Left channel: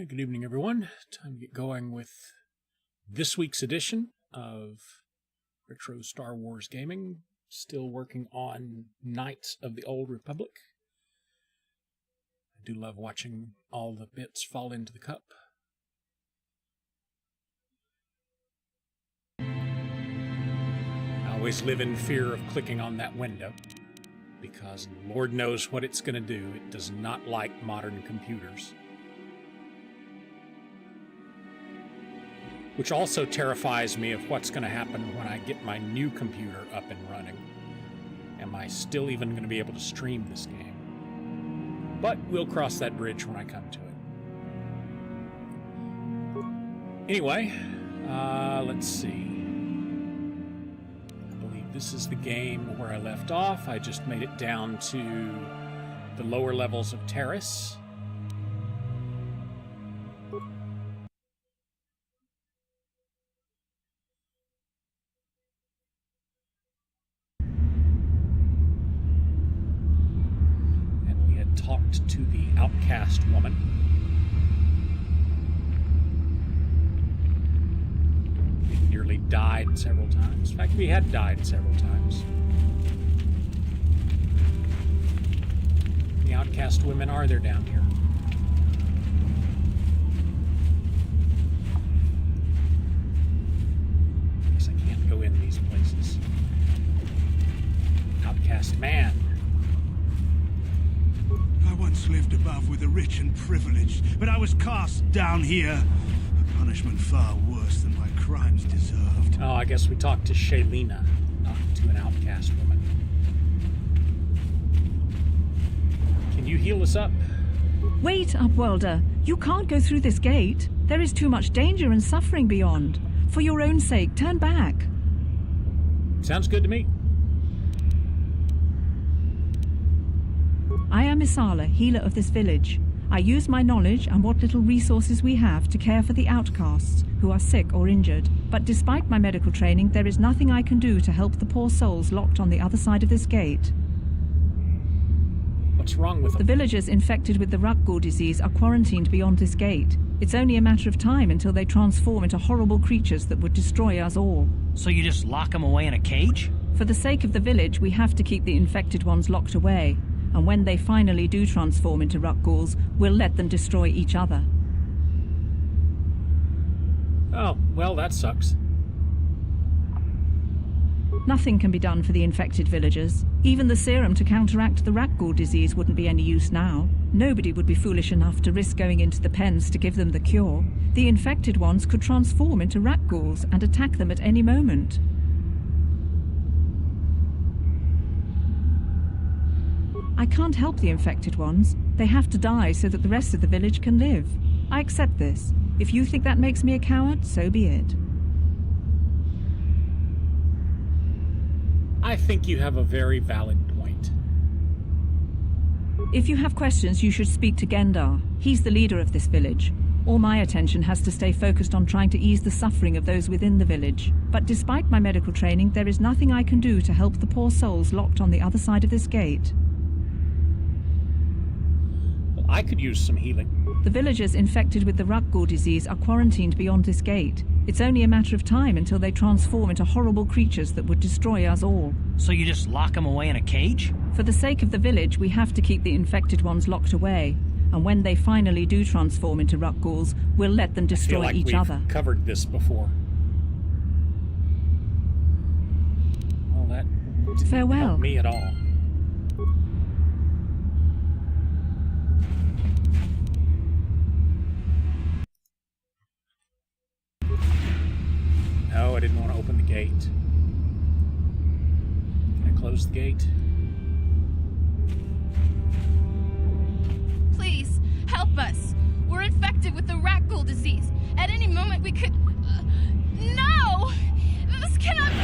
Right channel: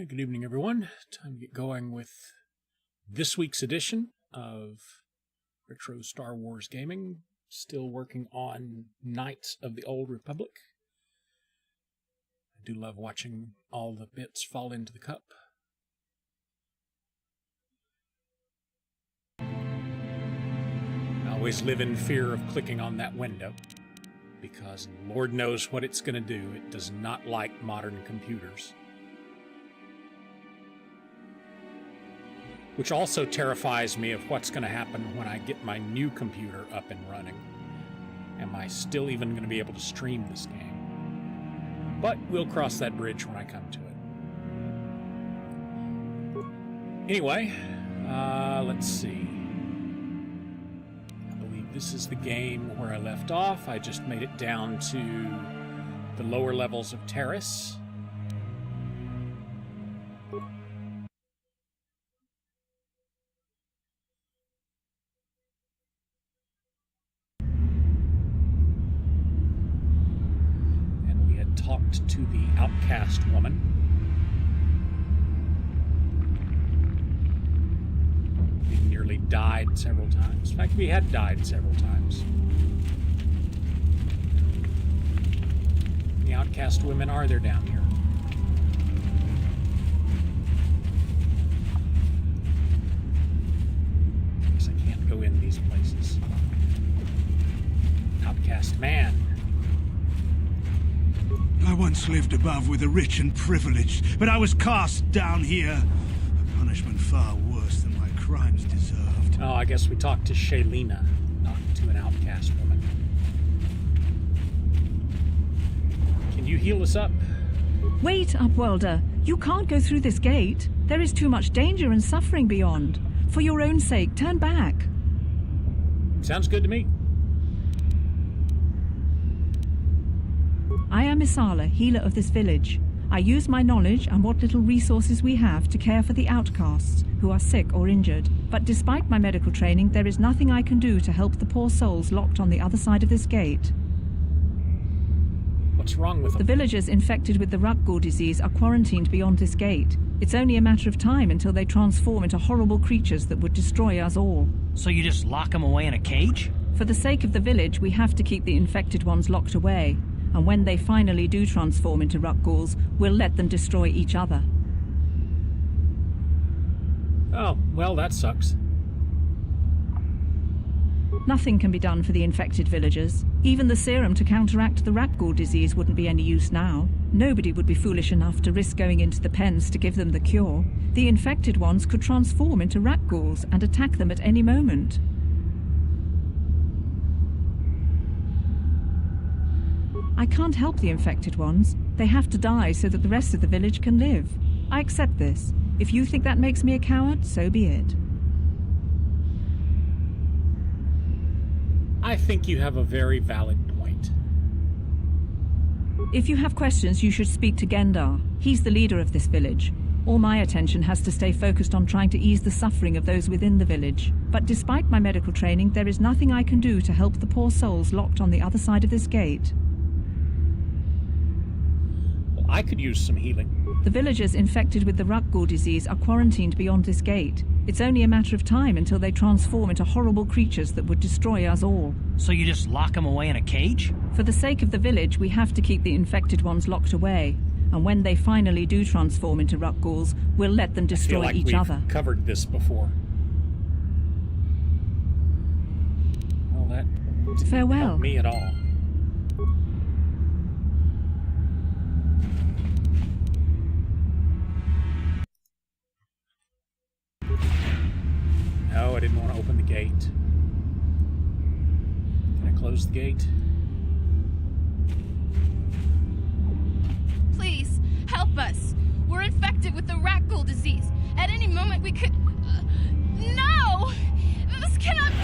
Yeah, good evening, everyone. Time to get going with this week's edition of Retro Star Wars Gaming. Still working on Knights of the Old Republic. I do love watching all the bits fall into the cup. I always live in fear of clicking on that window, because Lord knows what it's going to do. It does not like modern computers. Which also terrifies me of what's going to happen when I get my new computer up and running. Am I still even going to be able to stream this game? But we'll cross that bridge when I come to it. Anyway, let's see. I believe this is the game where I left off. I just made it down to the lower levels of Taris. Talked to the outcast woman. We nearly died several times. In fact, we had died several times. The outcast women are there down here. I guess I can't go in these places. Outcast man. I once lived above with the rich and privileged, but I was cast down here. A punishment far worse than my crimes deserved. Oh, I guess we talked to Shaylina, not to an outcast woman. Can you heal us up? Wait, Upwelder. You can't go through this gate. There is too much danger and suffering beyond. For your own sake, turn back. Sounds good to me. I am Isala, healer of this village. I use my knowledge and what little resources we have to care for the outcasts who are sick or injured. But despite my medical training, there is nothing I can do to help the poor souls locked on the other side of this gate. What's wrong with them? The villagers infected with the Rukgul disease are quarantined beyond this gate. It's only a matter of time until they transform into horrible creatures that would destroy us all. So you just lock them away in a cage? For the sake of the village, we have to keep the infected ones locked away. And when they finally do transform into Rukguls, we'll let them destroy each other. Oh, well, that sucks. Nothing can be done for the infected villagers. Even the serum to counteract the Rukgul disease wouldn't be any use now. Nobody would be foolish enough to risk going into the pens to give them the cure. The infected ones could transform into Rukguls and attack them at any moment. I can't help the infected ones. They have to die so that the rest of the village can live. I accept this. If you think that makes me a coward, so be it. I think you have a very valid point. If you have questions, you should speak to Gendar. He's the leader of this village. All my attention has to stay focused on trying to ease the suffering of those within the village. But despite my medical training, there is nothing I can do to help the poor souls locked on the other side of this gate. I could use some healing. The villagers infected with the Rukgul disease are quarantined beyond this gate. It's only a matter of time until they transform into horrible creatures that would destroy us all. So you just lock them away in a cage? For the sake of the village, we have to keep the infected ones locked away. And when they finally do transform into Rukguls, we'll let them destroy each other. We've covered this before. Well, that didn't help me at all. No, I didn't want to open the gate. Can I close the gate? Please, help us. We're infected with the Rukgul disease. At any moment we could... No! This cannot be...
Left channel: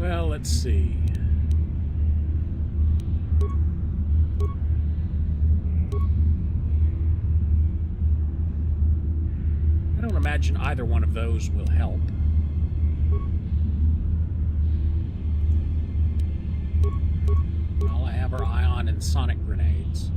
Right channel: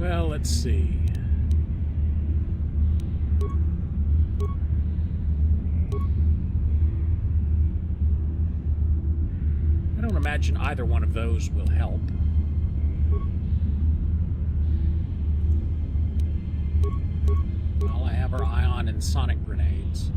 No! Well, let's see. I don't imagine either one of those will help. have our ion and sonic grenades.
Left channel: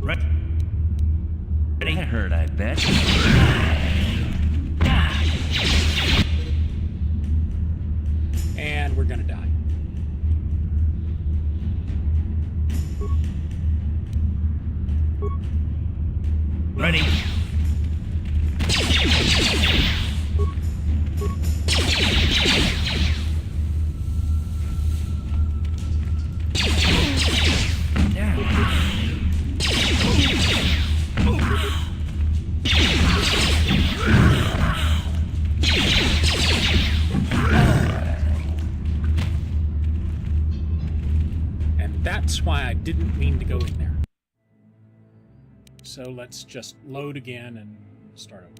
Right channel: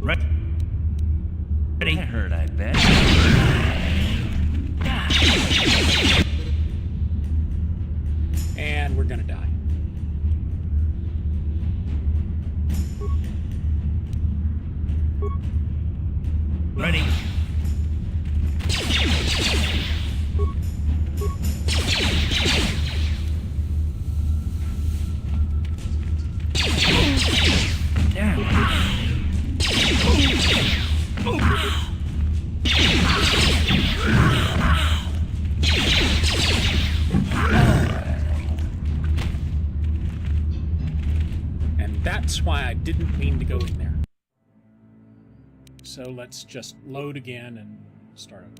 Ready? I heard, I bet. And we're gonna die. Ready? And that's why I didn't mean to go in there. So let's just load again and start over.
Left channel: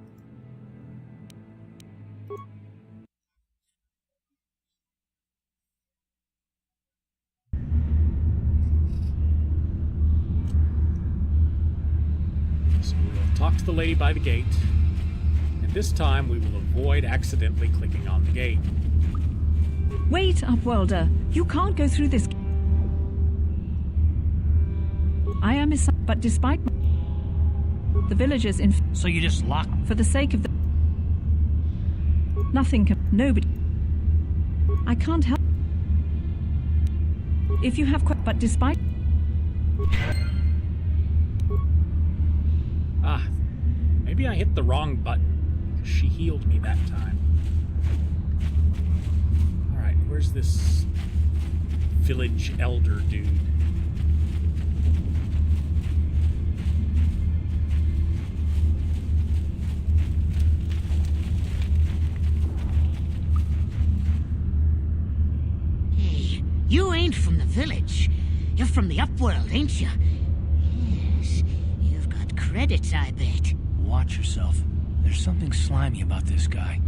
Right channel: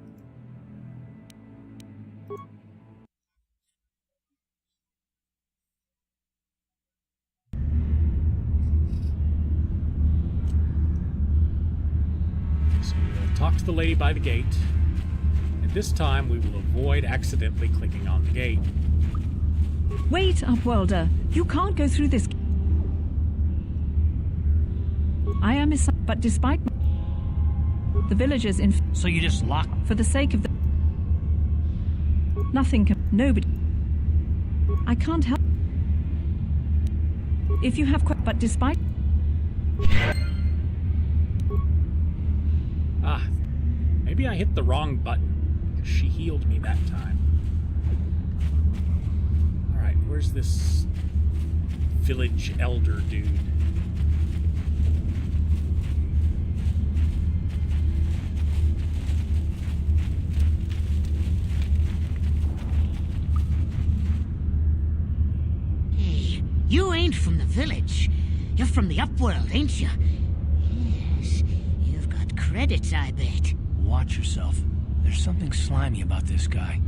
So we'll talk to the lady by the gate, and this time we will avoid accidentally clicking on the gate. Wait, Upworlder. You can't go through this. I am but despite the villagers in So you just lock... for the sake of the nothing can nobody. I can't help if you have but despite Maybe I hit the wrong button. She healed me that time. Alright, where's this village elder dude? Hey, you ain't from the village. You're from the Upworld, ain't you? Yes, you've got credits, I bet. Watch yourself. There's something slimy about this guy.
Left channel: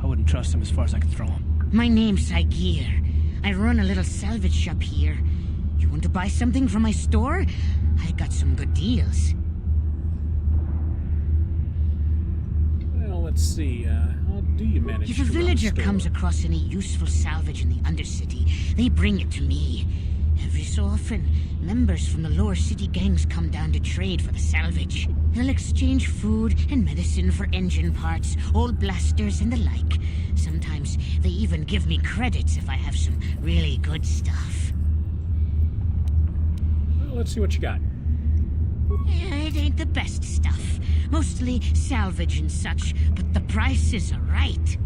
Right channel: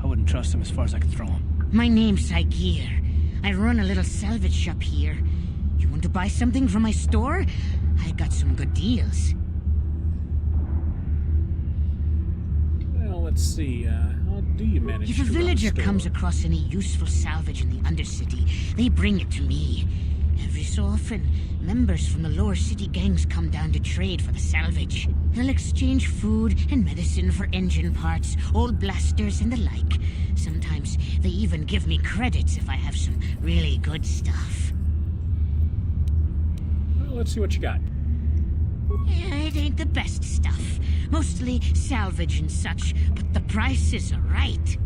I wouldn't trust him as far as I could throw him. My name's Saigir. I run a little salvage shop here. You want to buy something from my store? I got some good deals. Well, let's see. How do you manage If to a run villager store? comes across any useful salvage in the Undercity, they bring it to me. Every so often, members from the lower city gangs come down to trade for the salvage. They'll exchange food and medicine for engine parts, old blasters, and the like. Sometimes they even give me credits if I have some really good stuff. Well, let's see what you got. It ain't the best stuff. Mostly salvage and such, but the prices are right.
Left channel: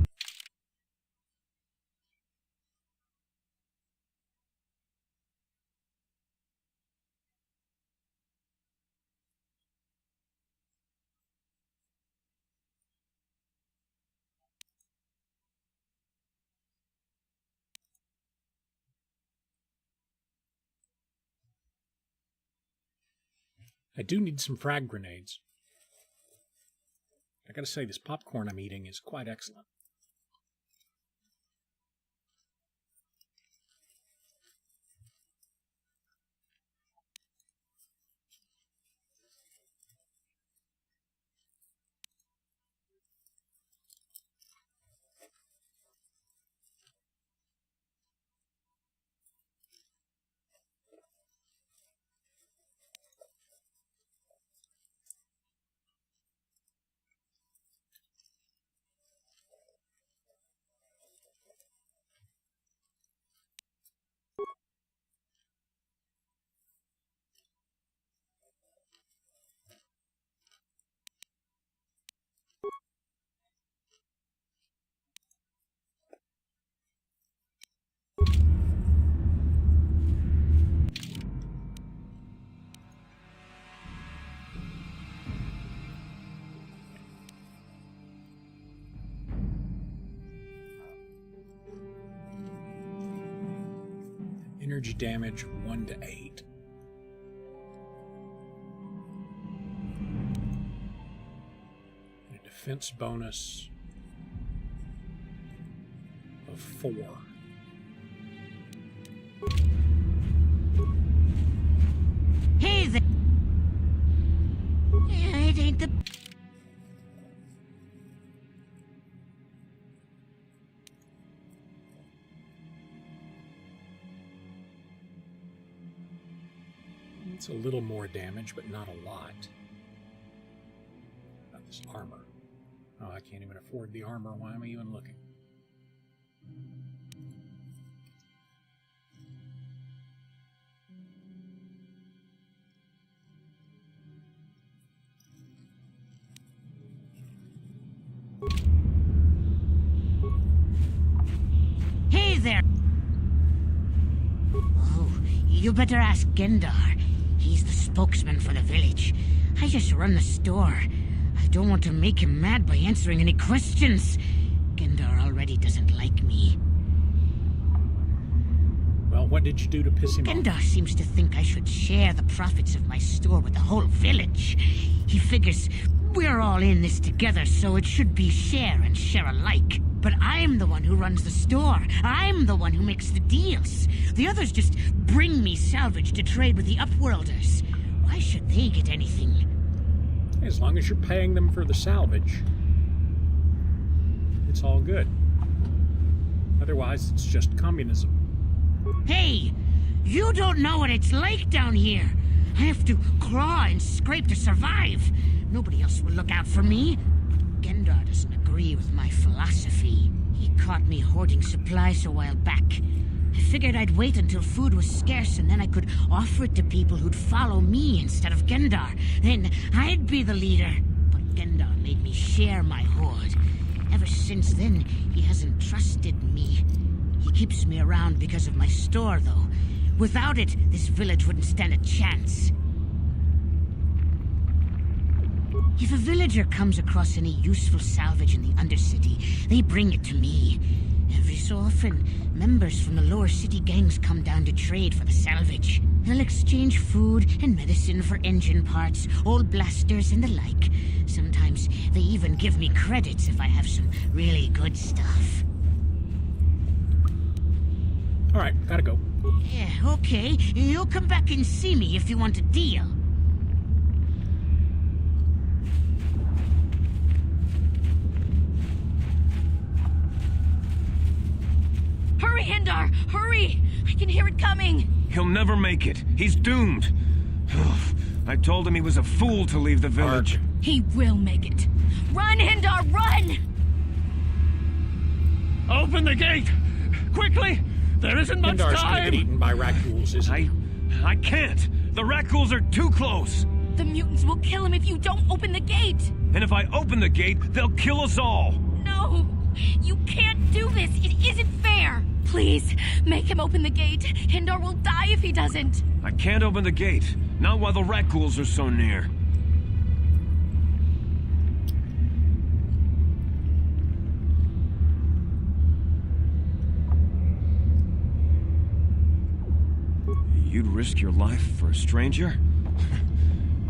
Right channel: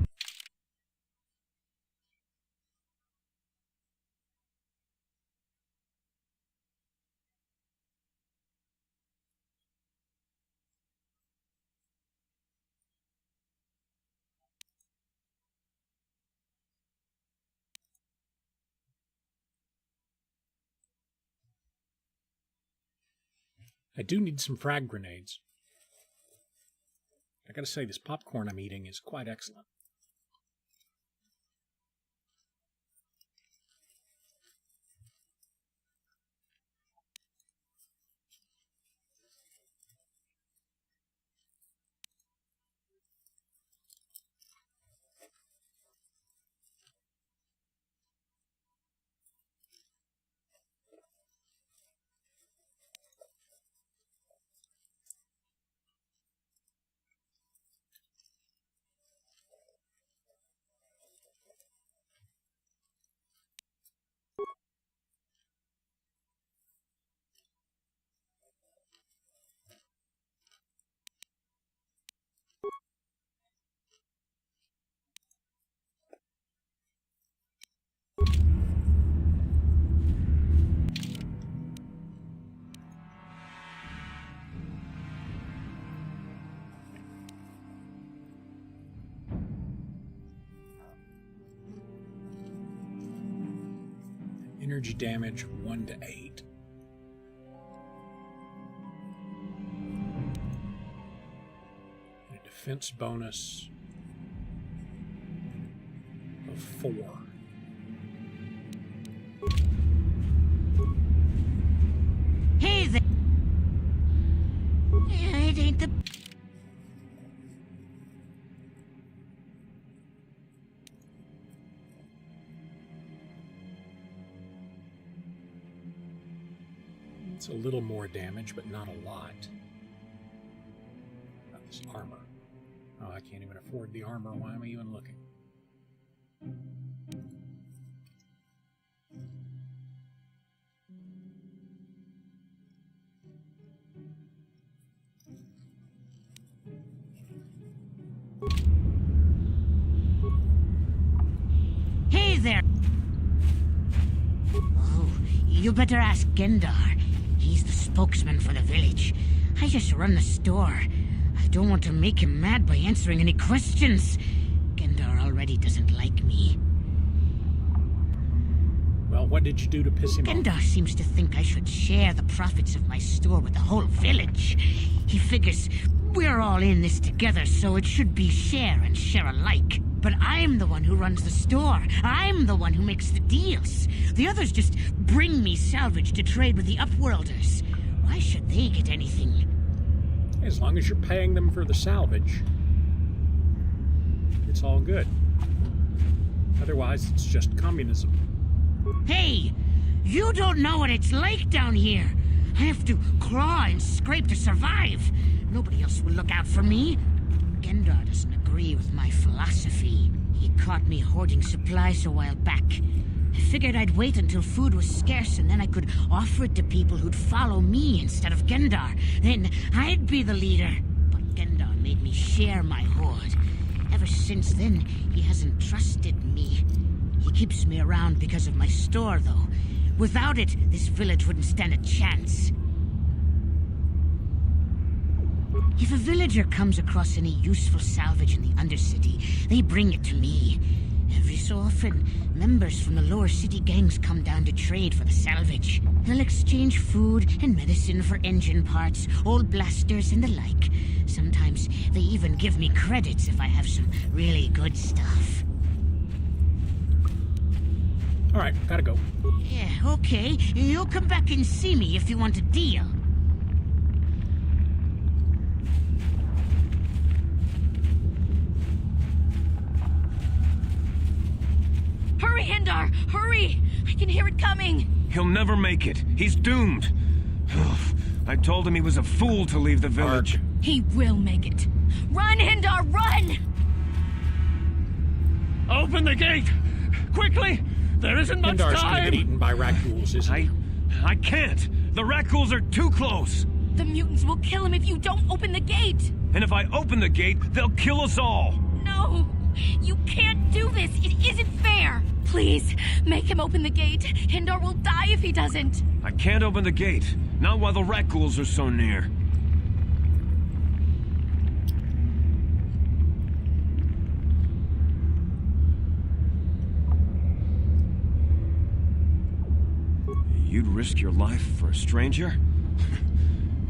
I do need some frag grenades. I gotta say, this popcorn I'm eating is quite excellent. Energy damage 1 to 8. And a defense bonus of 4. Hey there! It ain't the... It's a little more damage, but not a lot. About this armor. Oh, I can't even afford the armor. Why am I even looking? Hey there! Oh, you better ask Gendar. He's the spokesman for the village. I just run the store. I don't want to make him mad by answering any questions. Gendar already doesn't like me. Well, what did you do to piss him off? Gendar seems to think I should share the profits of my store with the whole village. He figures we're all in this together, so it should be share and share alike. But I'm the one who runs the store. I'm the one who makes the deals. The others just bring me salvage to trade with the Upworlders. Why should they get anything? As long as you're paying them for the salvage, it's all good. Otherwise, it's just communism. Hey! You don't know what it's like down here. I have to claw and scrape to survive. Nobody else will look out for me. Gendar doesn't agree with my philosophy. He caught me hoarding supplies a while back. I figured I'd wait until food was scarce and then I could offer it to people who'd follow me instead of Gendar. Then I'd be the leader. But Gendar made me share my hoard. Ever since then, he hasn't trusted me. He keeps me around because of my store, though. Without it, this village wouldn't stand a chance. If a villager comes across any useful salvage in the Undercity, they bring it to me. Every so often, members from the lower city gangs come down to trade for the salvage. They'll exchange food and medicine for engine parts, old blasters, and the like. Sometimes they even give me credits if I have some really good stuff. All right, gotta go. Yeah, okay. You'll come back and see me if you want a deal. Hurry, Hendar! Hurry! I can hear it coming! He'll never make it. He's doomed. I told him he was a fool to leave the village. He will make it. Run, Hendar, run! Open the gate! Quickly! There isn't much Hindar's gonna get time! eaten by raccoons, isn't he? I can't. The Rakghouls are too close. The mutants will kill him if you don't open the gate! And if I open the gate, they'll kill us all. No! You can't do this! It isn't fair! Please, make him open the gate. Hendar will die if he doesn't. I can't open the gate. Not while the Rakghouls are so near. You'd risk your life for a stranger?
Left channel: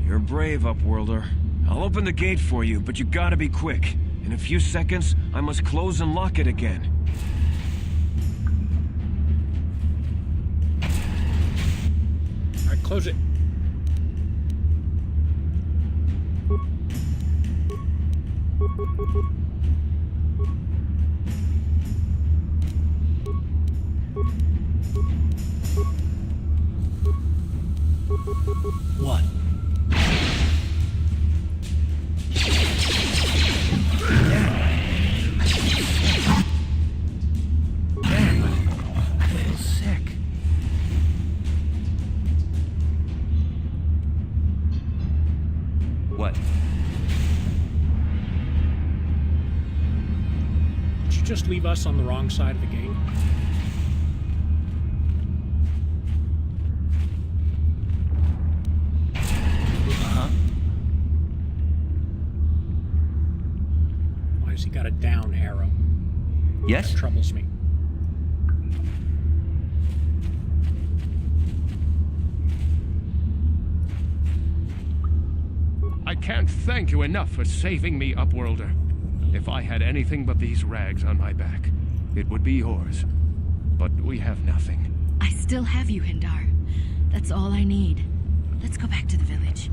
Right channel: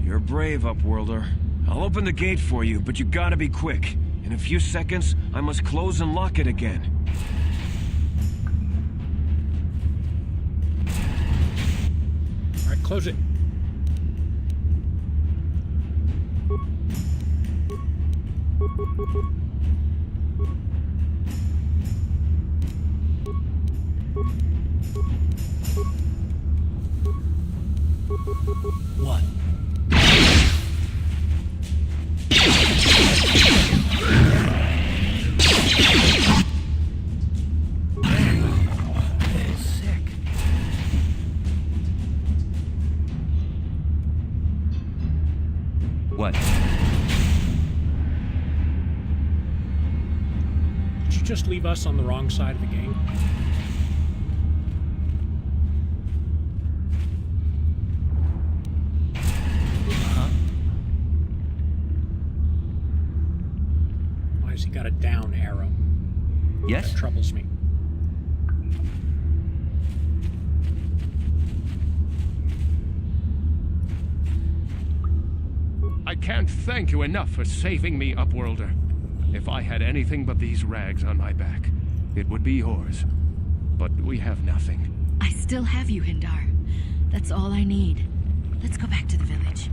You're brave, Upworlder. I'll open the gate for you, but you gotta be quick. In a few seconds, I must close and lock it again. All right, close it. What? Sick. What? Did you just leave us on the wrong side of the gate? Why has he got a down arrow? Yes? That troubles me. I can't thank you enough for saving me, Upworlder. If I had anything but these rags on my back, It would be yours. But we have nothing. I still have you, Hindar. That's all I need. Let's go back to the village.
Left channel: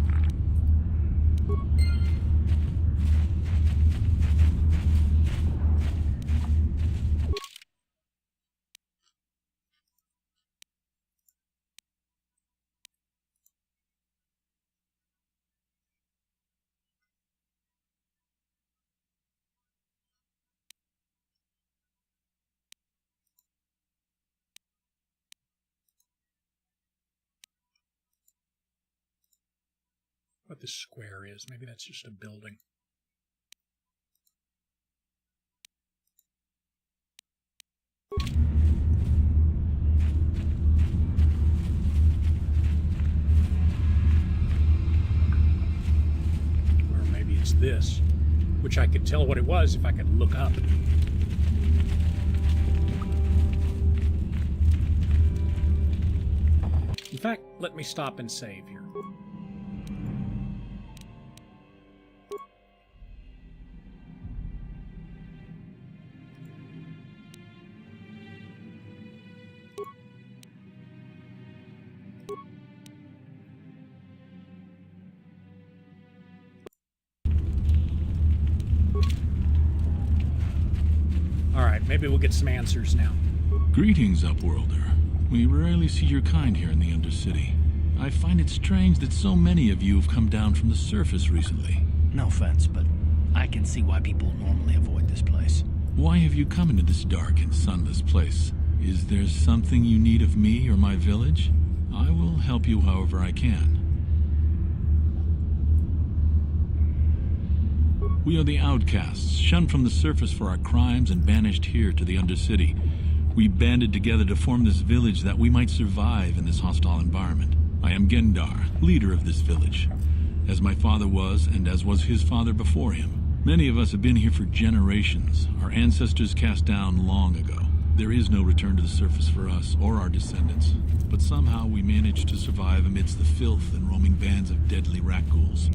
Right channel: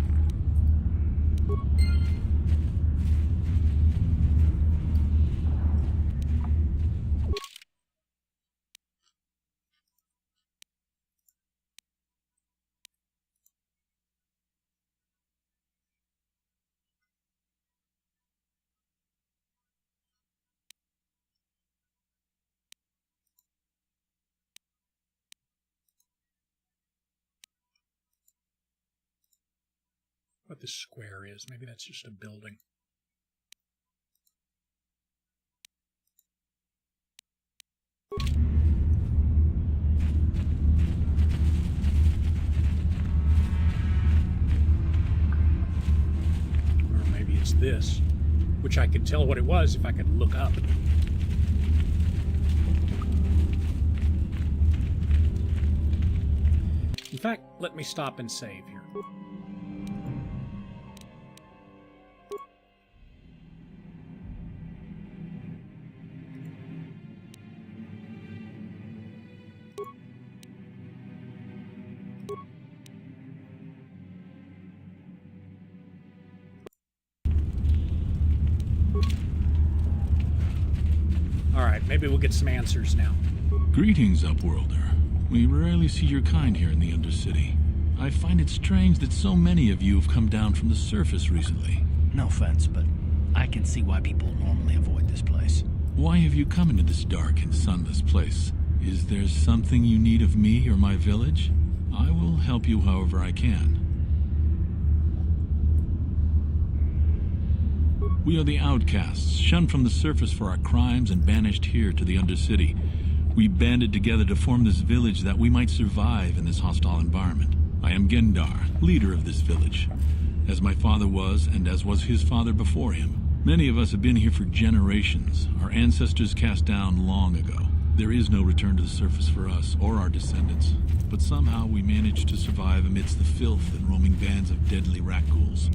What this square is. Maybe that's just a building. Or maybe it's this, which I could tell what it was if I could look up. In fact, let me stop and save here. Alright, maybe we'll get some answers now. Greetings, Upworlder. We rarely see your kind here in the Undercity. I find it strange that so many of you have come down from the surface recently. No offense, but I can see why people normally avoid this place. Why have you come into this dark and sunless place? Is there something you need of me or my village? I will help you however I can. We are the outcasts, shunned from the surface for our crimes and banished here to the Undercity. We banded together to form this village that we might survive in this hostile environment. I am Gendar, leader of this village, as my father was and as was his father before him. Many of us have been here for generations, our ancestors cast down long ago. There is no return to the surface for us or our descendants, but somehow we managed to survive amidst the filth and roaming bands of deadly rat-ghouls.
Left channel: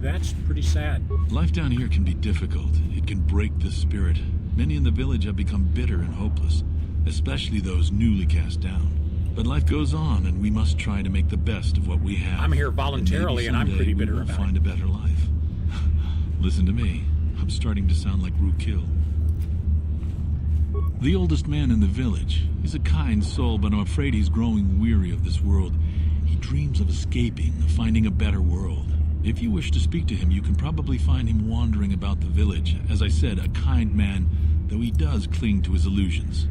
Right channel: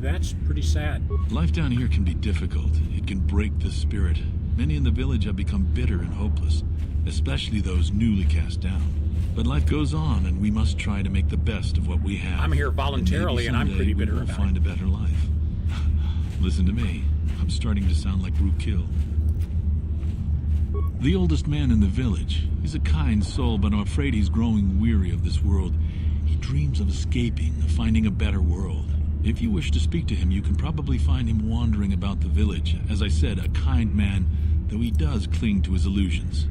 That's pretty sad. Life down here can be difficult. It can break the spirit. Many in the village have become bitter and hopeless, especially those newly cast down. But life goes on, and we must try to make the best of what we have. I'm here voluntarily, and I'm pretty bitter we will about find it. a better life. Listen to me. I'm starting to sound like Rookil. The oldest man in the village. He's a kind soul, but I'm afraid he's growing weary of this world. He dreams of escaping, of finding a better world. If you wish to speak to him, you can probably find him wandering about the village. As I said, a kind man, though he does cling to his illusions.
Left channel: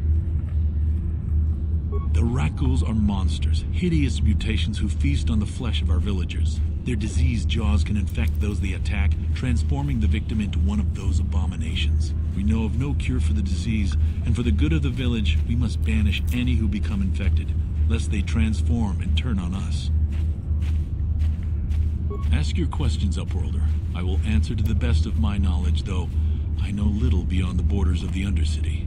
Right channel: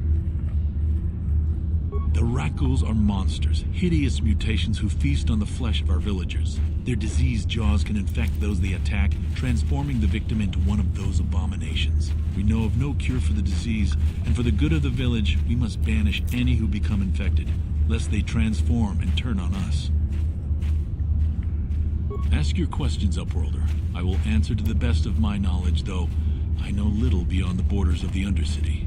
The rat-ghouls are monsters, hideous mutations who feast on the flesh of our villagers. Their diseased jaws can infect those they attack, transforming the victim into one of those abominations. We know of no cure for the disease, and for the good of the village, we must banish any who become infected, lest they transform and turn on us. Ask your questions, Upworlder. I will answer to the best of my knowledge, though I know little beyond the borders of the Undercity.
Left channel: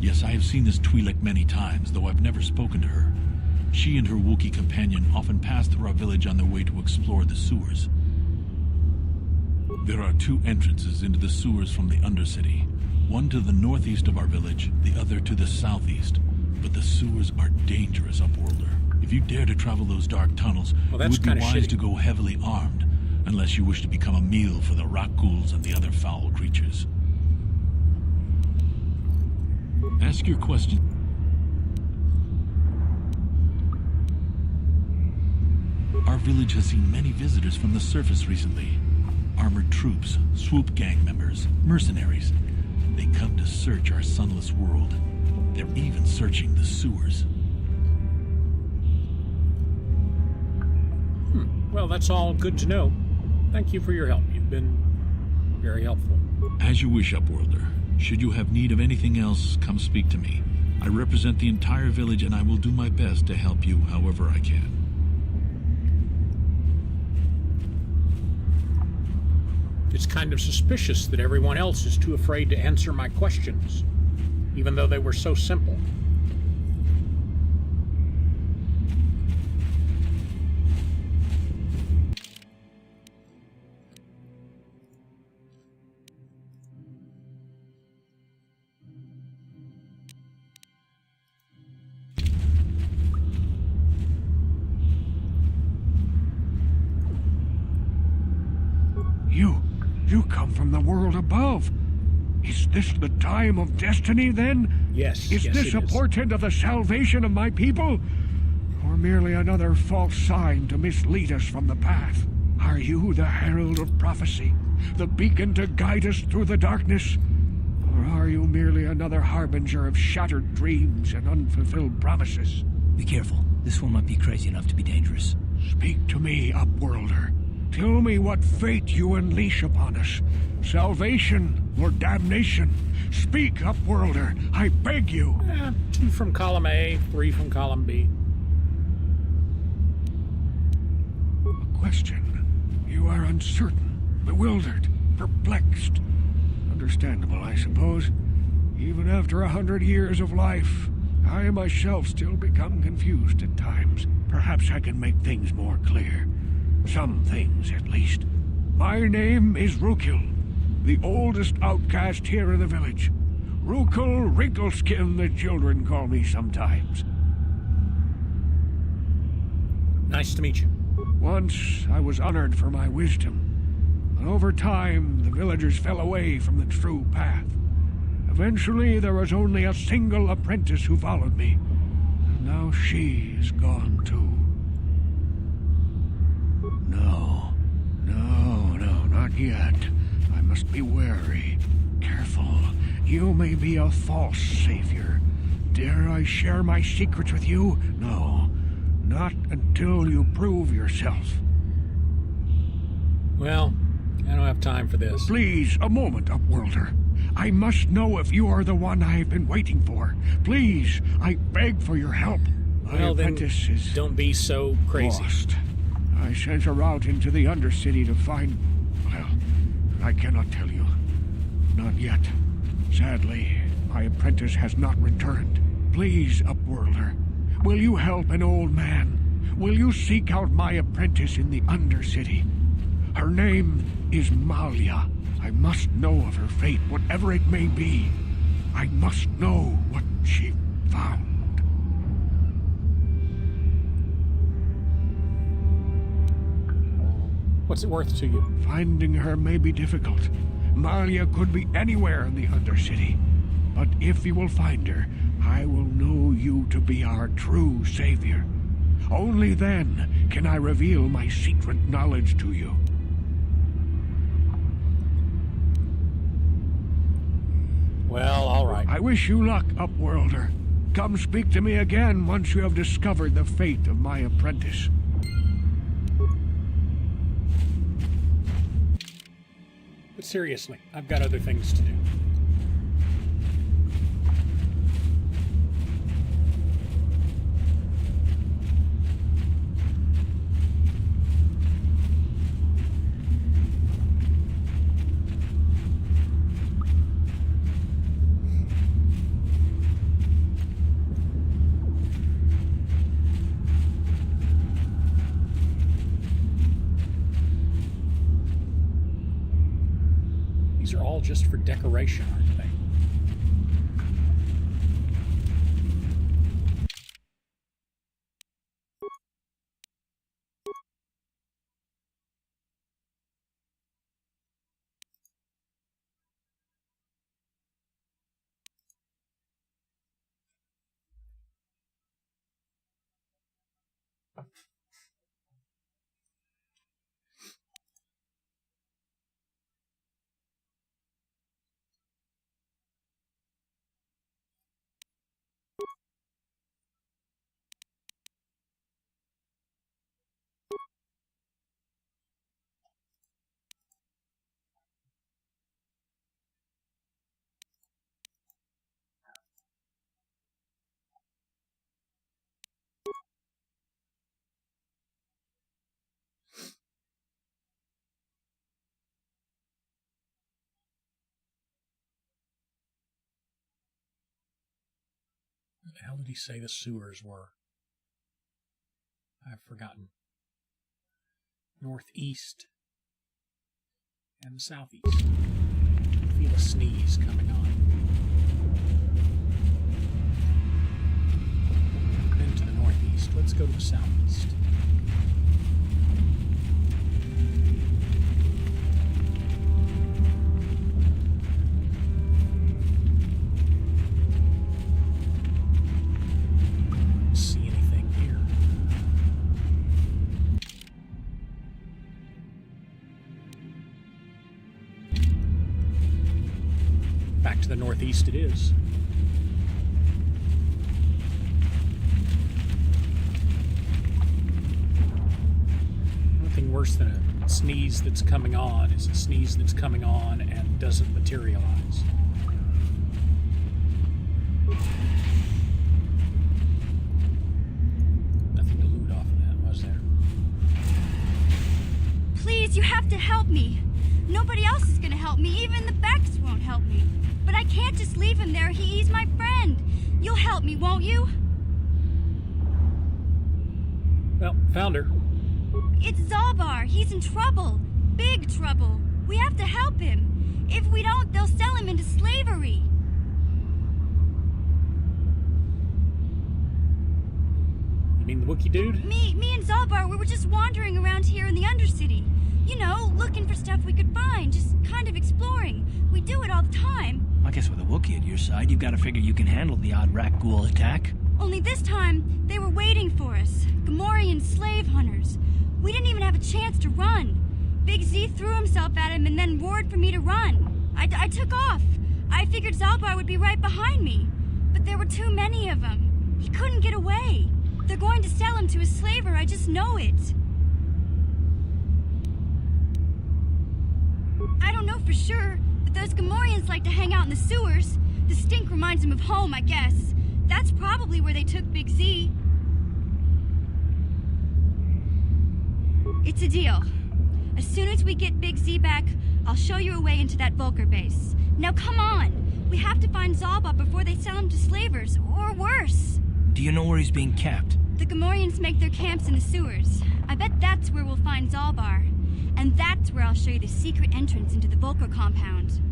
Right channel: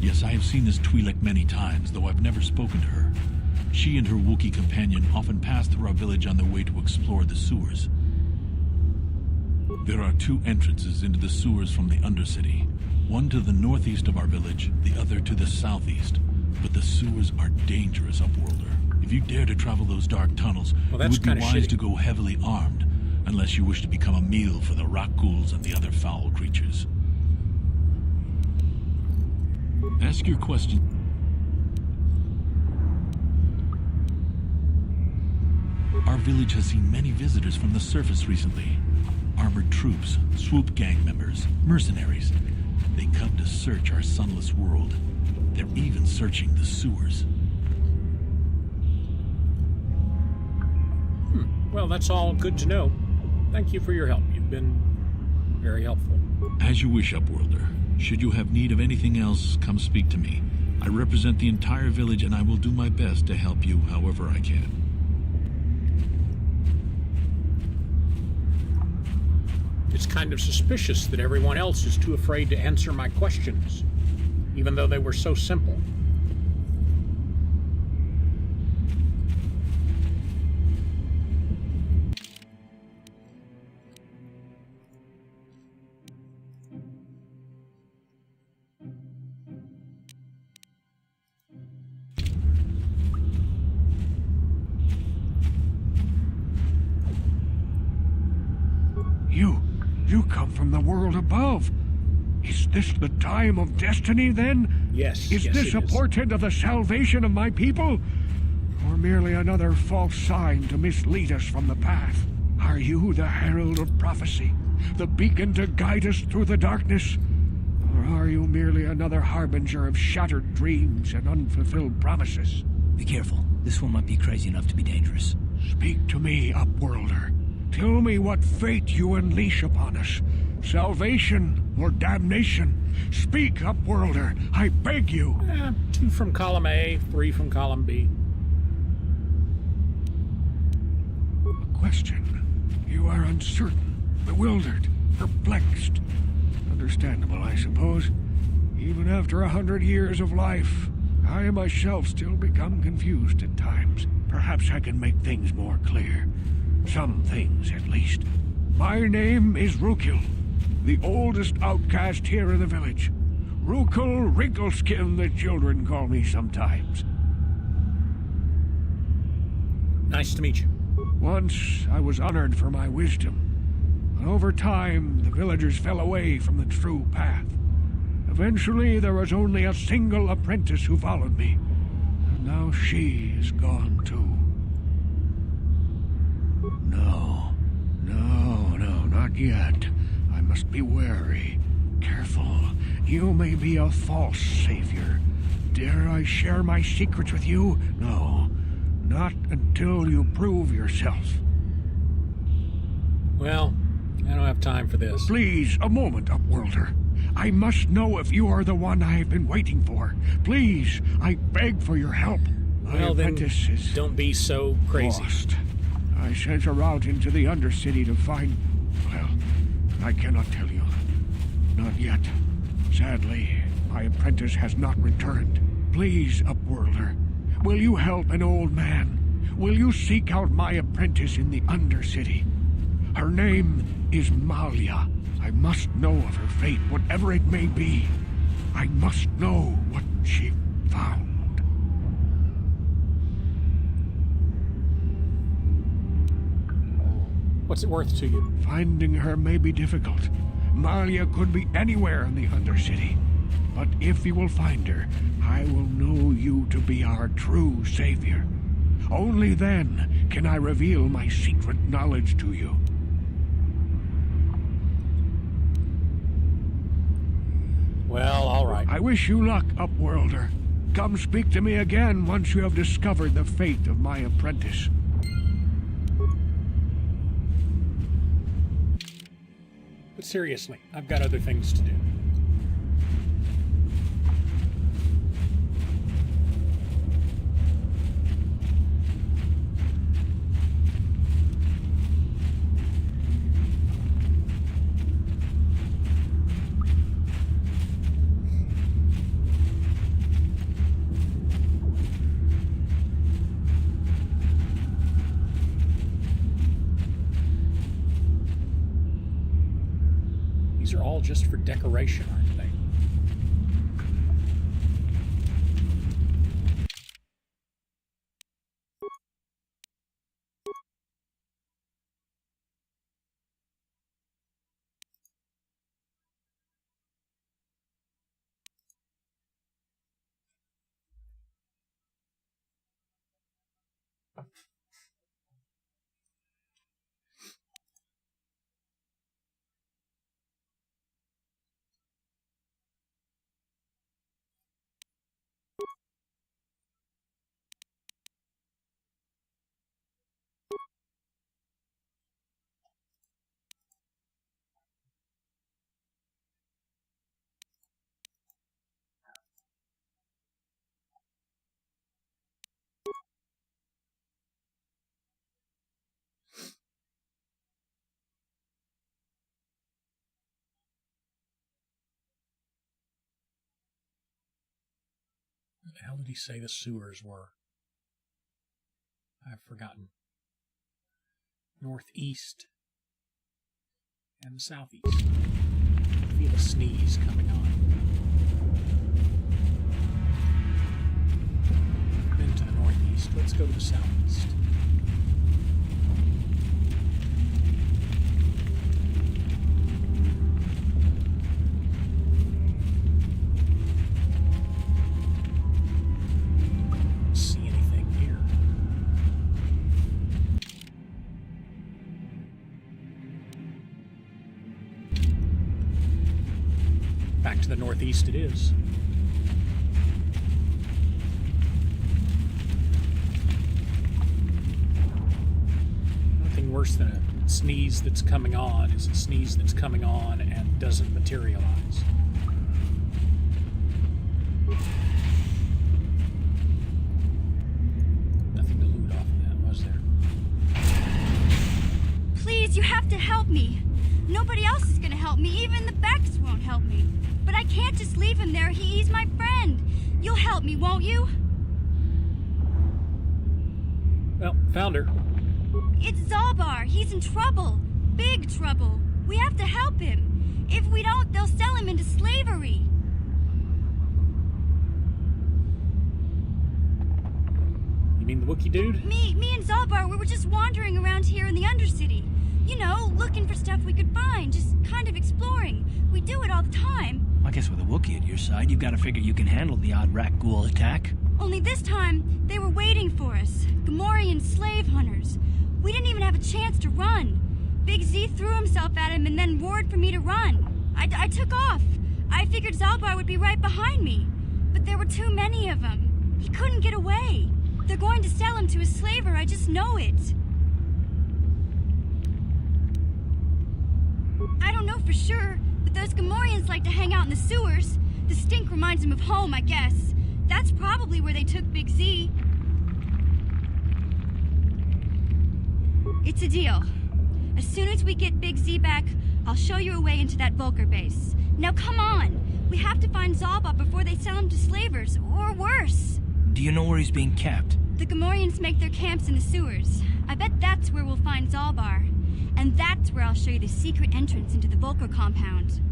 Yes, I have seen this Twi'lek many times, though I've never spoken to her. She and her Wookiee companion often pass through our village on their way to explore the sewers. There are two entrances into the sewers from the Undercity. One to the northeast of our village, the other to the southeast. But the sewers are dangerous, Upworlder. If you dare to travel those dark tunnels, Well, it that's would be kinda wise shitty. to go heavily armed, unless you wish to become a meal for the rat-ghouls and the other foul creatures. Ask your question. Our village has seen many visitors from the surface recently. Armored troops, swoop gang members, mercenaries. They come to search our sunless world. They're even searching the sewers. Well, that's all good to know. Thank you for your help. You've been very helpful. As you wish, Upworlder. Should you have need of anything else, come speak to me. I represent the entire village, and I will do my best to help you however I can. It's kind of suspicious that everyone else is too afraid to answer my questions, even though they were so simple. You come from the world above. Is this the time of destiny, then? Yes. Is this a portent of the salvation of my people? Or merely another false sign to mislead us from the path? Are you the herald of prophecy? The beacon to guide us through the darkness? Or are you merely another harbinger of shattered dreams and unfulfilled promises? Be careful. This one might be crazy enough to be dangerous. Speak to me, Upworlder. Tell me what fate you unleash upon us. Salvation or damnation? Speak, Upworlder. I beg you. 2 from column A, 3 from column B. A question. You are uncertain, bewildered, perplexed. Understandable, I suppose. Even after 100 years of life, I myself still become confused at times. Perhaps I can make things more clear. Some things, at least. My name is Rukil, the oldest outcast here in the village. Rukil Wrinkleskin, the children call me sometimes. Nice to meet you. Once I was honored for my wisdom, but over time the villagers fell away from the true path. Eventually there was only a single apprentice who followed me, and now she is gone too. No, not yet. I must be wary. Careful. You may be a false savior. Dare I share my secrets with you? No, not until you prove yourself. Well, I don't have time for this. Please, a moment, Upworlder. I must know if you are the one I have been waiting for. Please, I beg for your help. My Well, then, apprentice is don't be so crazy. lost. I sent her out into the Undercity to find... Well, I cannot tell you. Not yet. Sadly, my apprentice has not returned. Please, Upworlder, will you help an old man? Will you seek out my apprentice in the Undercity? Her name is Malia. I must know of her fate, whatever it may be. I must know what she found. What's it worth to you? Finding her may be difficult. Malia could be anywhere in the Undercity. But if you will find her, I will know you to be our true savior. Only then can I reveal my secret knowledge to you. Well, all right. I wish you luck, Upworlder. Come speak to me again once you have discovered the fate of my apprentice. But seriously, I've got other things to do. These are all just for decoration, aren't they? What the hell did he say the sewers were? I've forgotten. Northeast and southeast. I feel a sneeze coming on. Been to the northeast. Let's go to the southeast. Back to the northeast it is. Nothing worse than a sneeze that's coming on is a sneeze that's coming on and doesn't materialize. Nothing to loot off of that, was there? Please, you have to help me. Nobody else is gonna help me. Even the Becks won't help me. But I can't just leave him there. He's my friend. You'll help me, won't you? Well, found her. It's Zalbar. He's in trouble. Big trouble. We have to help him. If we don't, they'll sell him into slavery. You mean the Wookiee dude? Me and Zalbar, we were just wandering around here in the Undercity. You know, looking for stuff we could find, just kind of exploring. We do it all the time. I guess with a Wookiee at your side, you've got to figure you can handle the odd Rakghoul attack. Only this time, they were waiting for us. Gamorrean slave hunters. We didn't even have a chance to run. Big Z threw himself at him and then roared for me to run. I took off. I figured Zalbar would be right behind me. But there were too many of them. He couldn't get away. They're going to sell him to a slaver, I just know it. I don't know for sure, but those Gamorreans like to hang out in the sewers. The stink reminds them of home, I guess. That's probably where they took Big Z. It's a deal. As soon as we get Big Z back, I'll show you a way into that Vulkar base. Now come on! We have to find Zalbar before they sell him to slavers, or worse. Do you know where he's being kept? The Gamorreans make their camps in the sewers. I bet that's where we'll find Zalbar. And that's where I'll show you the secret entrance into the Vulkar compound.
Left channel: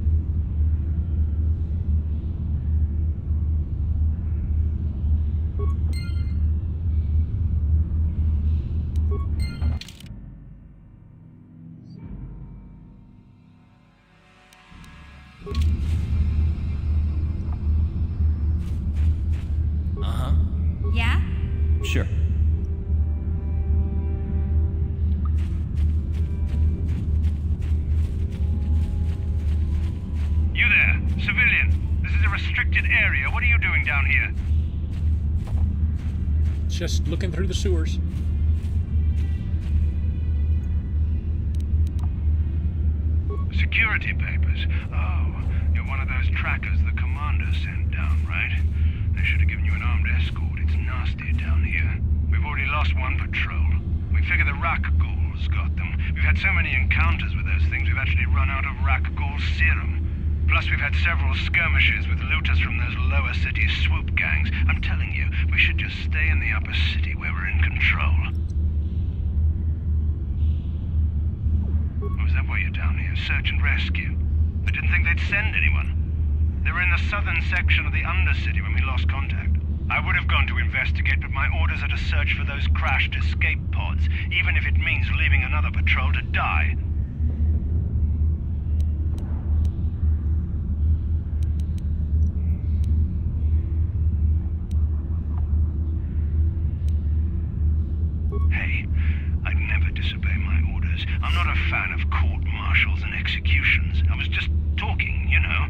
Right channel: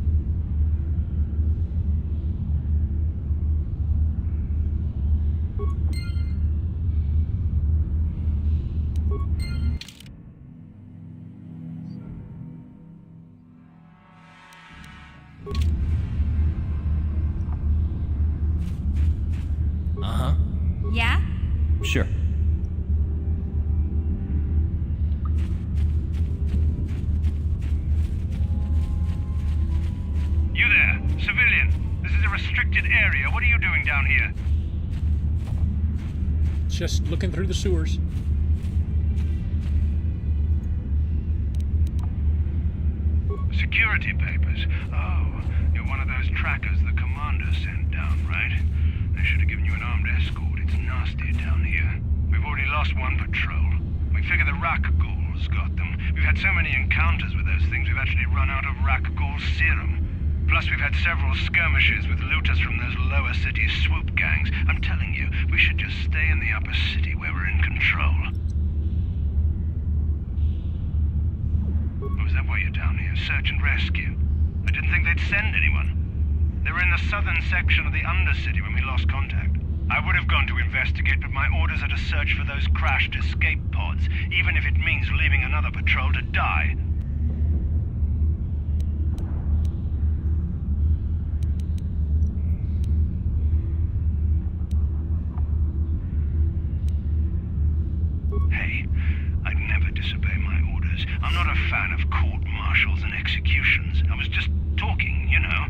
Uh-huh. Yeah? Sure. You there, civilian. This is a restricted area. What are you doing down here? Just looking through the sewers. Security papers. Oh, you're one of those trackers the commander sent down, right? They should have given you an armed escort. It's nasty down here. We've already lost one patrol. We figure the Rakghouls got them. We've had so many encounters with those things, we've actually run out of Rakghoul serum. Plus, we've had several skirmishes with looters from those lower city swoop gangs. I'm telling you, we should just stay in the upper city where we're in control. Oh, is that why you're down here? Search and rescue? I didn't think they'd send anyone. They were in the southern section of the Undercity when we lost contact. I would have gone to investigate, but my orders are to search for those crashed escape pods, even if it means leaving another patrol to die. Hey, I'd never disobey my orders. I'm not a fan of court-martials and executions. I was just talking, you know.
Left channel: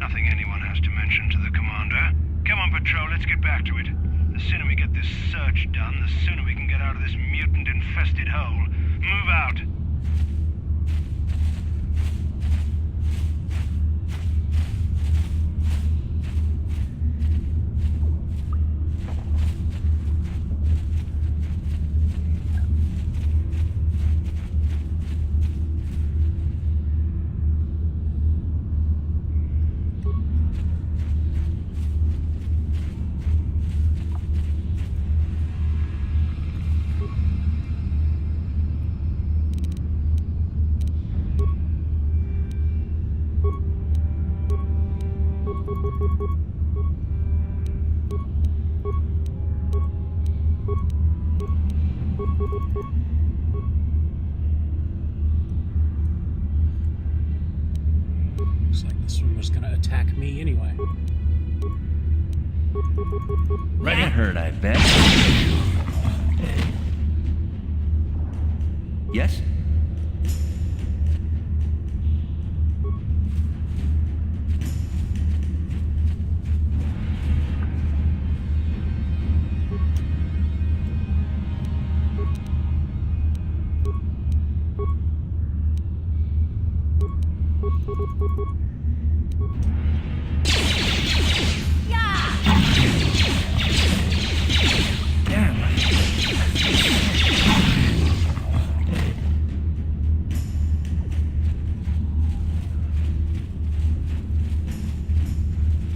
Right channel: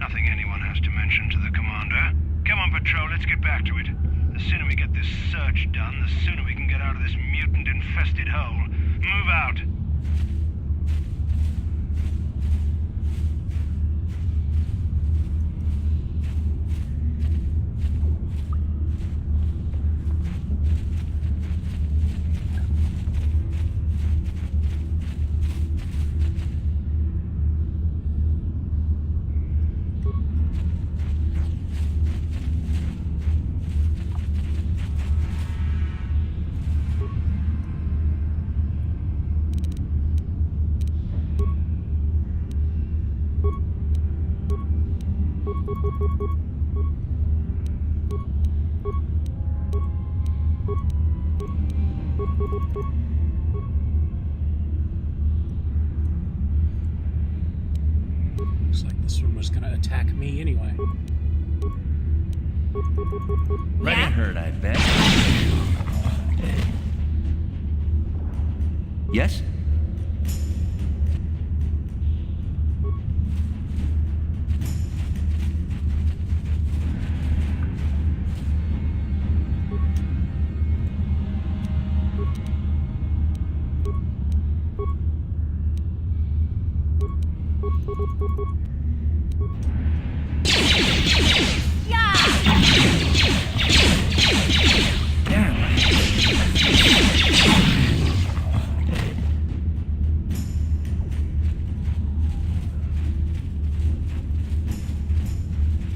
Nothing anyone has to mention to the commander. Come on, Patrol, let's get back to it. The sooner we get this search done, the sooner we can get out of this mutant-infested hole. Move out. Looks like this one was gonna attack me anyway. Ready? Hurt, I bet. Yes?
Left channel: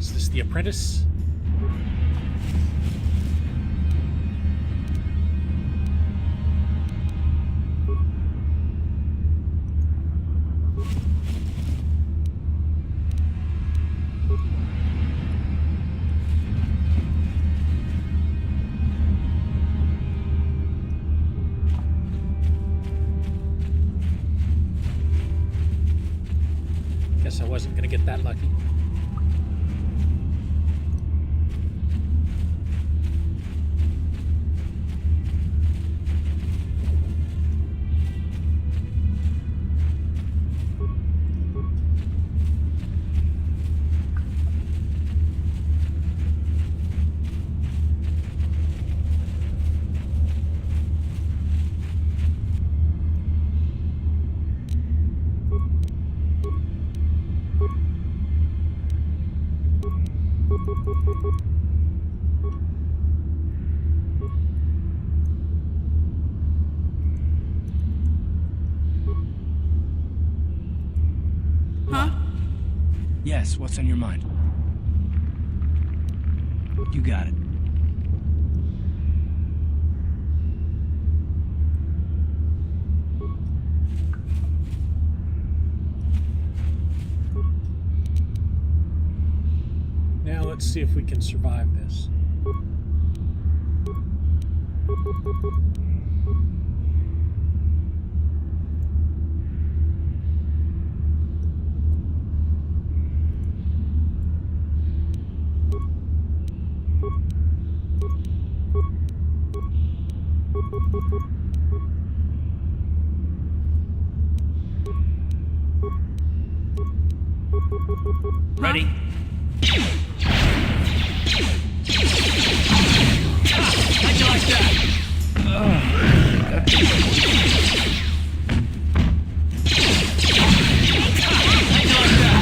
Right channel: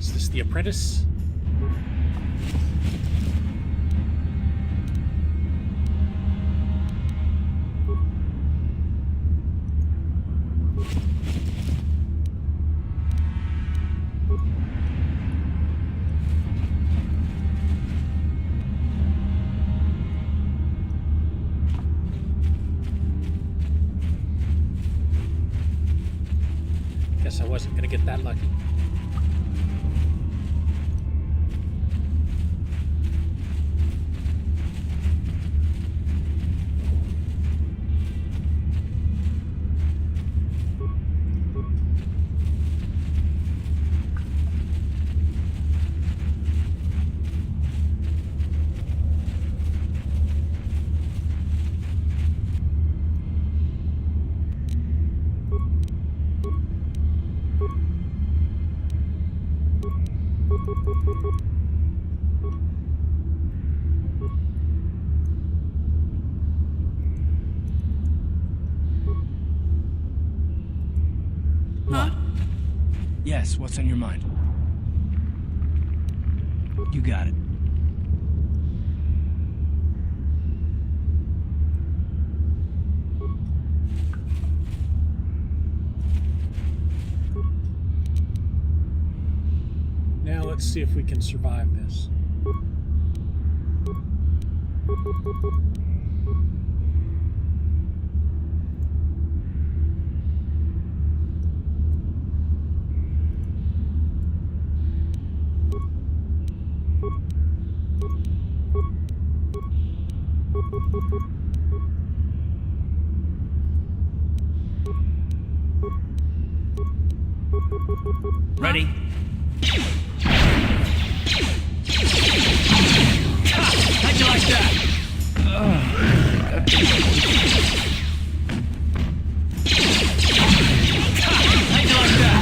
Is this the apprentice? Guess I wasn't going to get that lucky. What? Yes, what's on your mind? You got it. Now let's see if we can survive this. Ready? How'd you like that? How'd you like that?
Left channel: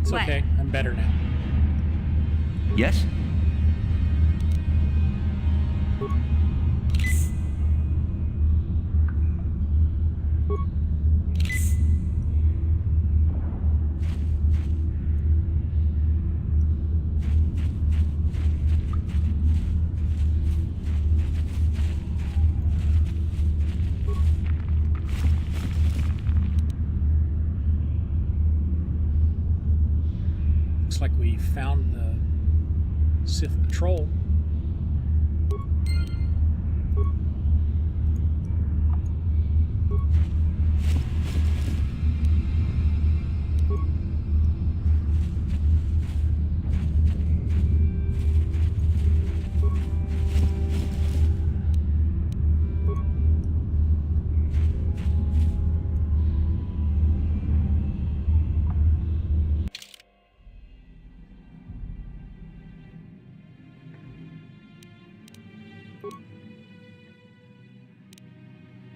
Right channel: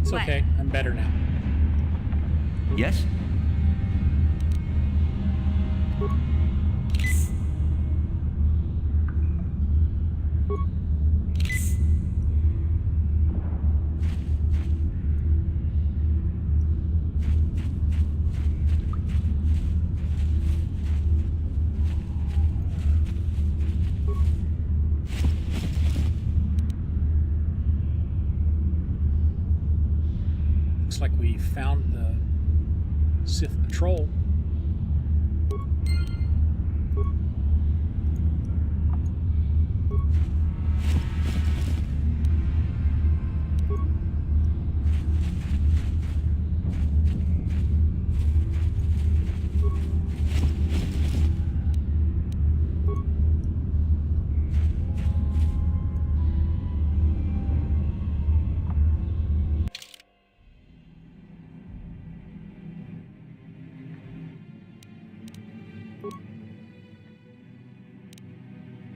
It's What? okay. I'm better now. Yes? Looks like we found the Sith patrol.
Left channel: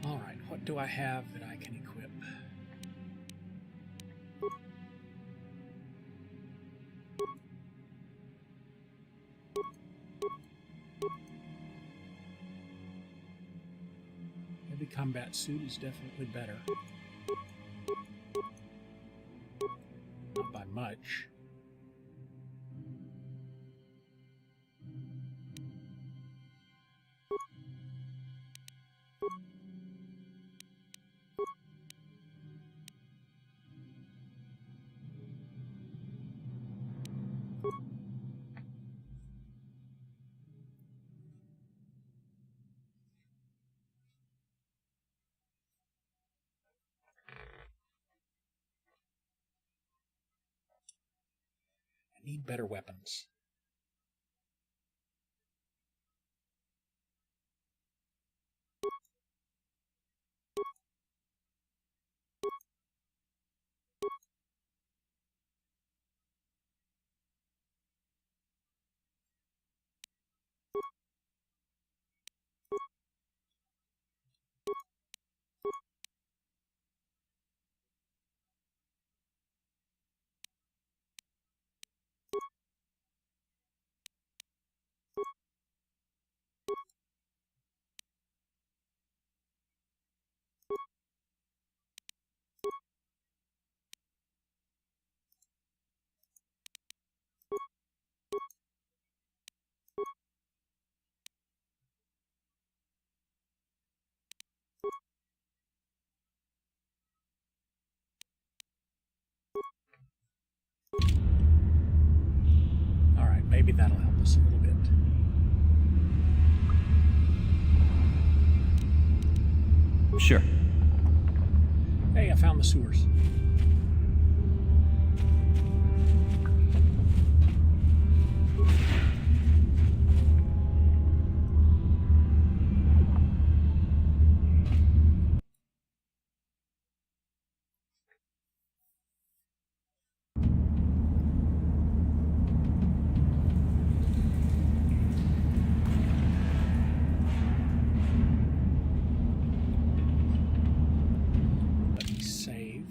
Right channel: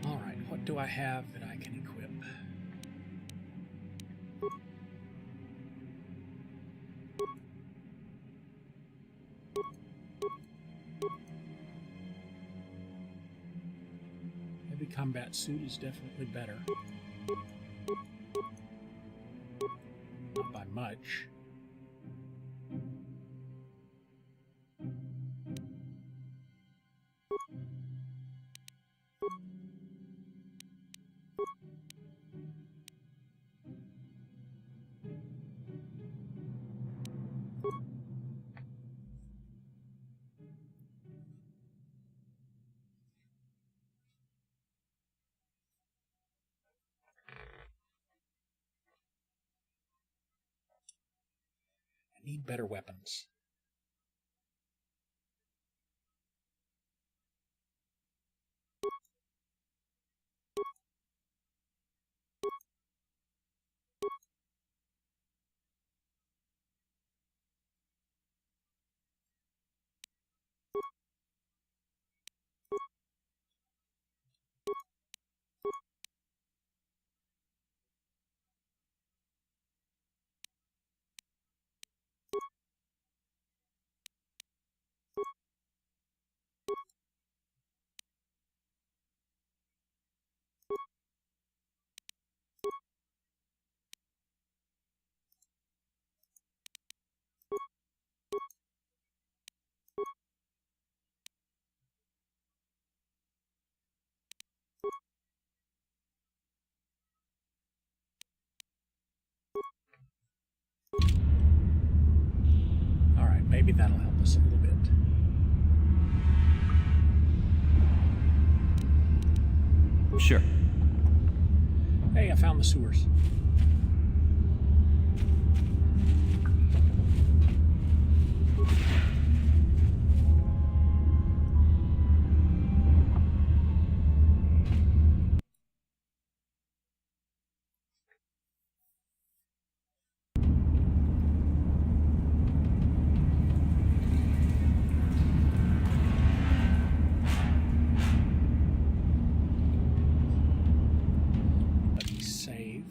All right, what do I have that I can equip? Heavy combat suit is definitely better. Not by much. I need better weapons. Alright, maybe that'll help us a little bit. Sure. Hey, I found the sewers. Let me save.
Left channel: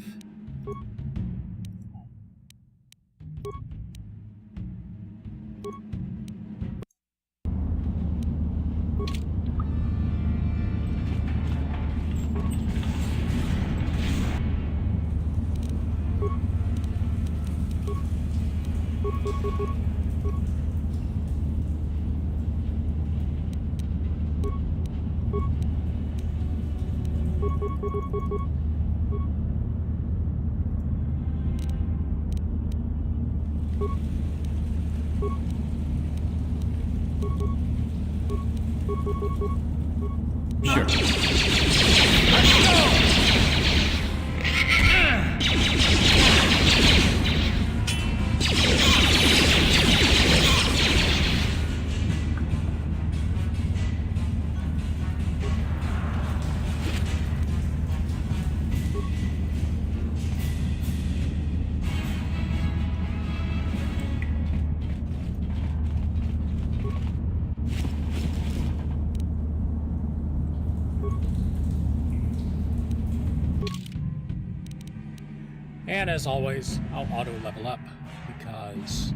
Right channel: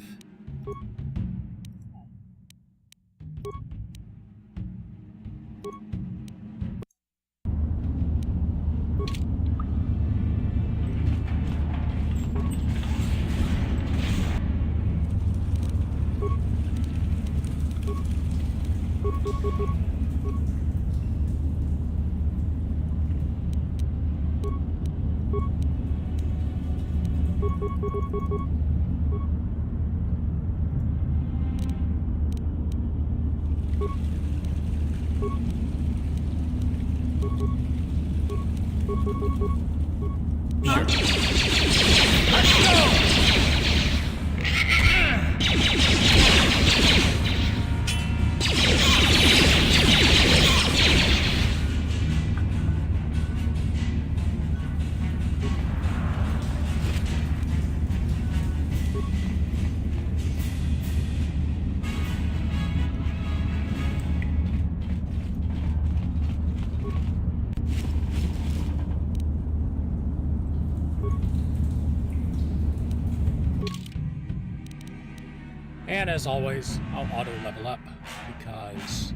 And as always, I'll auto level up because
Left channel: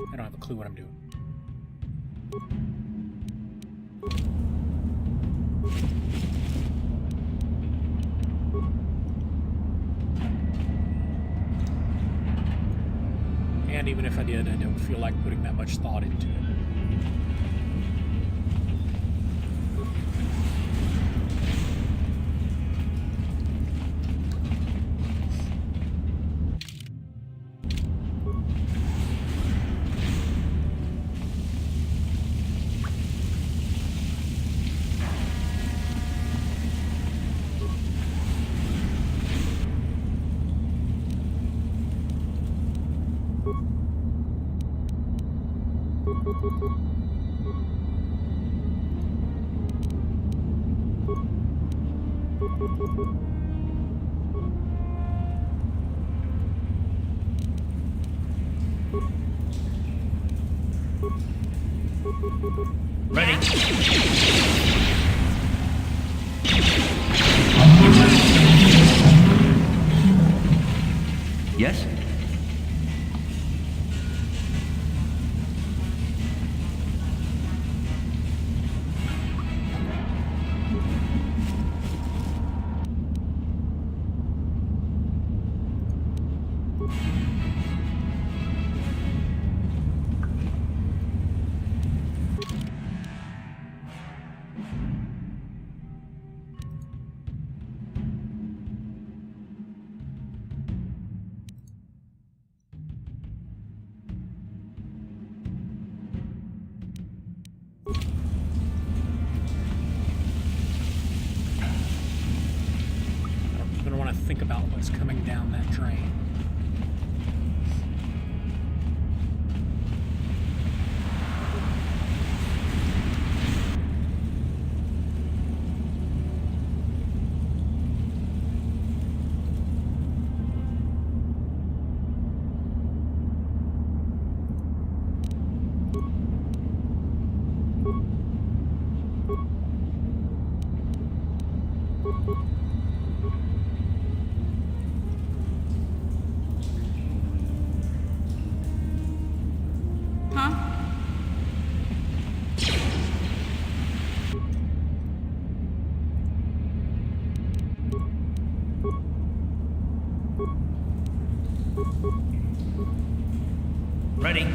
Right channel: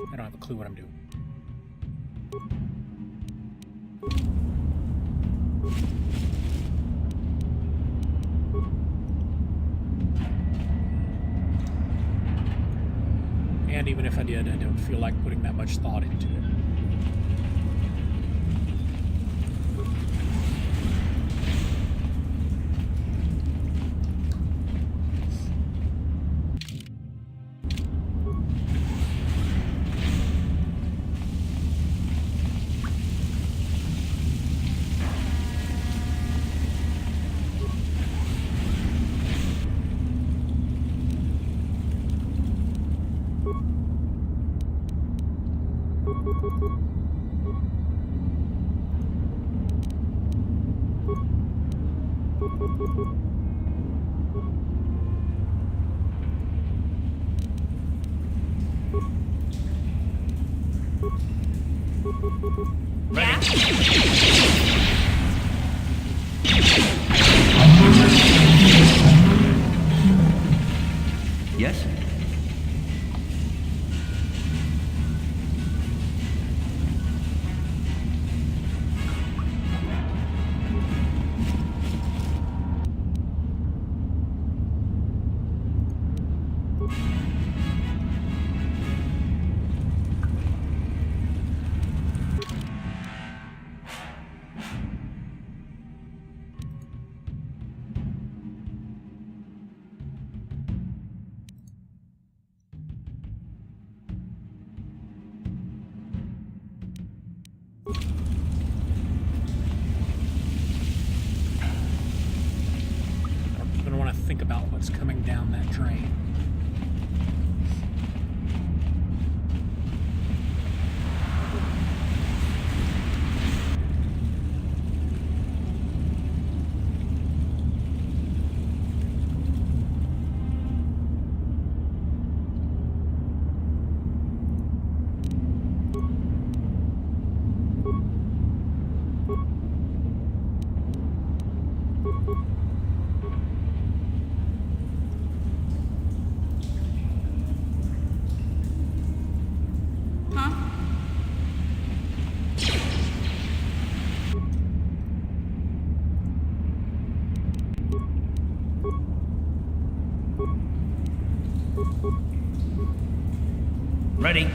I don't have a clue what I'm doing. And even if I did, I don't feel like putting that much thought into it. Yes? I don't even want to think about what's coming down that drain. Ready?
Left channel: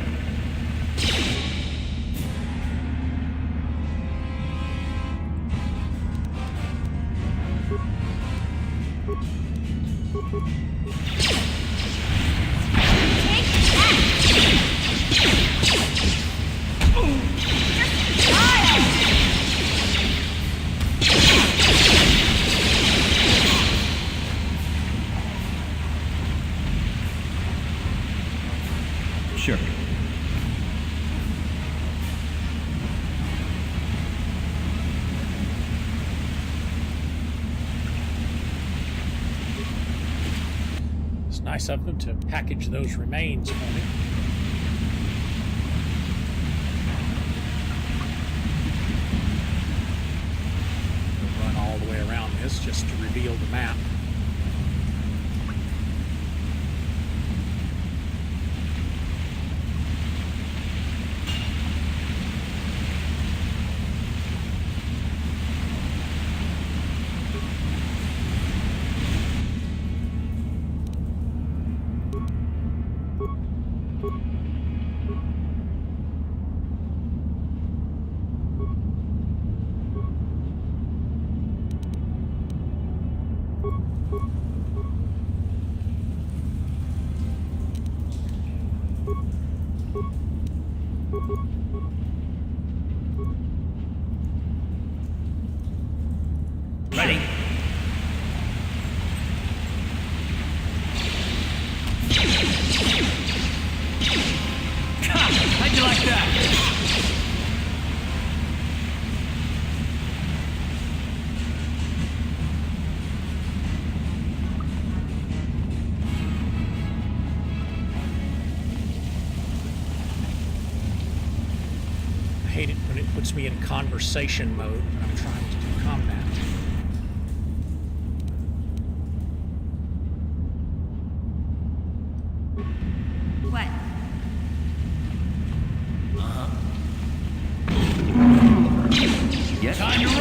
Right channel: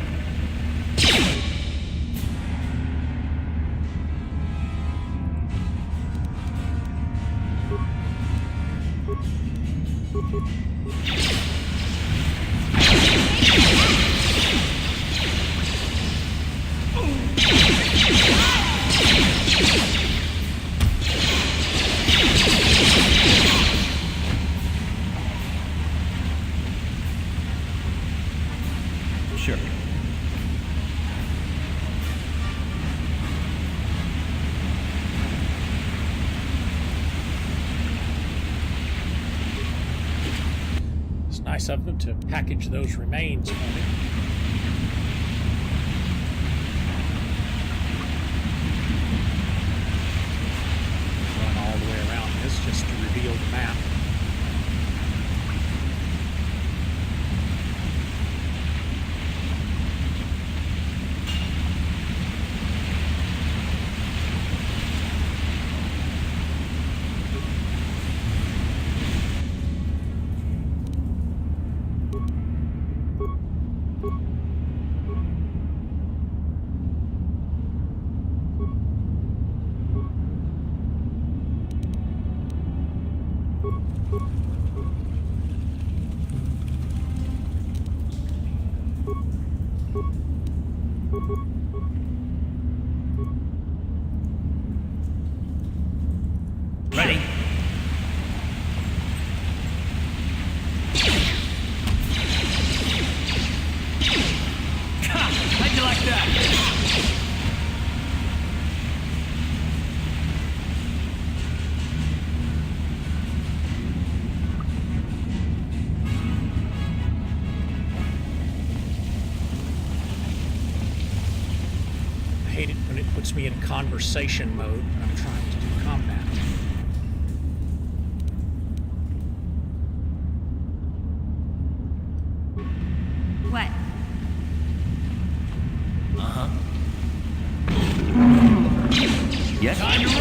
It's nice of them to package those remains for me. We'll run all the way around this just to reveal the map. Ready? How'd you like that? I hate it when it puts me in conversation mode when I'm trying to do combat. What? Yes. Time to run.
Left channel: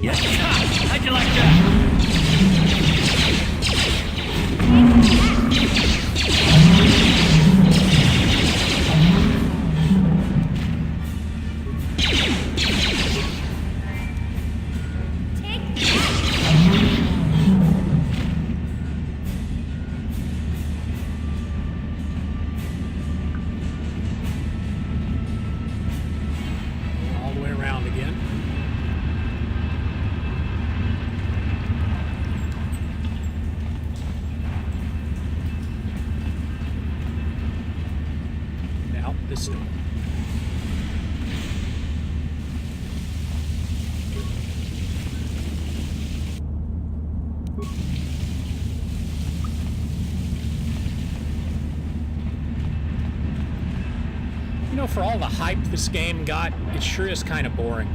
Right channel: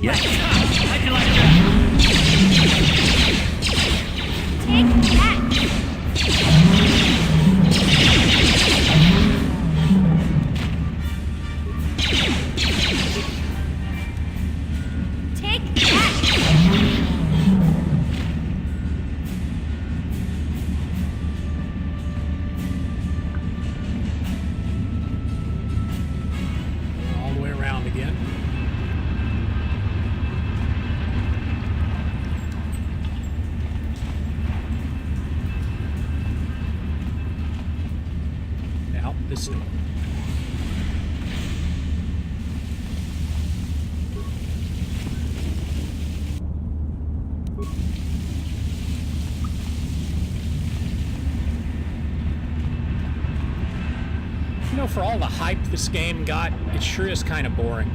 Yes. How'd you like that? Take that! All the way around again. Now, this door. You know, for all the hype this game got, it sure is kind of boring.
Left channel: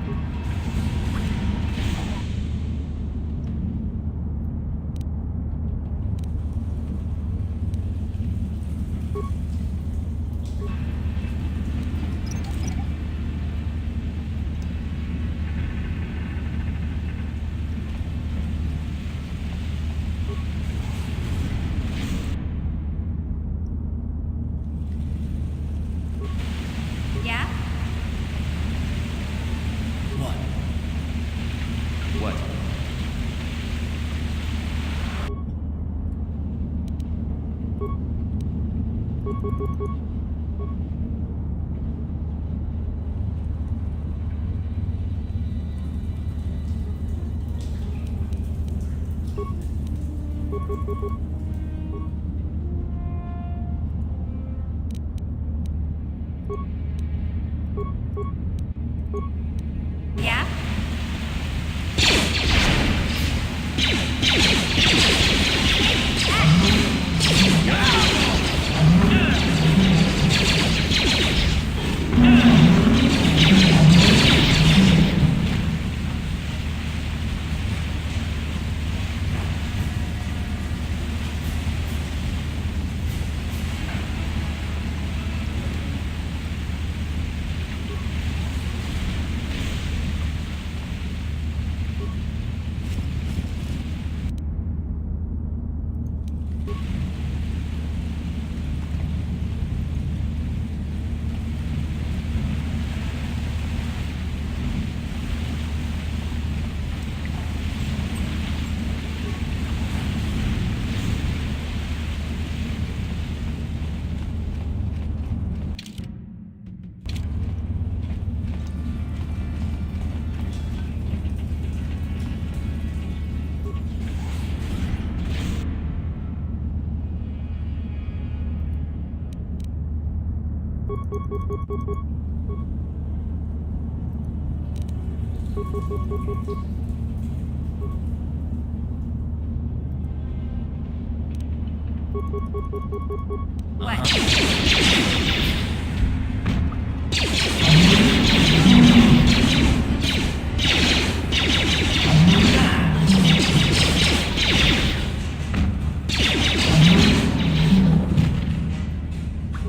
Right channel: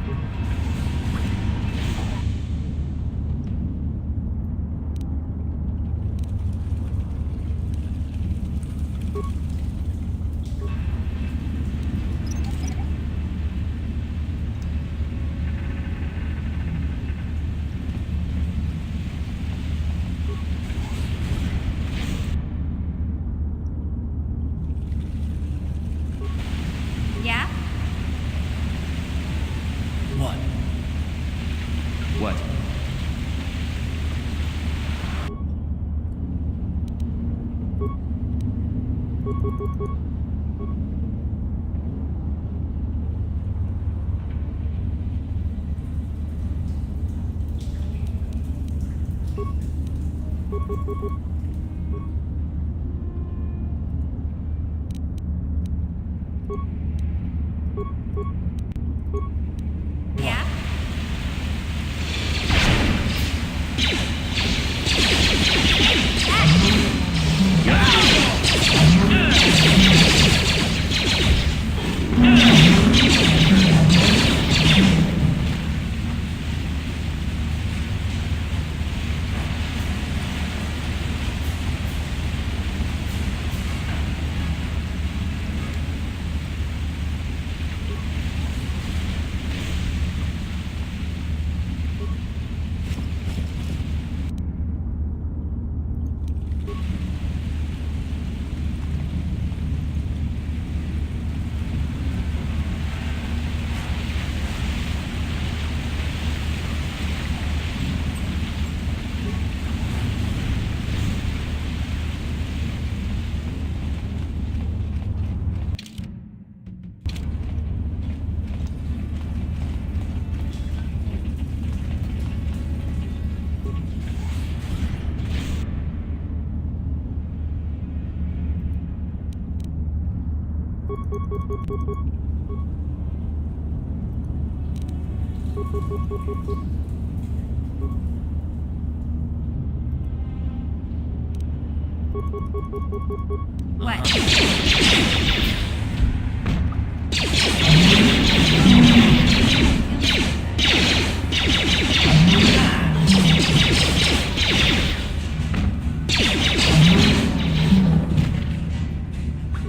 Yeah? What? What? Yeah?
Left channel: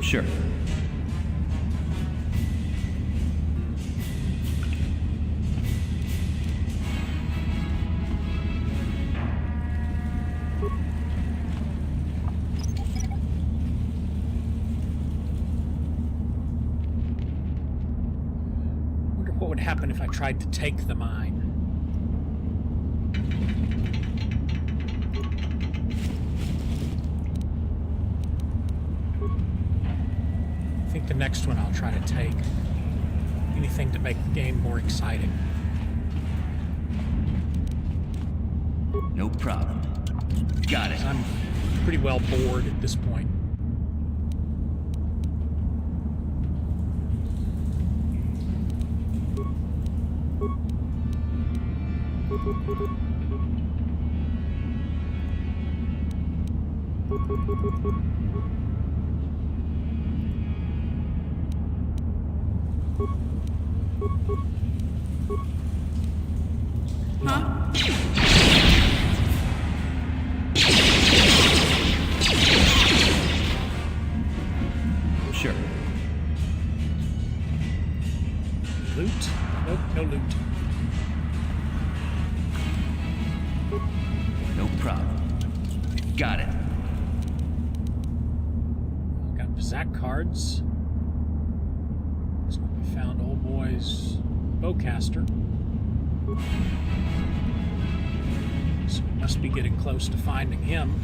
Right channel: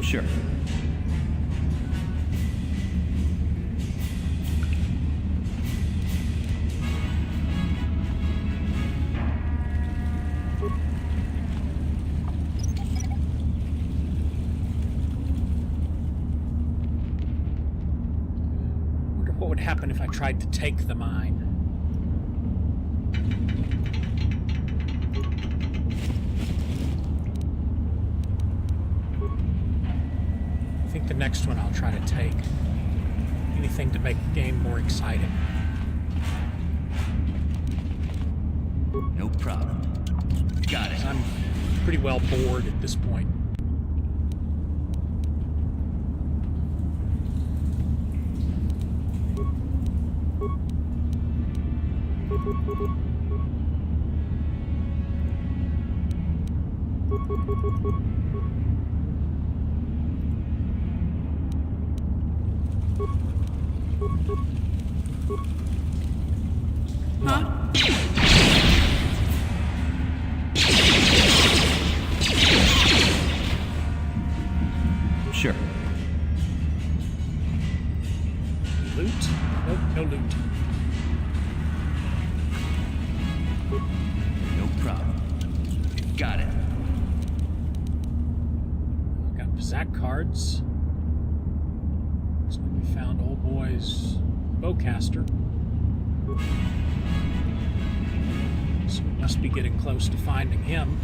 Sure. Wonder what would happen if I tried to take the mine. I think the next one I'll try to take. Anything to make the game more exciting. No problem. Got it. I'm pretty well bored at this point. Sure. Loot? Nope, no loot. No problem. Got it. Got Pizak cards. Looks like we found old boy's bowcaster. So we must be getting close to finding him.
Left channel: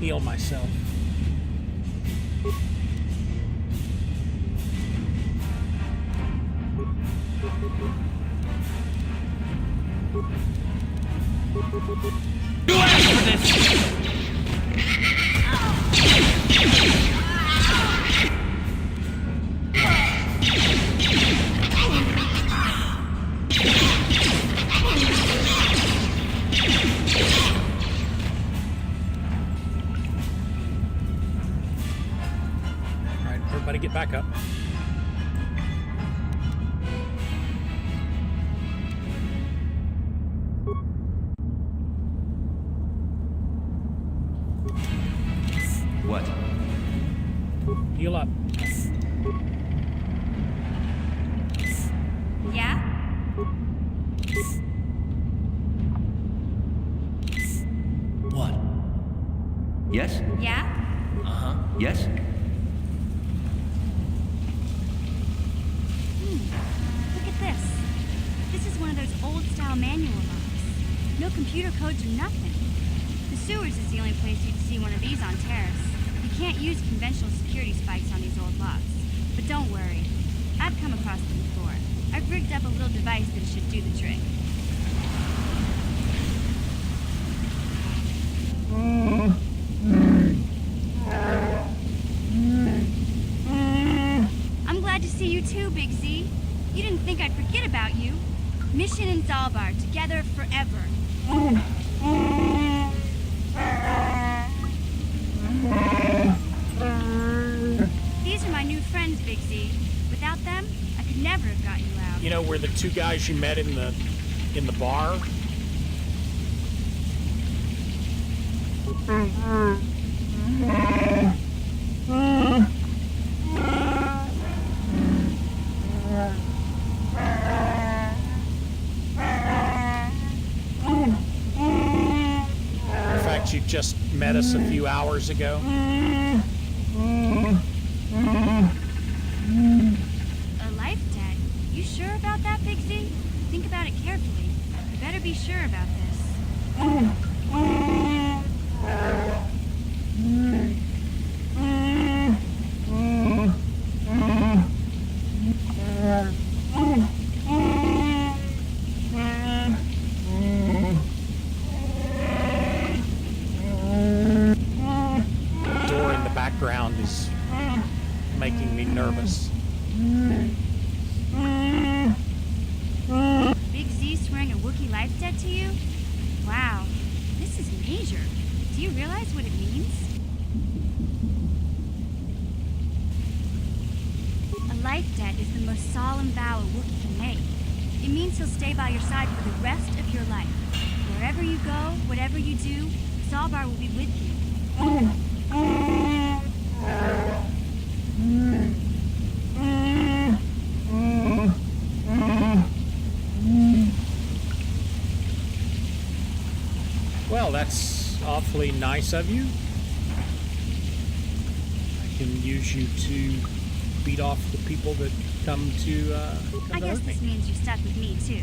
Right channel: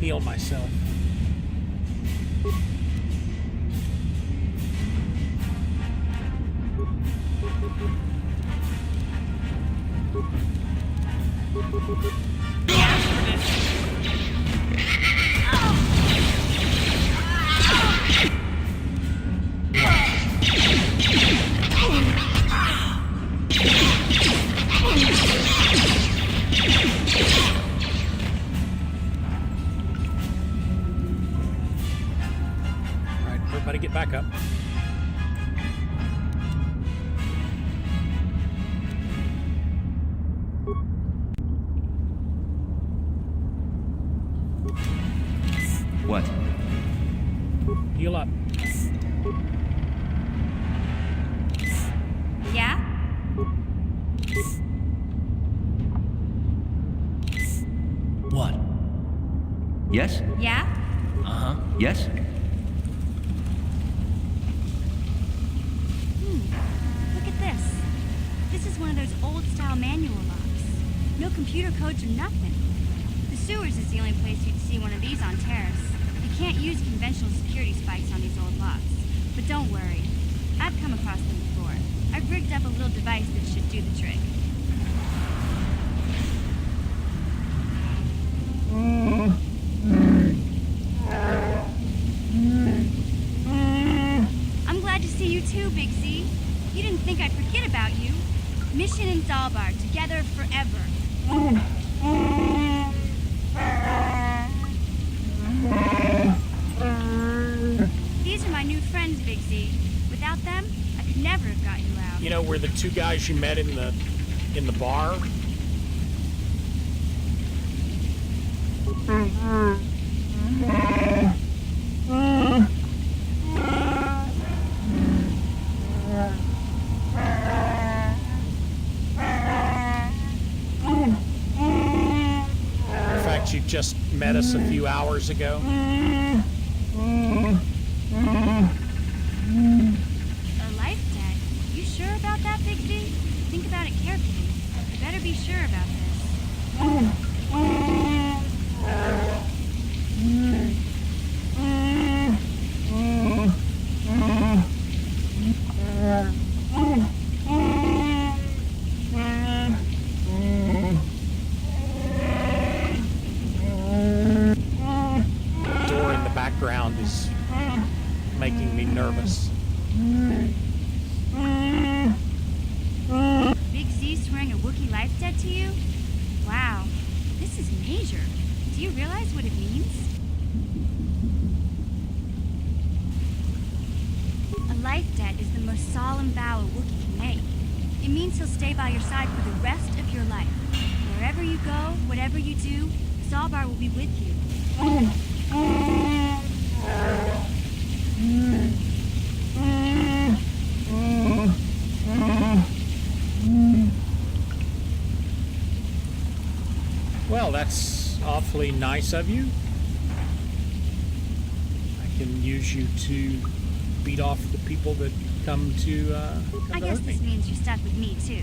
Heal myself. You asked for this! Everybody get back up. What? Heal up. Yeah? What? Yes? Yeah? Uh-huh. Yes? Look at this. This is one of those old-style manual locks. No computer codes or nothing. The sewers is the only place you'd see one of these on Terrace. You can't use conventional security spikes on these old locks. But don't worry. I've come across them before. I've rigged up a little device that should do the trick. I'm glad to see you too, Big Z. You didn't think I'd forget about you. Mission and Zalbar, together forever. These are my new friends, Big Z. Without them, I could never have got you out. You know, we're the two guys you met in the bar. just met us a few hours ago? A life debt? You sure about that, Big Z? Think about it carefully. You better be sure about this. The door in the background is making me nervous. Big Z swearing a Wookiee life debt to you? Wow, this is major. Do you realize what it means? A life debt is the most solemn vow a Wookiee can make. It means he'll stay by your side for the rest of your life. Wherever you go, whatever you do, Zaalbar will be with you. Well, that's awfully nice of you. I can use you to beat off the people that come to I guess hurt me. this means you're stuck with me, too.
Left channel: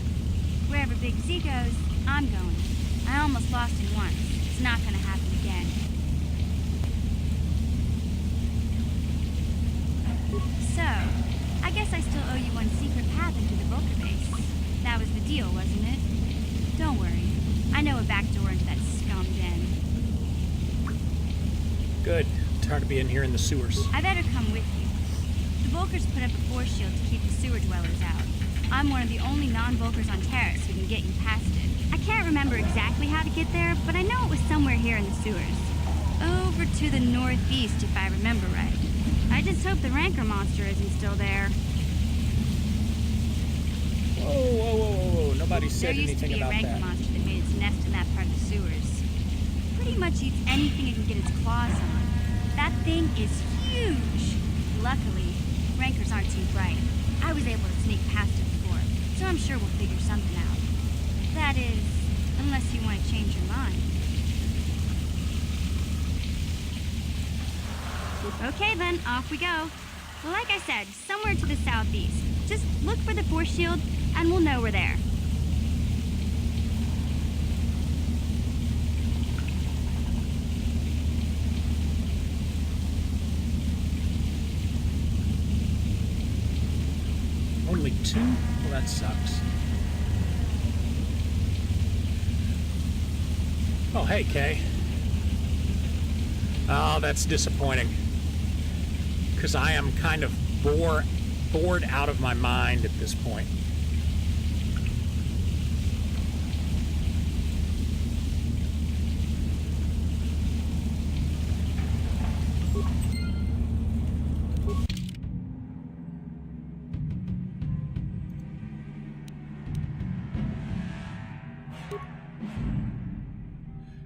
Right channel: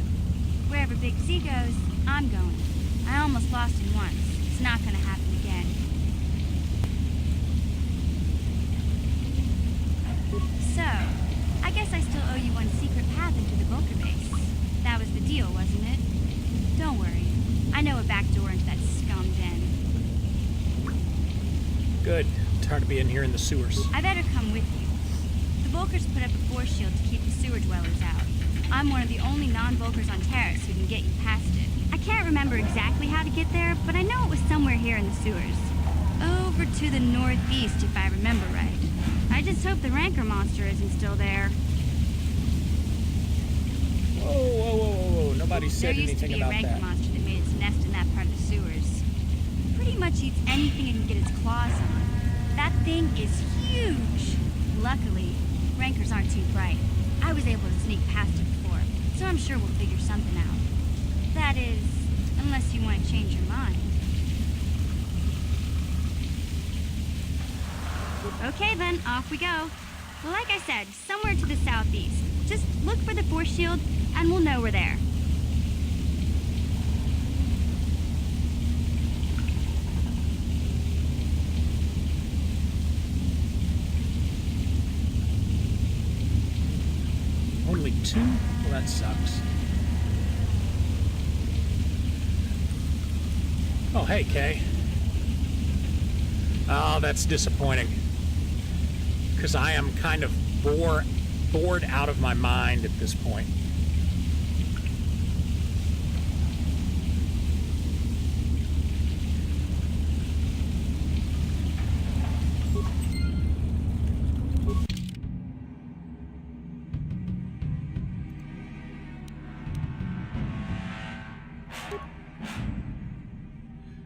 Wherever Big Z goes, I'm going. I almost lost him once. It's not gonna happen again. So, I guess I still owe you one secret path into the Vulcan base. That was the deal, wasn't it? Don't worry. I know a back door into that scum den. Good. Tired of being here in the sewers. I better come with you. The Vulkars put up a force shield to keep the sewer dwellers out. I'm one of the only non-Vulkars on Terrace who can get you past it. I can't remember exactly how to get there, but I know it was somewhere here in the sewers. Over to the northeast, if I remember right. I just hope the Rancor monster isn't still there. Whoa, whoa, whoa, whoa, whoa. Nobody said There used to anything be a about Rancor that. monster that made its nest in that part of the sewers. Pretty much eats anything it can get its claws on. That thing is huge. Luckily, Rancors aren't too bright. I was able to sneak past it before, so I'm sure we'll figure something out. That is, unless you want to change your mind. Okay then, off we go. Well, like I said, somewhere to the southeast. Just look for the force shield, and we'll know we're there. Only two? Well, that sucks. Oh, hey, Kay. Oh, that's disappointing. Because I am kind of bored out of my mind at this point.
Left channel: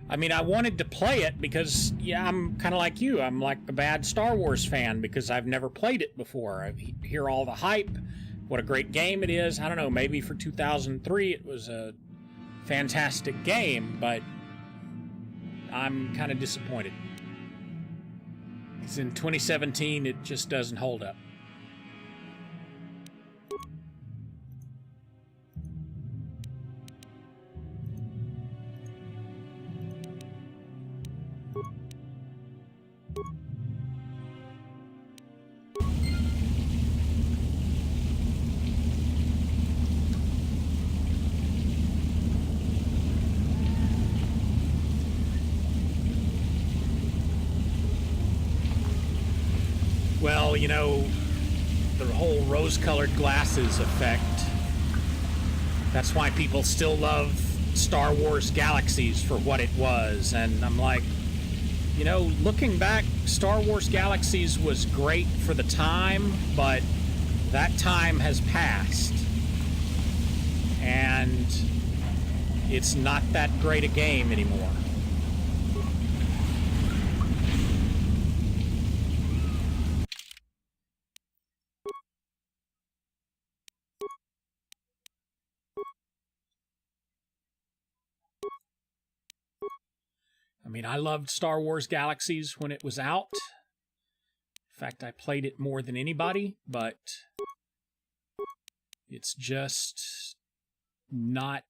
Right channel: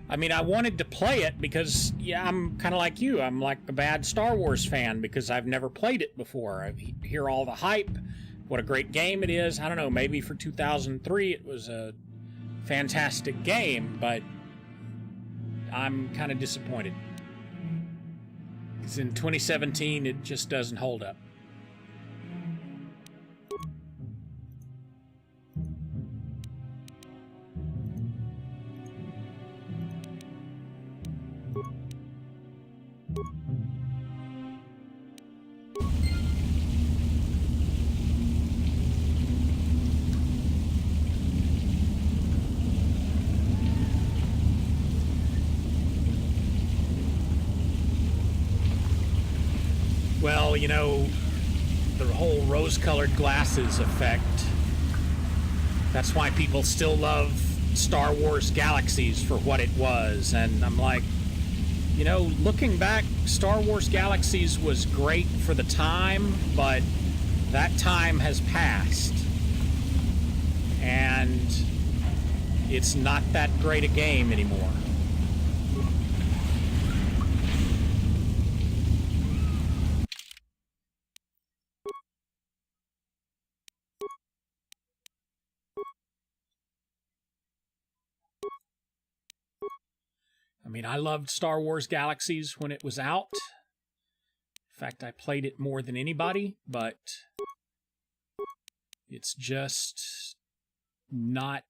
I mean, I wanted to play it because, yeah, I'm kind of like you. I'm like a bad Star Wars fan because I've never played it before. I hear all the hype, what a great game it is. I don't know, maybe for 2003 it was a fantastic game, but I'm kind of disappointed. Because in 2017, it just doesn't hold up. Well, you know, the whole rose-colored glasses effect. That's why people still love Star Wars Galaxies for what it was. And I'm like, you know, looking back, Star Wars Galaxies was great for the time, but that time has passed. And it's not that great a game anymore. I mean, I loved Star Wars Galaxies when it was out. In fact, I played it more than anybody, but it's just not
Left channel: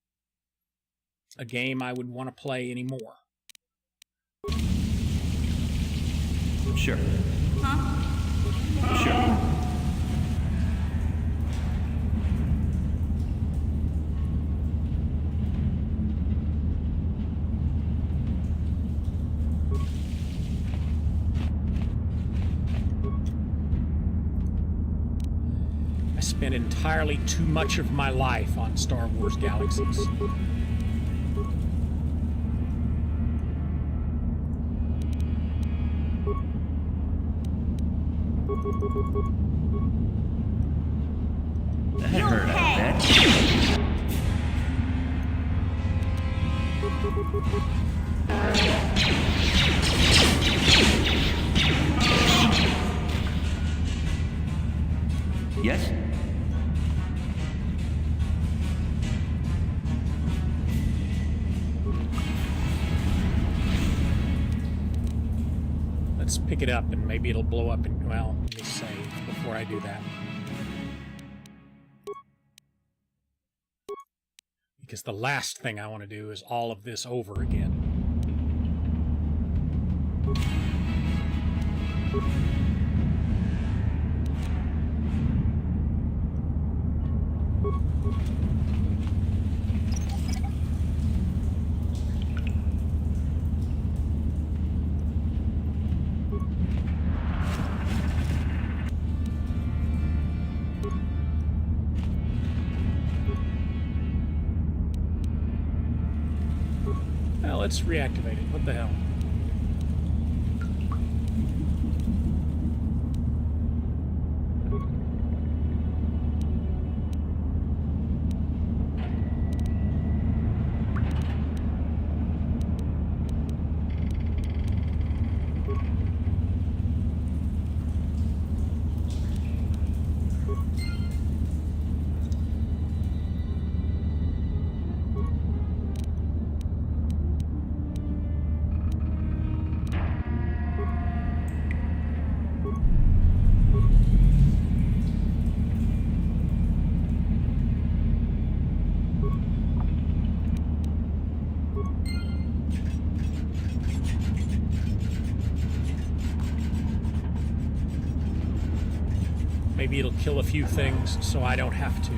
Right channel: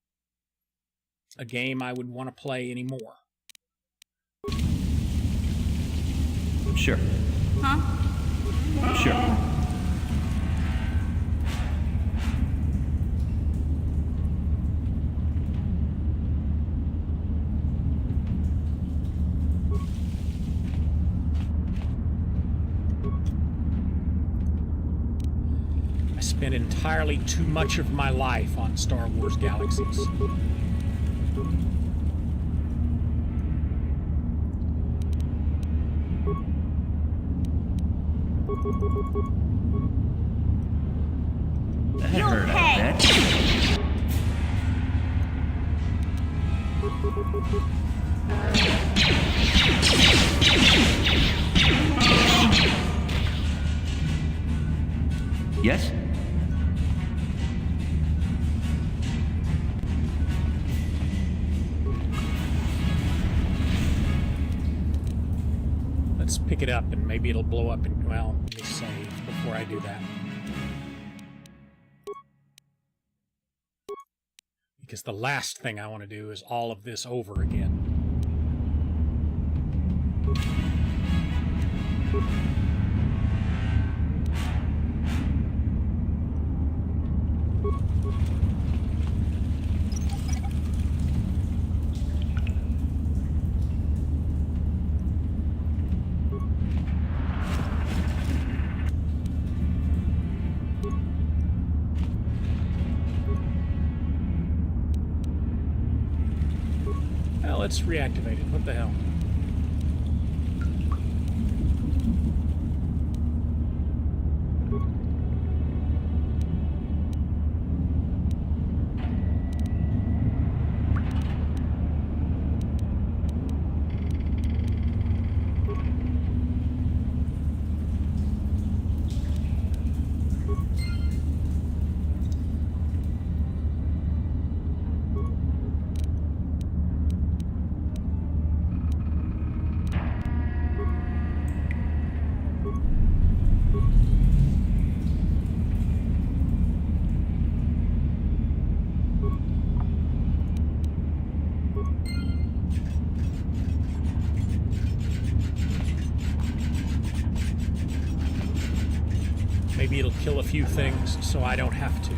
a game I would want to play anymore. Sure. Huh? Sure. I spent entirely too much of my life on Star Wars Galaxies. That hurt, I bet. Yes? Let's pick it up and maybe it'll blow up and, well, let me save before I do that. Because the last thing I want to do is all of this over again. Well, let's reactivate it. What the hell? Maybe it'll kill a few things so I don't have to.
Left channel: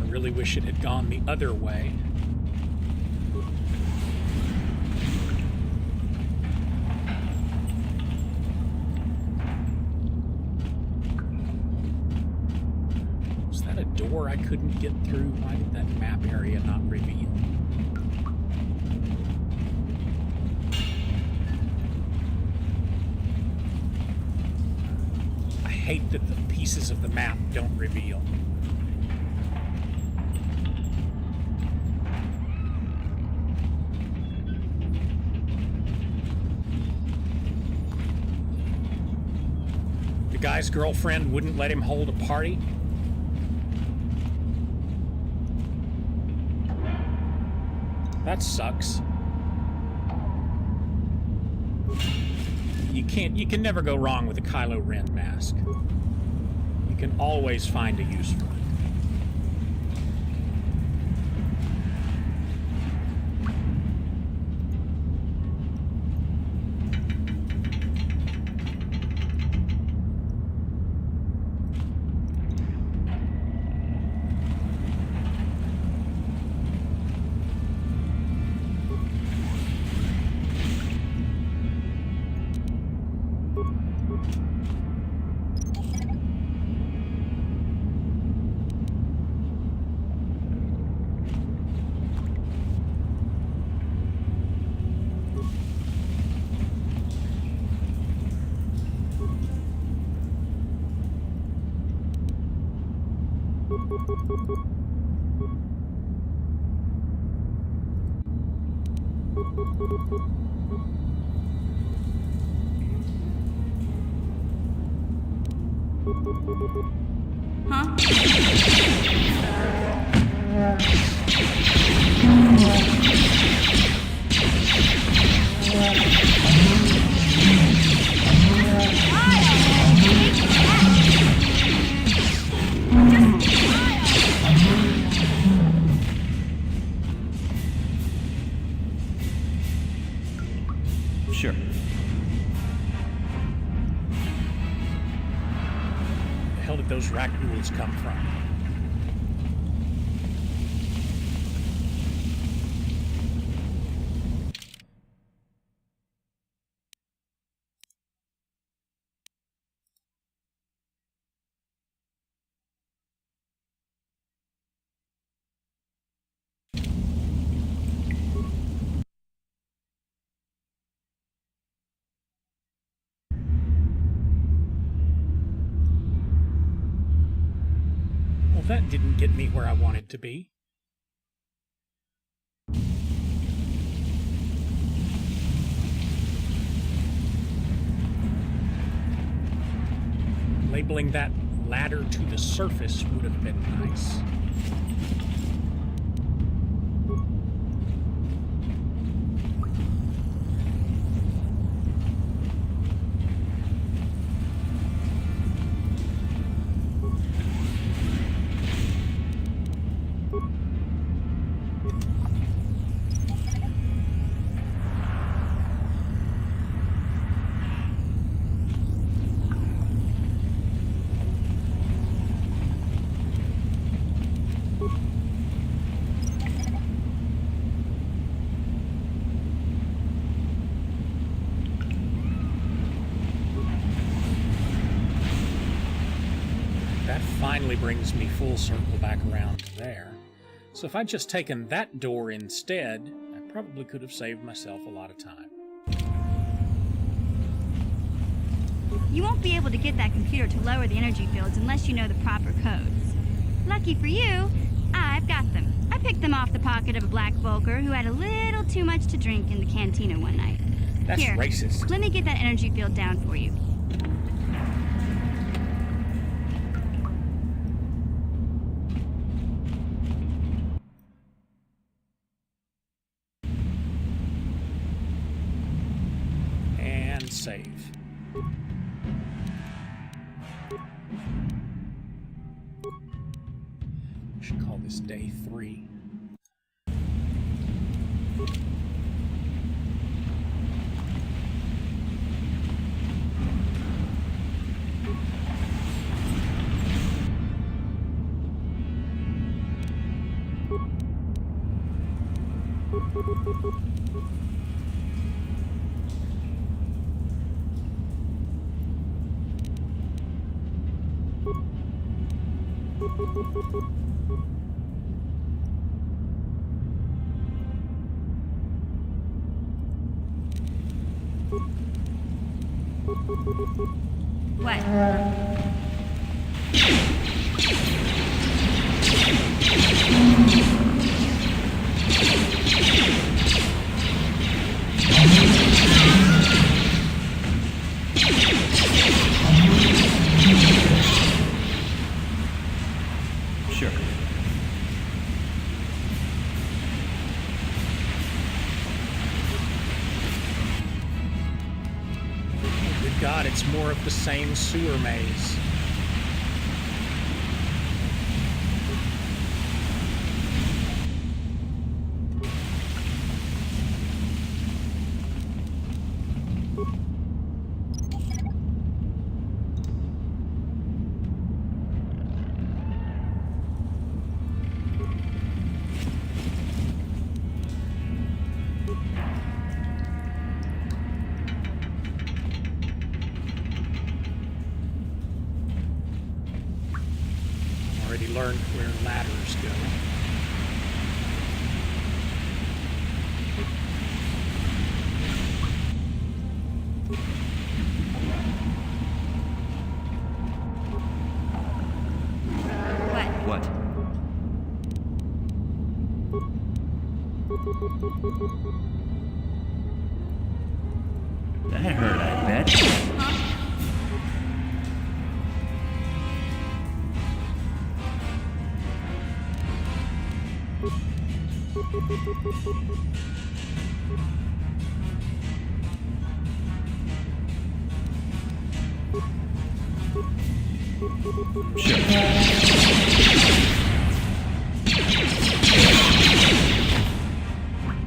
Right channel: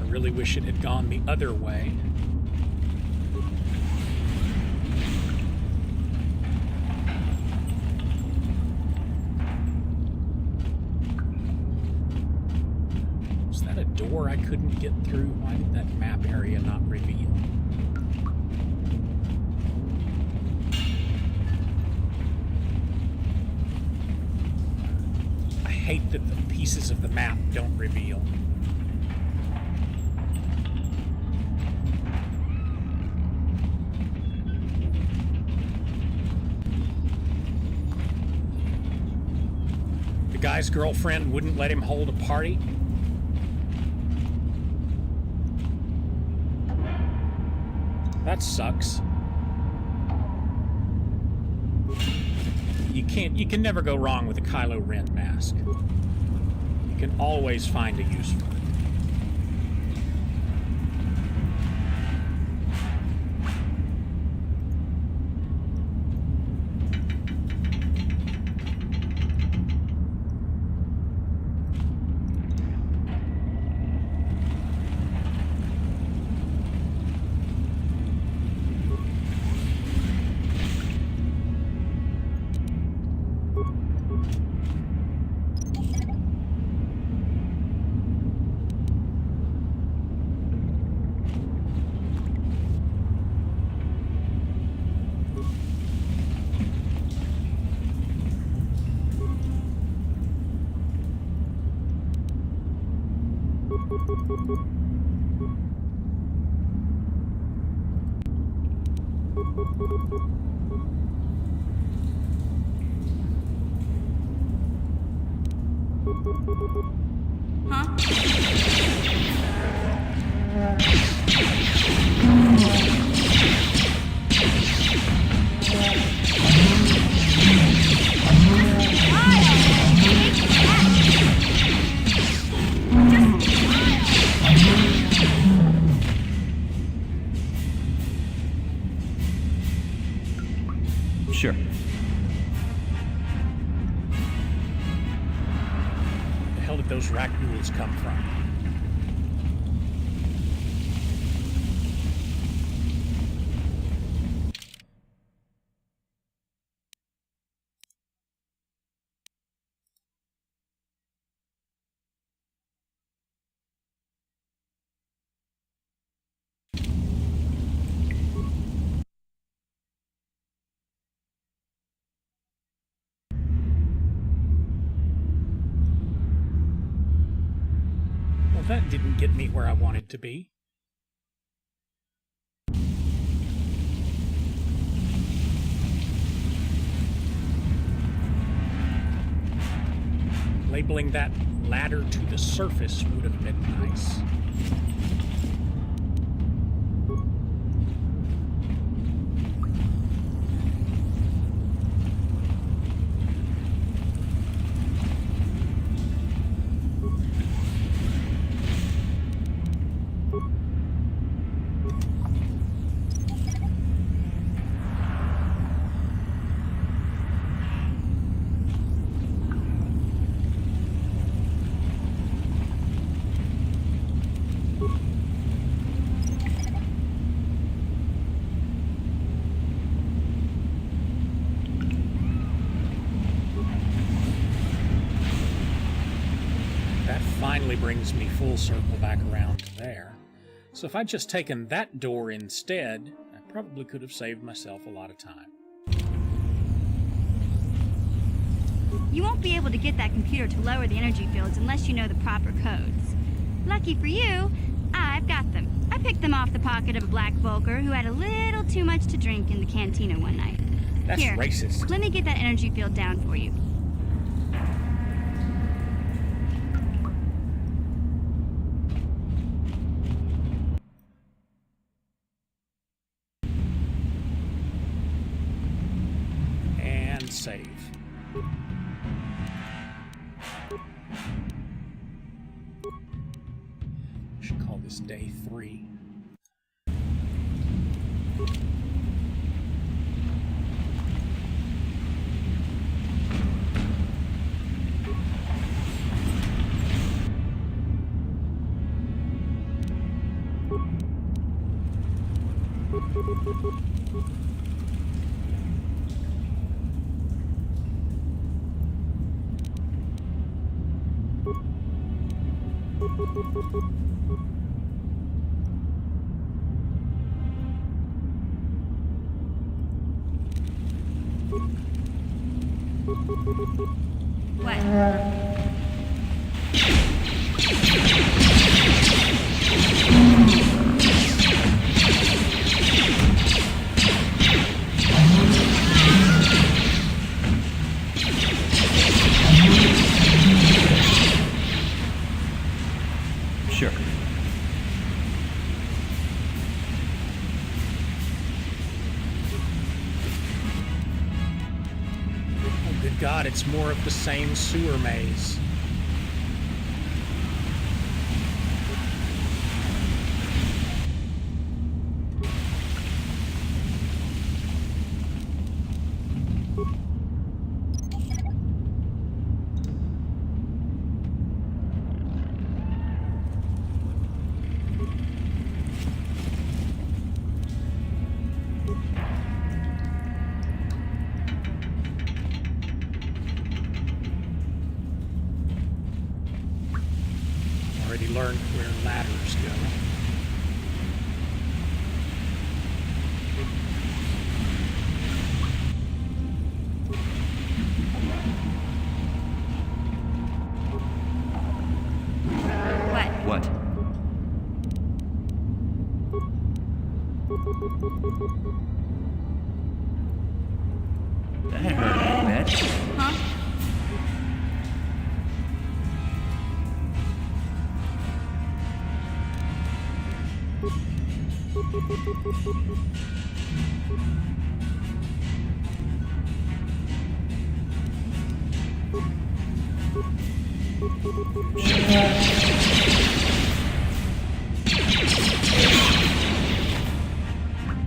I really wish it had gone the other way. A door I couldn't get through? Why did that map area not reveal? I hate that the pieces of the map don't reveal. The guy's girlfriend wouldn't let him hold a party. That sucks. You can never go wrong with a Kylo Ren mask. You can always find a use for it. Huh? Sure. The hell did those rack ghouls come from? Well, that didn't get me where I wanted to be. Labeling that ladder to the surface would have been nice. That finally brings me full circle back around to there. So if I'd just taken that door instead, I probably could have saved myself a lot of time. You won't be able to get that computer to lower the energy fields unless you know the proper codes. Lucky for you, I've got them. I picked them off the pocket of a black Volker who had a little too much to drink in the cantina one night. That's Here, racist. let me get that energy field down for you. And save. Should call this day 3. What? Sure. Oh, good God, it's more of the same sewer maze. Already learned where ladders go. What? What? That hurt, I bet. Huh?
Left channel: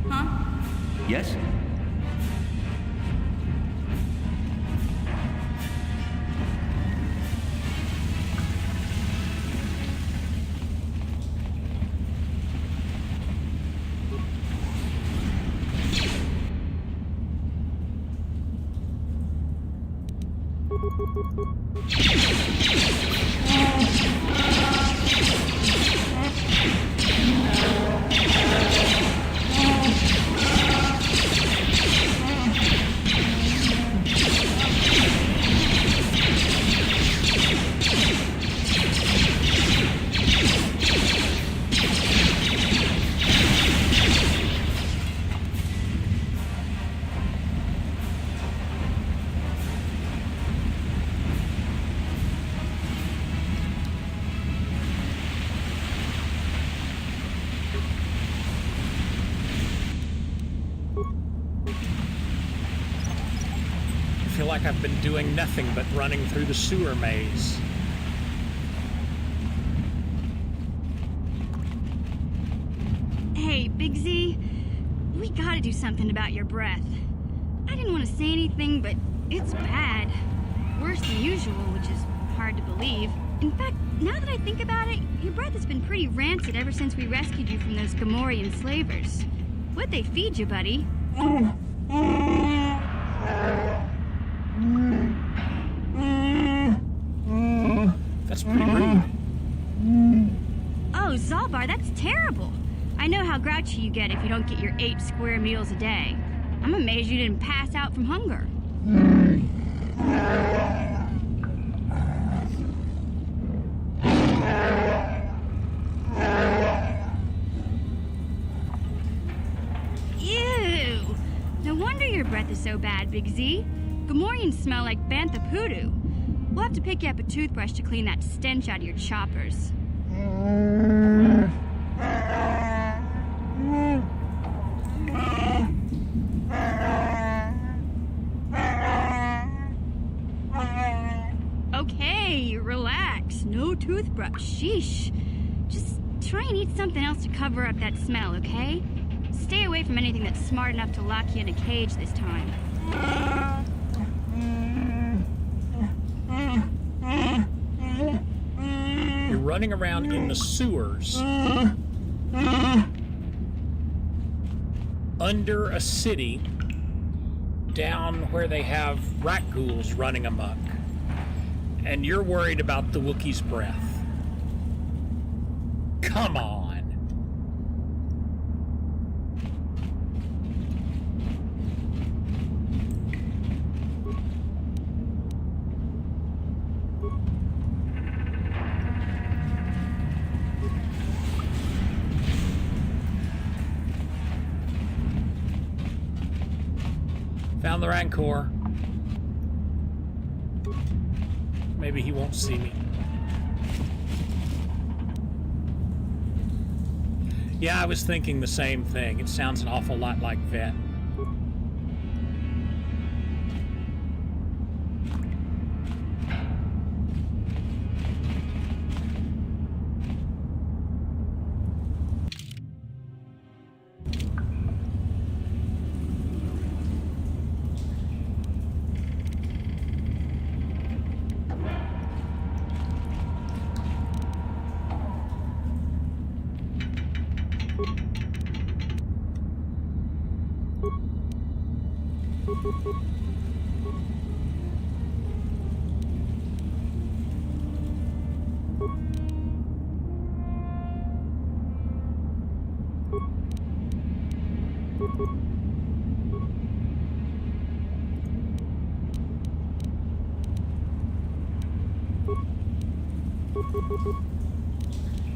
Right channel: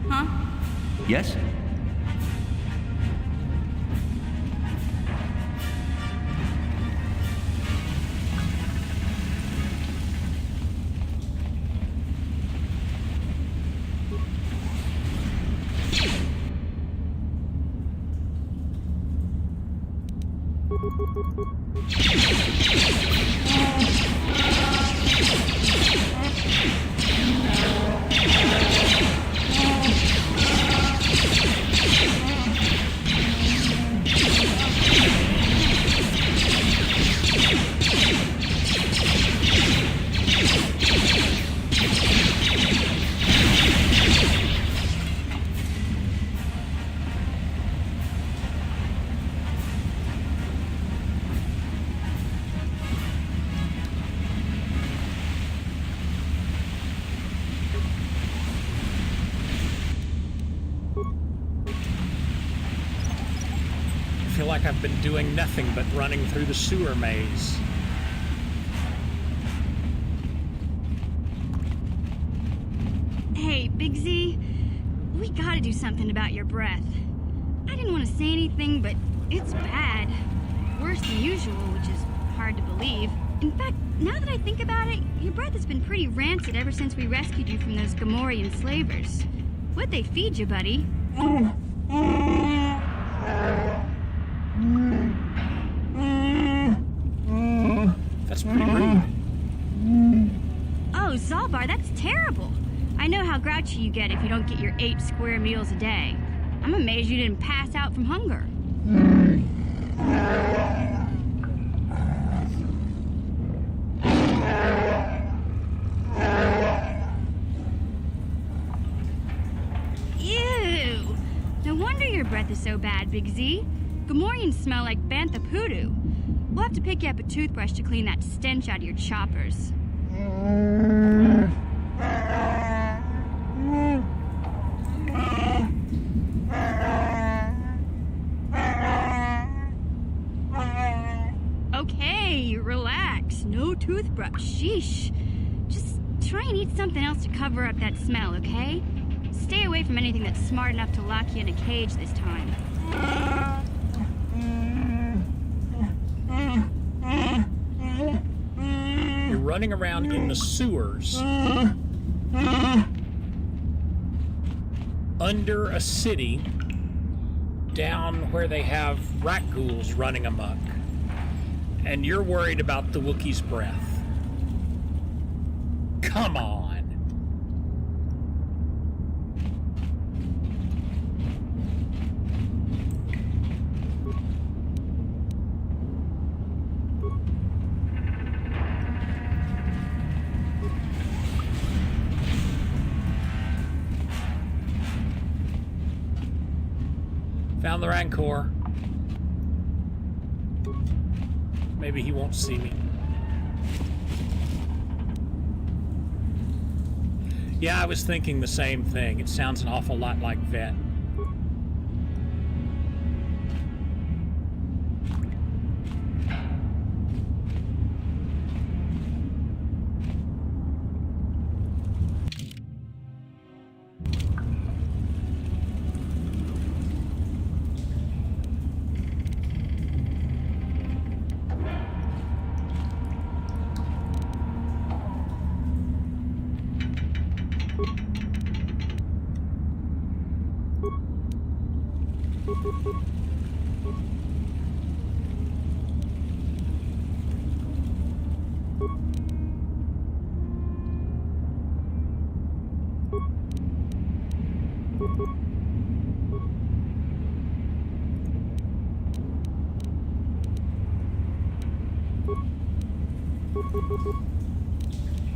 Huh? Yes? I feel like I've been doing nothing but running through the sewer maze. Hey, Big Z, we gotta do something about your breath. I didn't want to say anything, but it's bad. Worse than usual, which is hard to believe. In fact, now that I think about it, your breath has been pretty rancid ever since we rescued you from those Gamorrean slavers. What'd they feed you, buddy? That's pretty rude. Oh, Zalbar, that's terrible. I know how grouchy you get if you don't get your 8 square meals a day. I'm amazed you didn't pass out from hunger. Ew! No wonder your breath is so bad, Big Z. Gamorreans smell like bantha poodoo. We'll have to pick you up a toothbrush to clean that stench out of your choppers. Okay, relax. No toothbrush. Sheesh. Just try and eat something else to cover up that smell, okay? Stay away from anything that's smart enough to lock you in a cage this time. You're running around in the sewers under a city down where they have rat ghouls running amok. And you're worried about the Wookiee's breath. Come on. Found the Rancor. Maybe he won't see me. Yeah, I was thinking the same thing. It sounds an awful lot like Vet.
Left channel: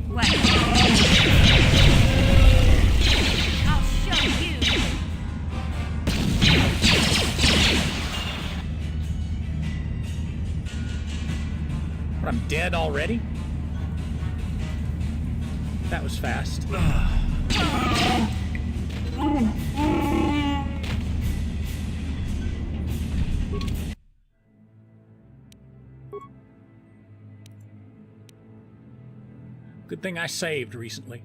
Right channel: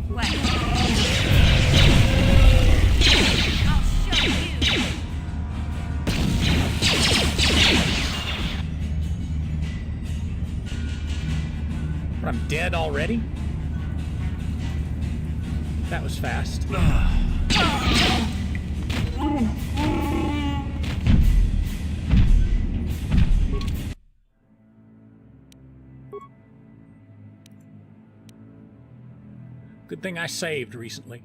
What? I'll show you. What, I'm dead already? That was fast. Good thing I saved recently.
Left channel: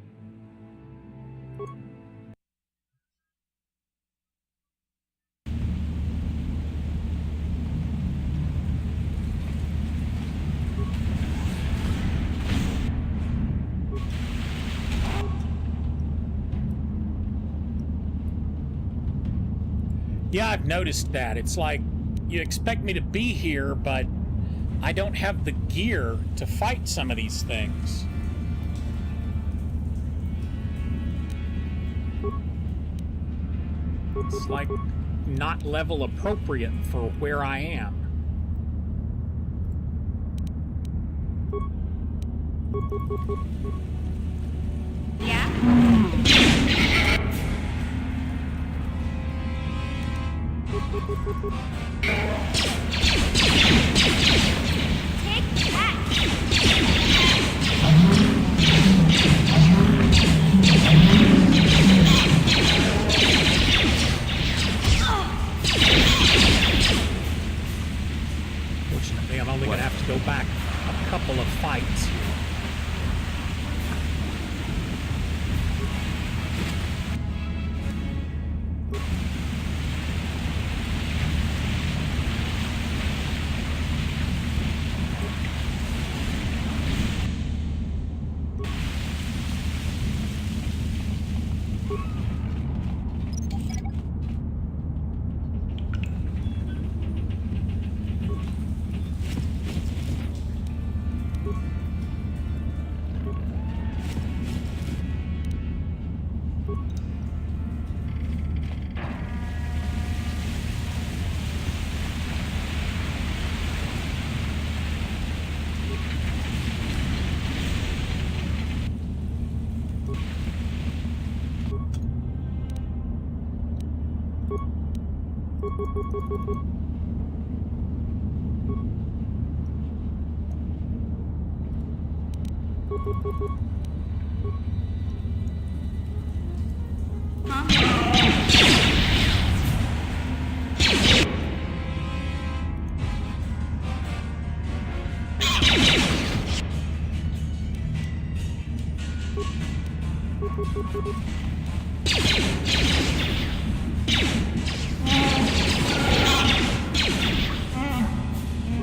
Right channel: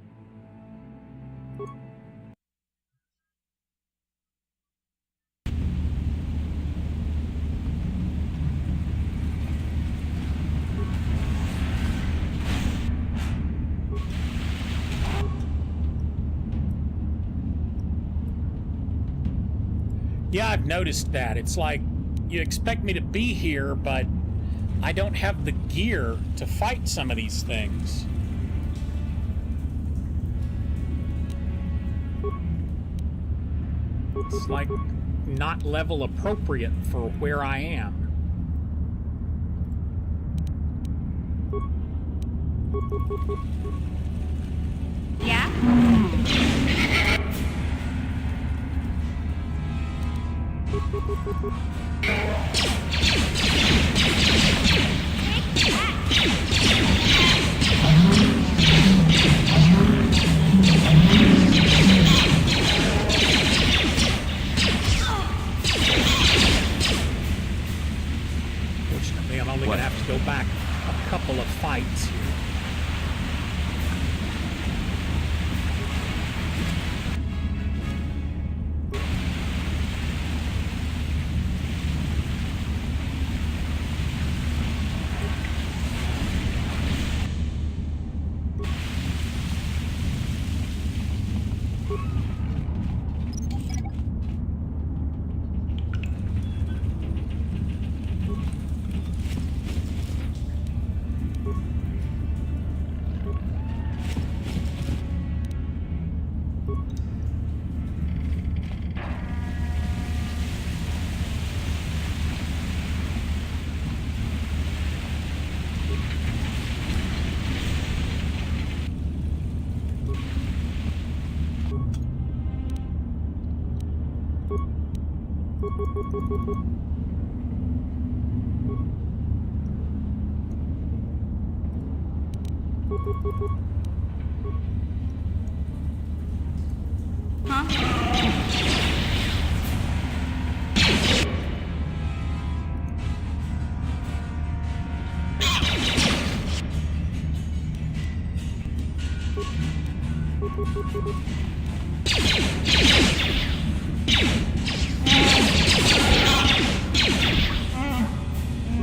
Yeah, I've noticed that. It's like you expect me to be here, but I don't have the gear to fight some of these things. It's like not level appropriate for where I am. Yeah? Take that! Fortunately, I'm only going to have to go back a couple of fights here.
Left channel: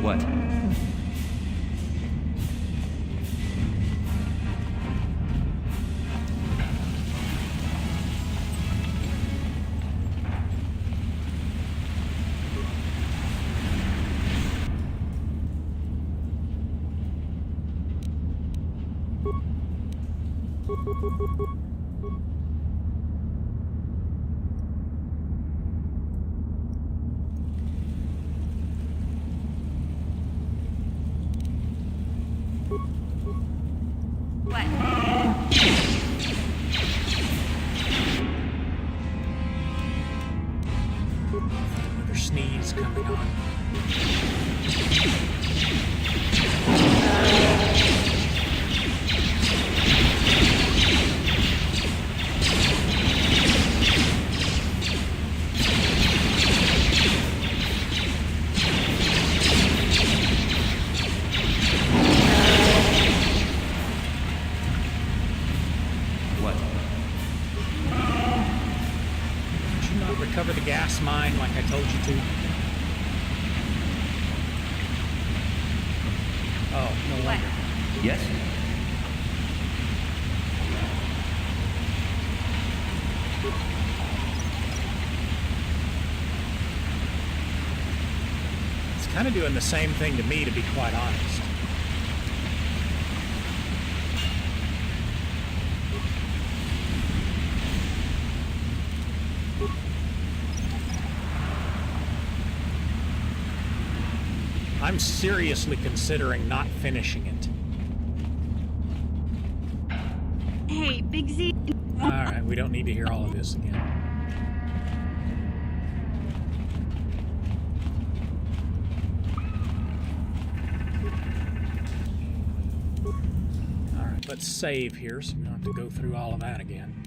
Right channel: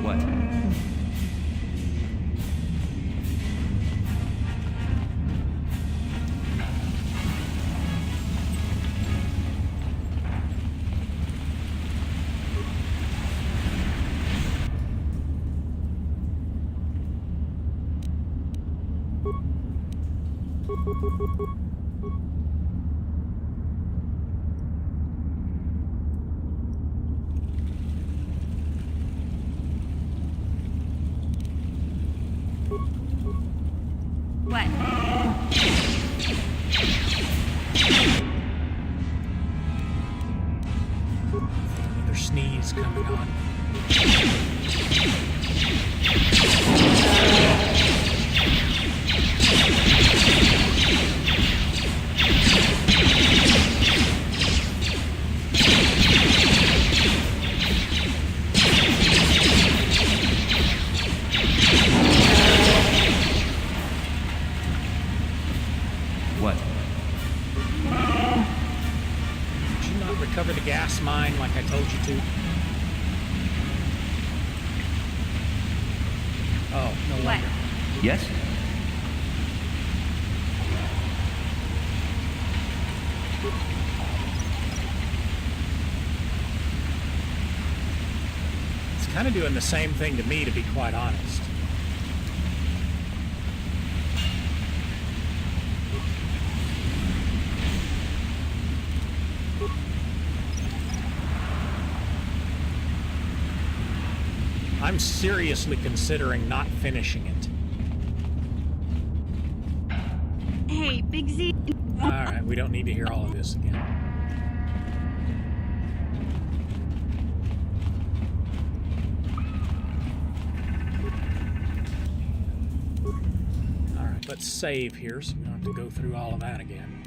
What? What? Another sneeze coming on. What? Did you not recover the gas mine like I told you to? Oh, no What? wonder. Yes? It's kind of doing the same thing to me, to be quite honest. I'm seriously considering not finishing it. Hey, Big Z. Alright, we don't need to hear all of this again. Alright, let's save here so we don't have to go through all of that again.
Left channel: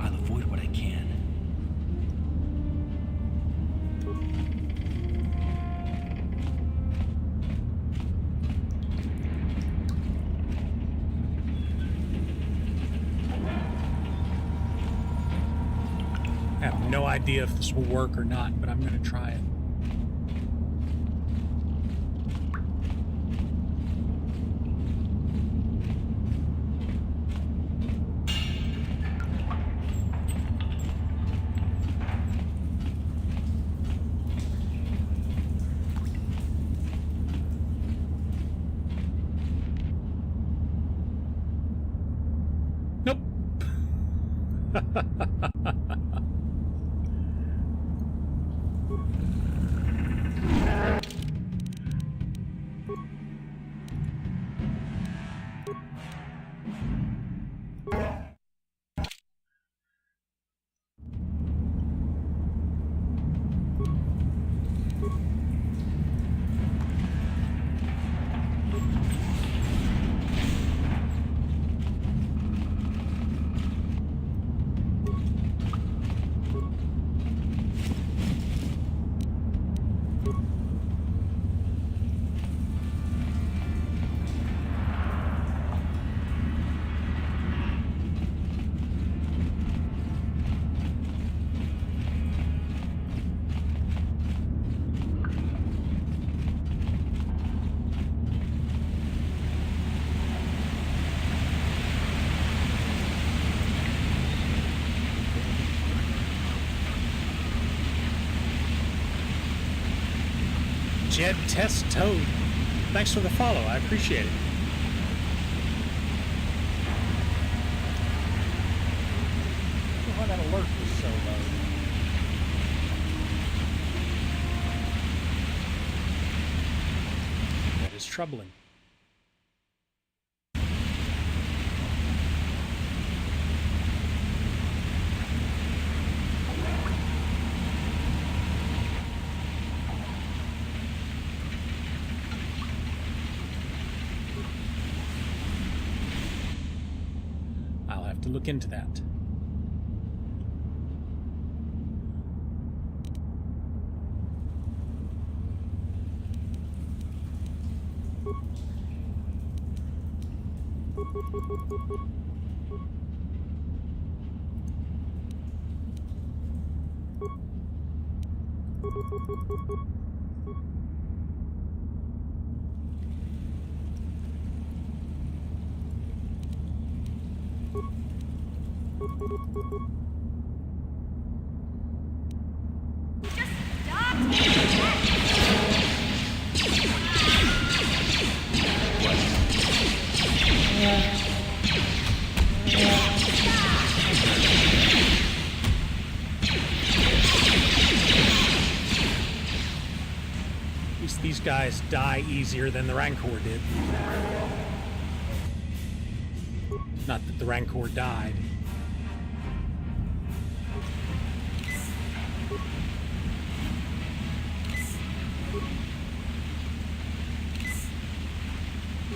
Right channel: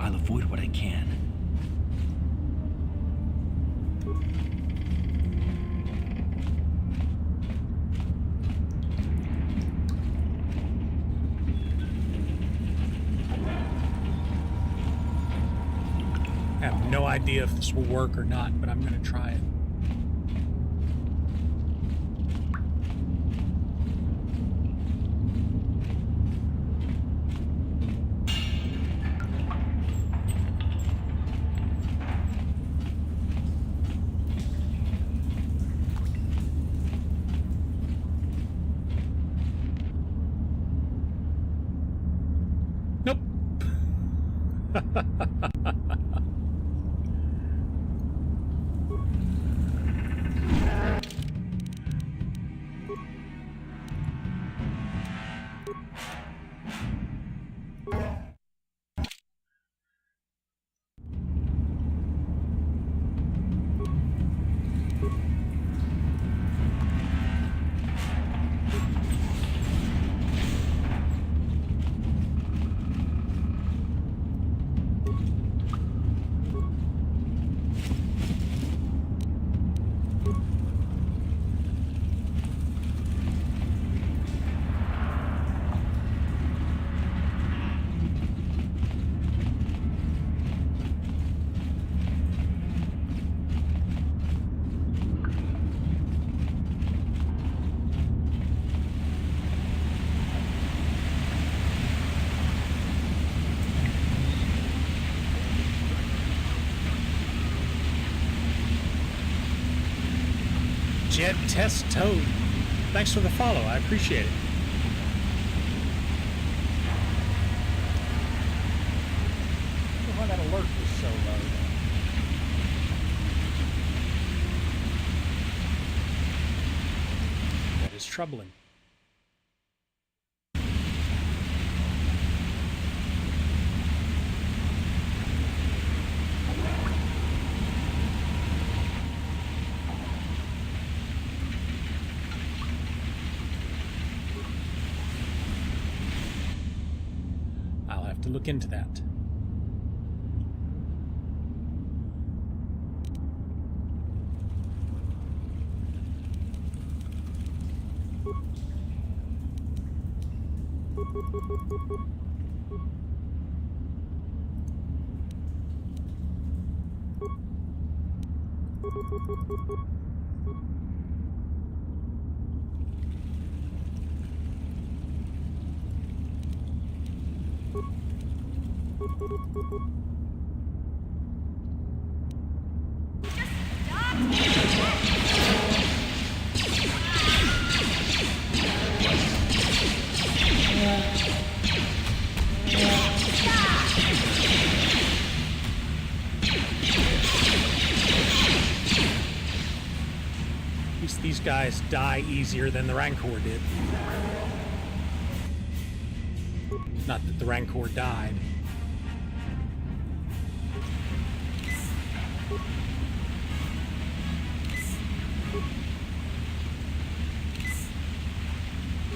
I'll avoid what I can. I have no idea if this will work or not, but I'm going to try it. Nope. Jed Test Toad. Thanks for the follow. I appreciate it. I don't know why that alert was so low. That is troubling. I'll have to look into that. At least these guys die easier than the Rancor did. Not that the Rancor died.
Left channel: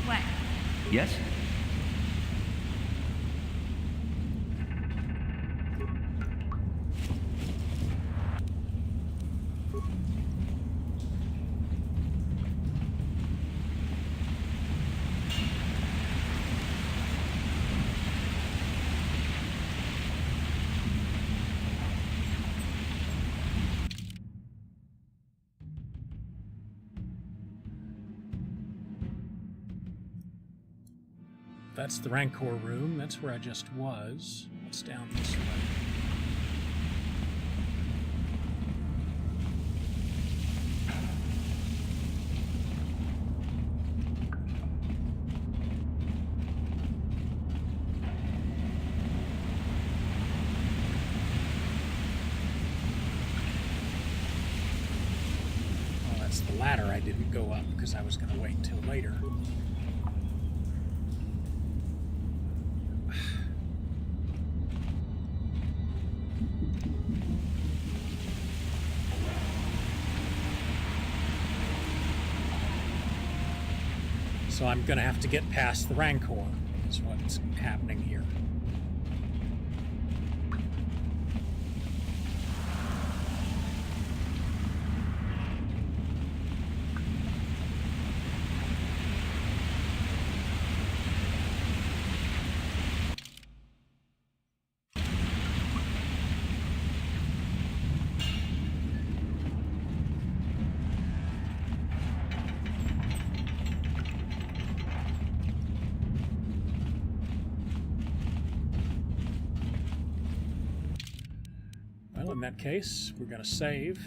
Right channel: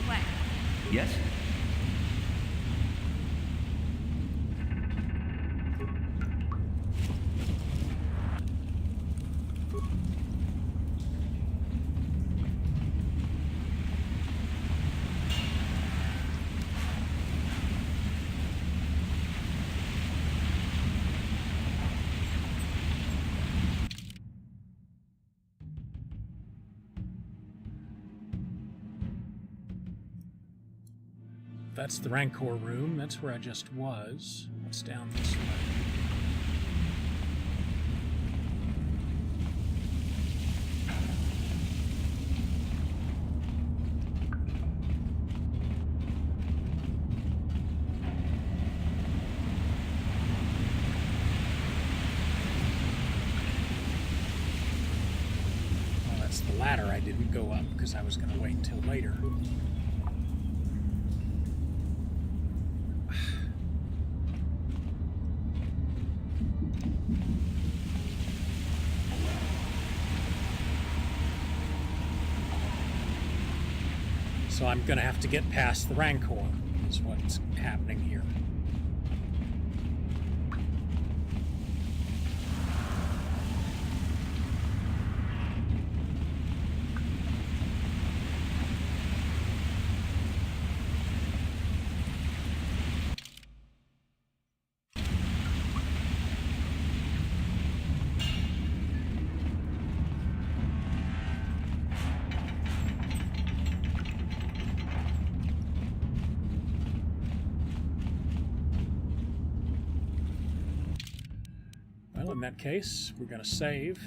What? Yes? that's the Rancor room. That's where I just was. What's down this way? Oh, that's the ladder I didn't go up because I was going to wait until later. So I'm going to have to get past the Rancor, is what's happening here. Well, in that case, we're going to save.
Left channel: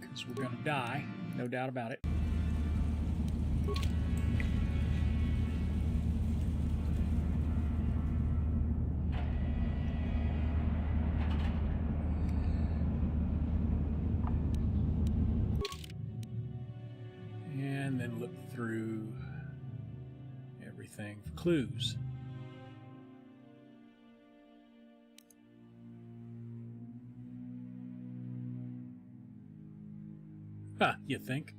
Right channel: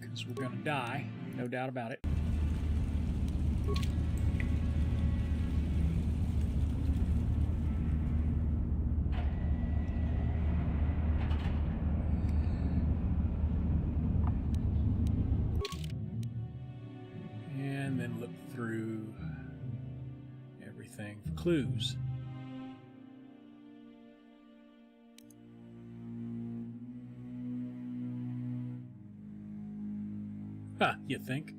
Because we're going to die, no doubt about it. And then look through everything for clues. Huh, you think?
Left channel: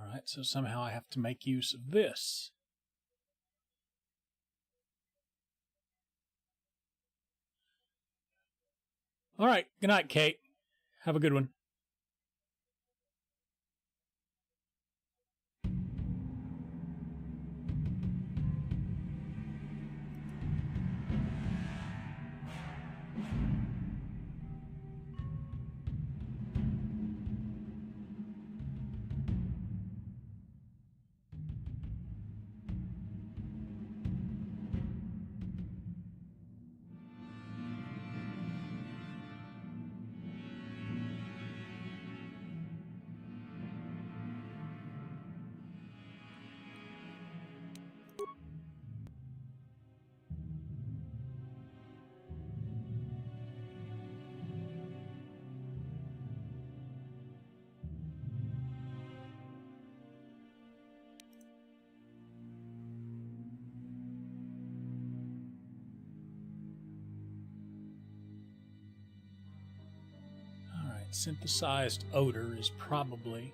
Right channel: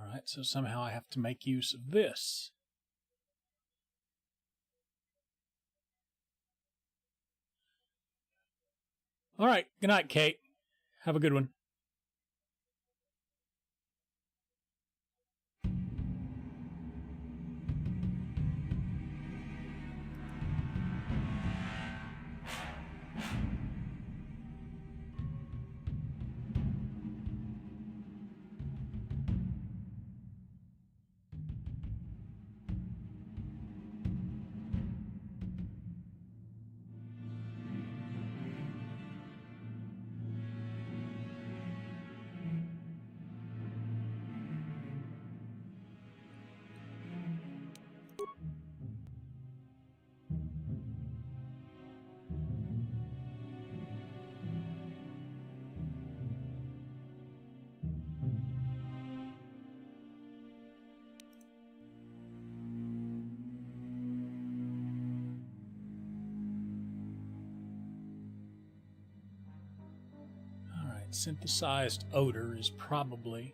Alright, so somehow I have to make use of this. Alright, good night, Kate. Have a good one. Synthesized odor is probably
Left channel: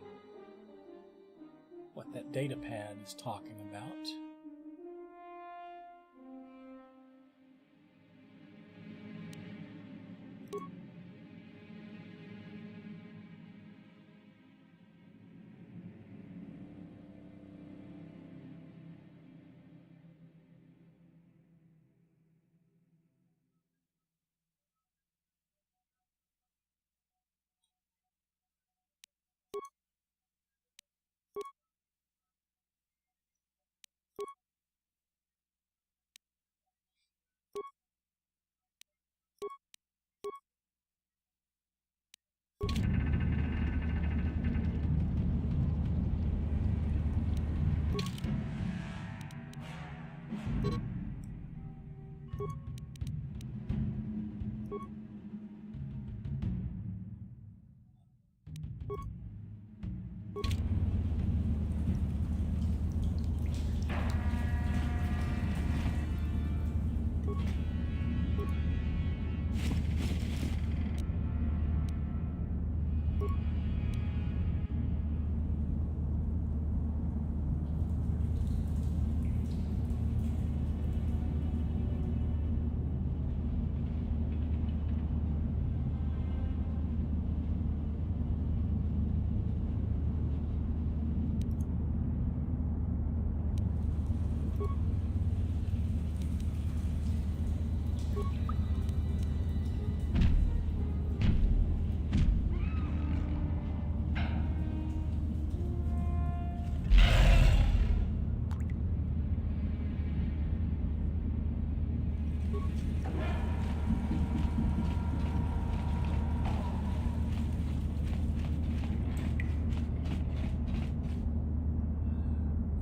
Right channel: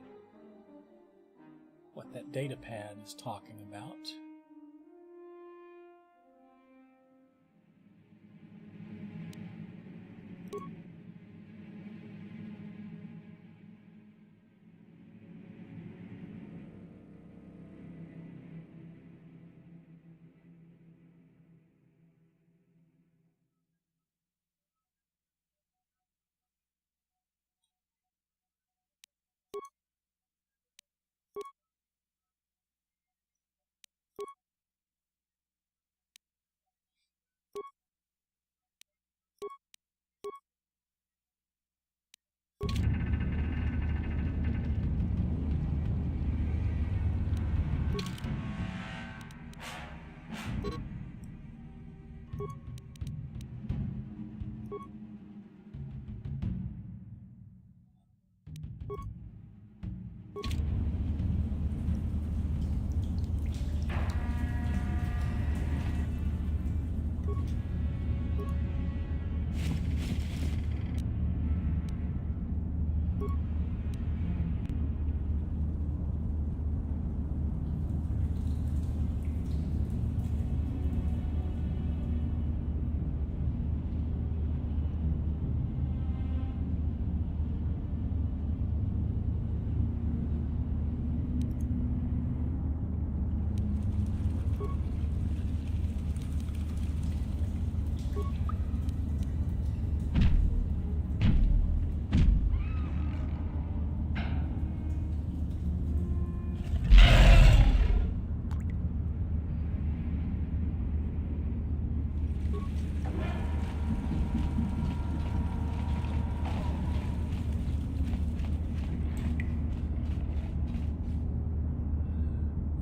what that data pad is talking about.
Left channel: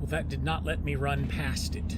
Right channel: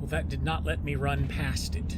Well, that did not let me run past it.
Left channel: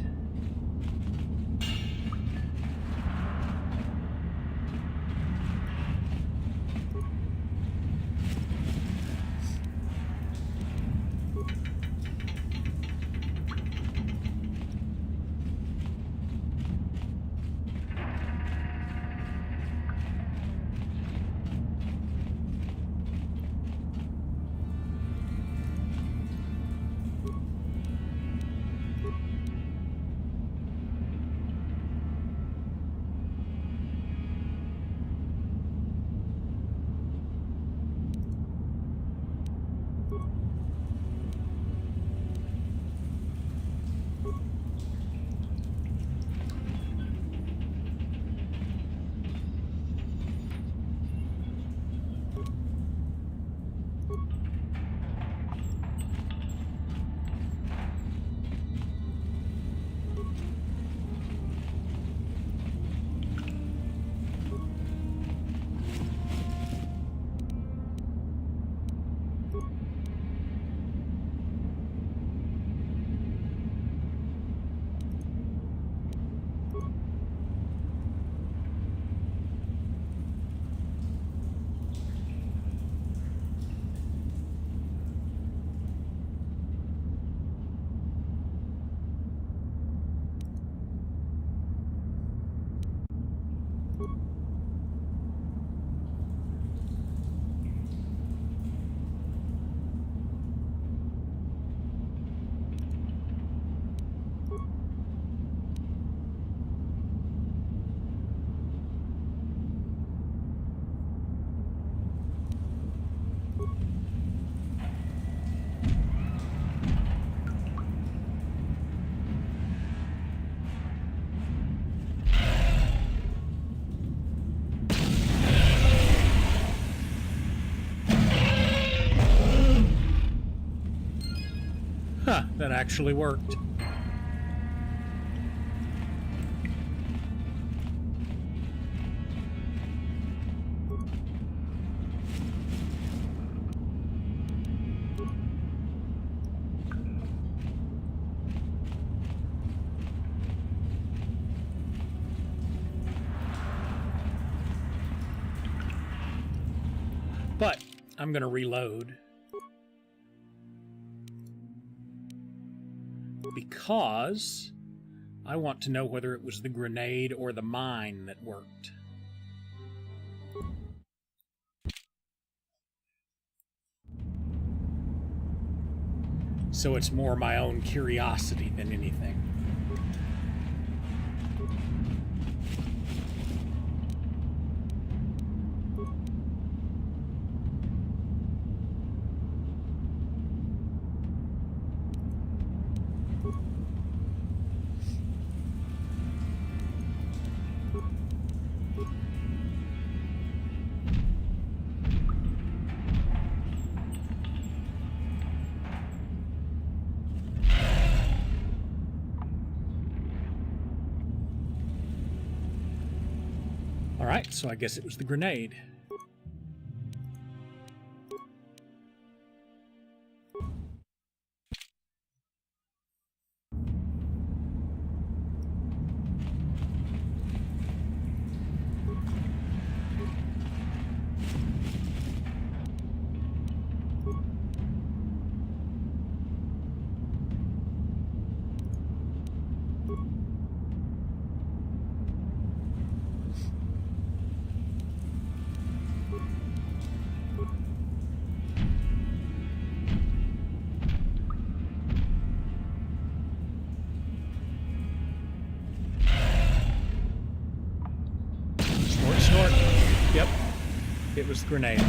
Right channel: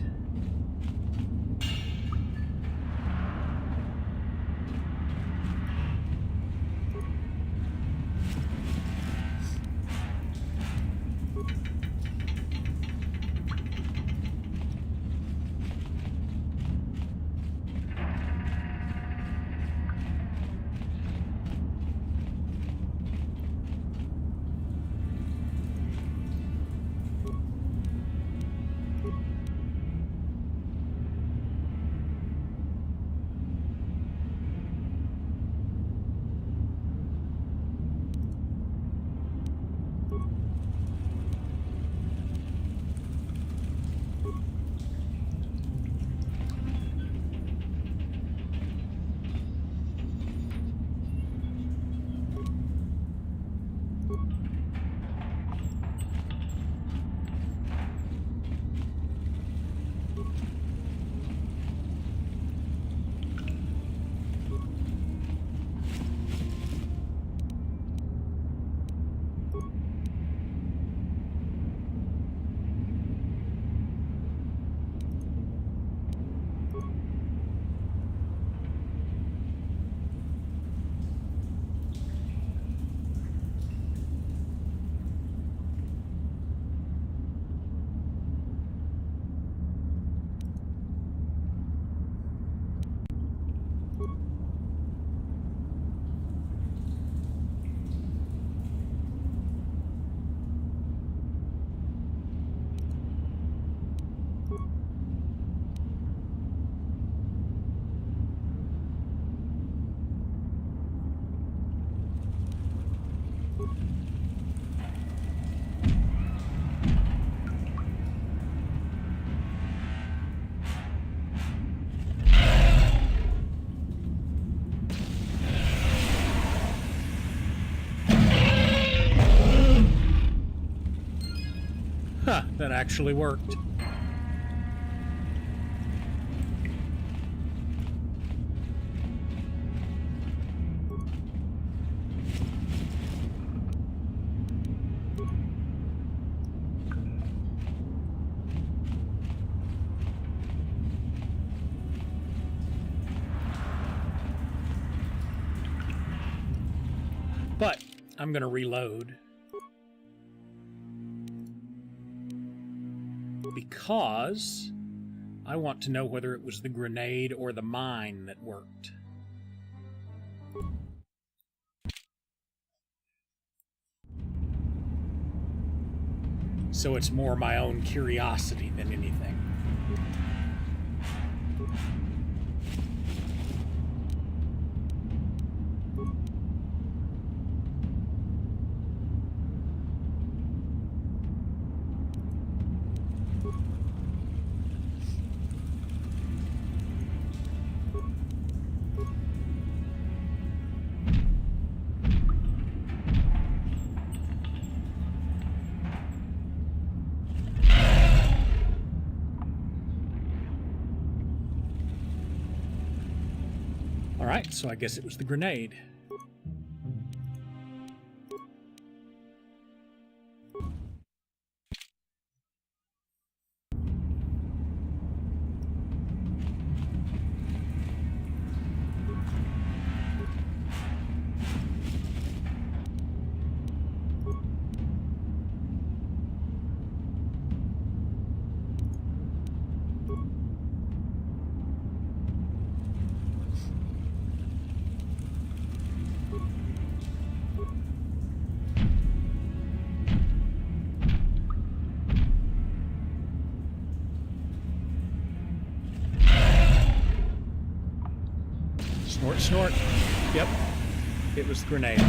Huh, that actually worked. But I'm going to reload. Because I want to know whether it was the grenade or the mine that worked. So it's more my own curiosity than anything. Alright, so I guess it was the grenade. short. Yep. It was the grenade.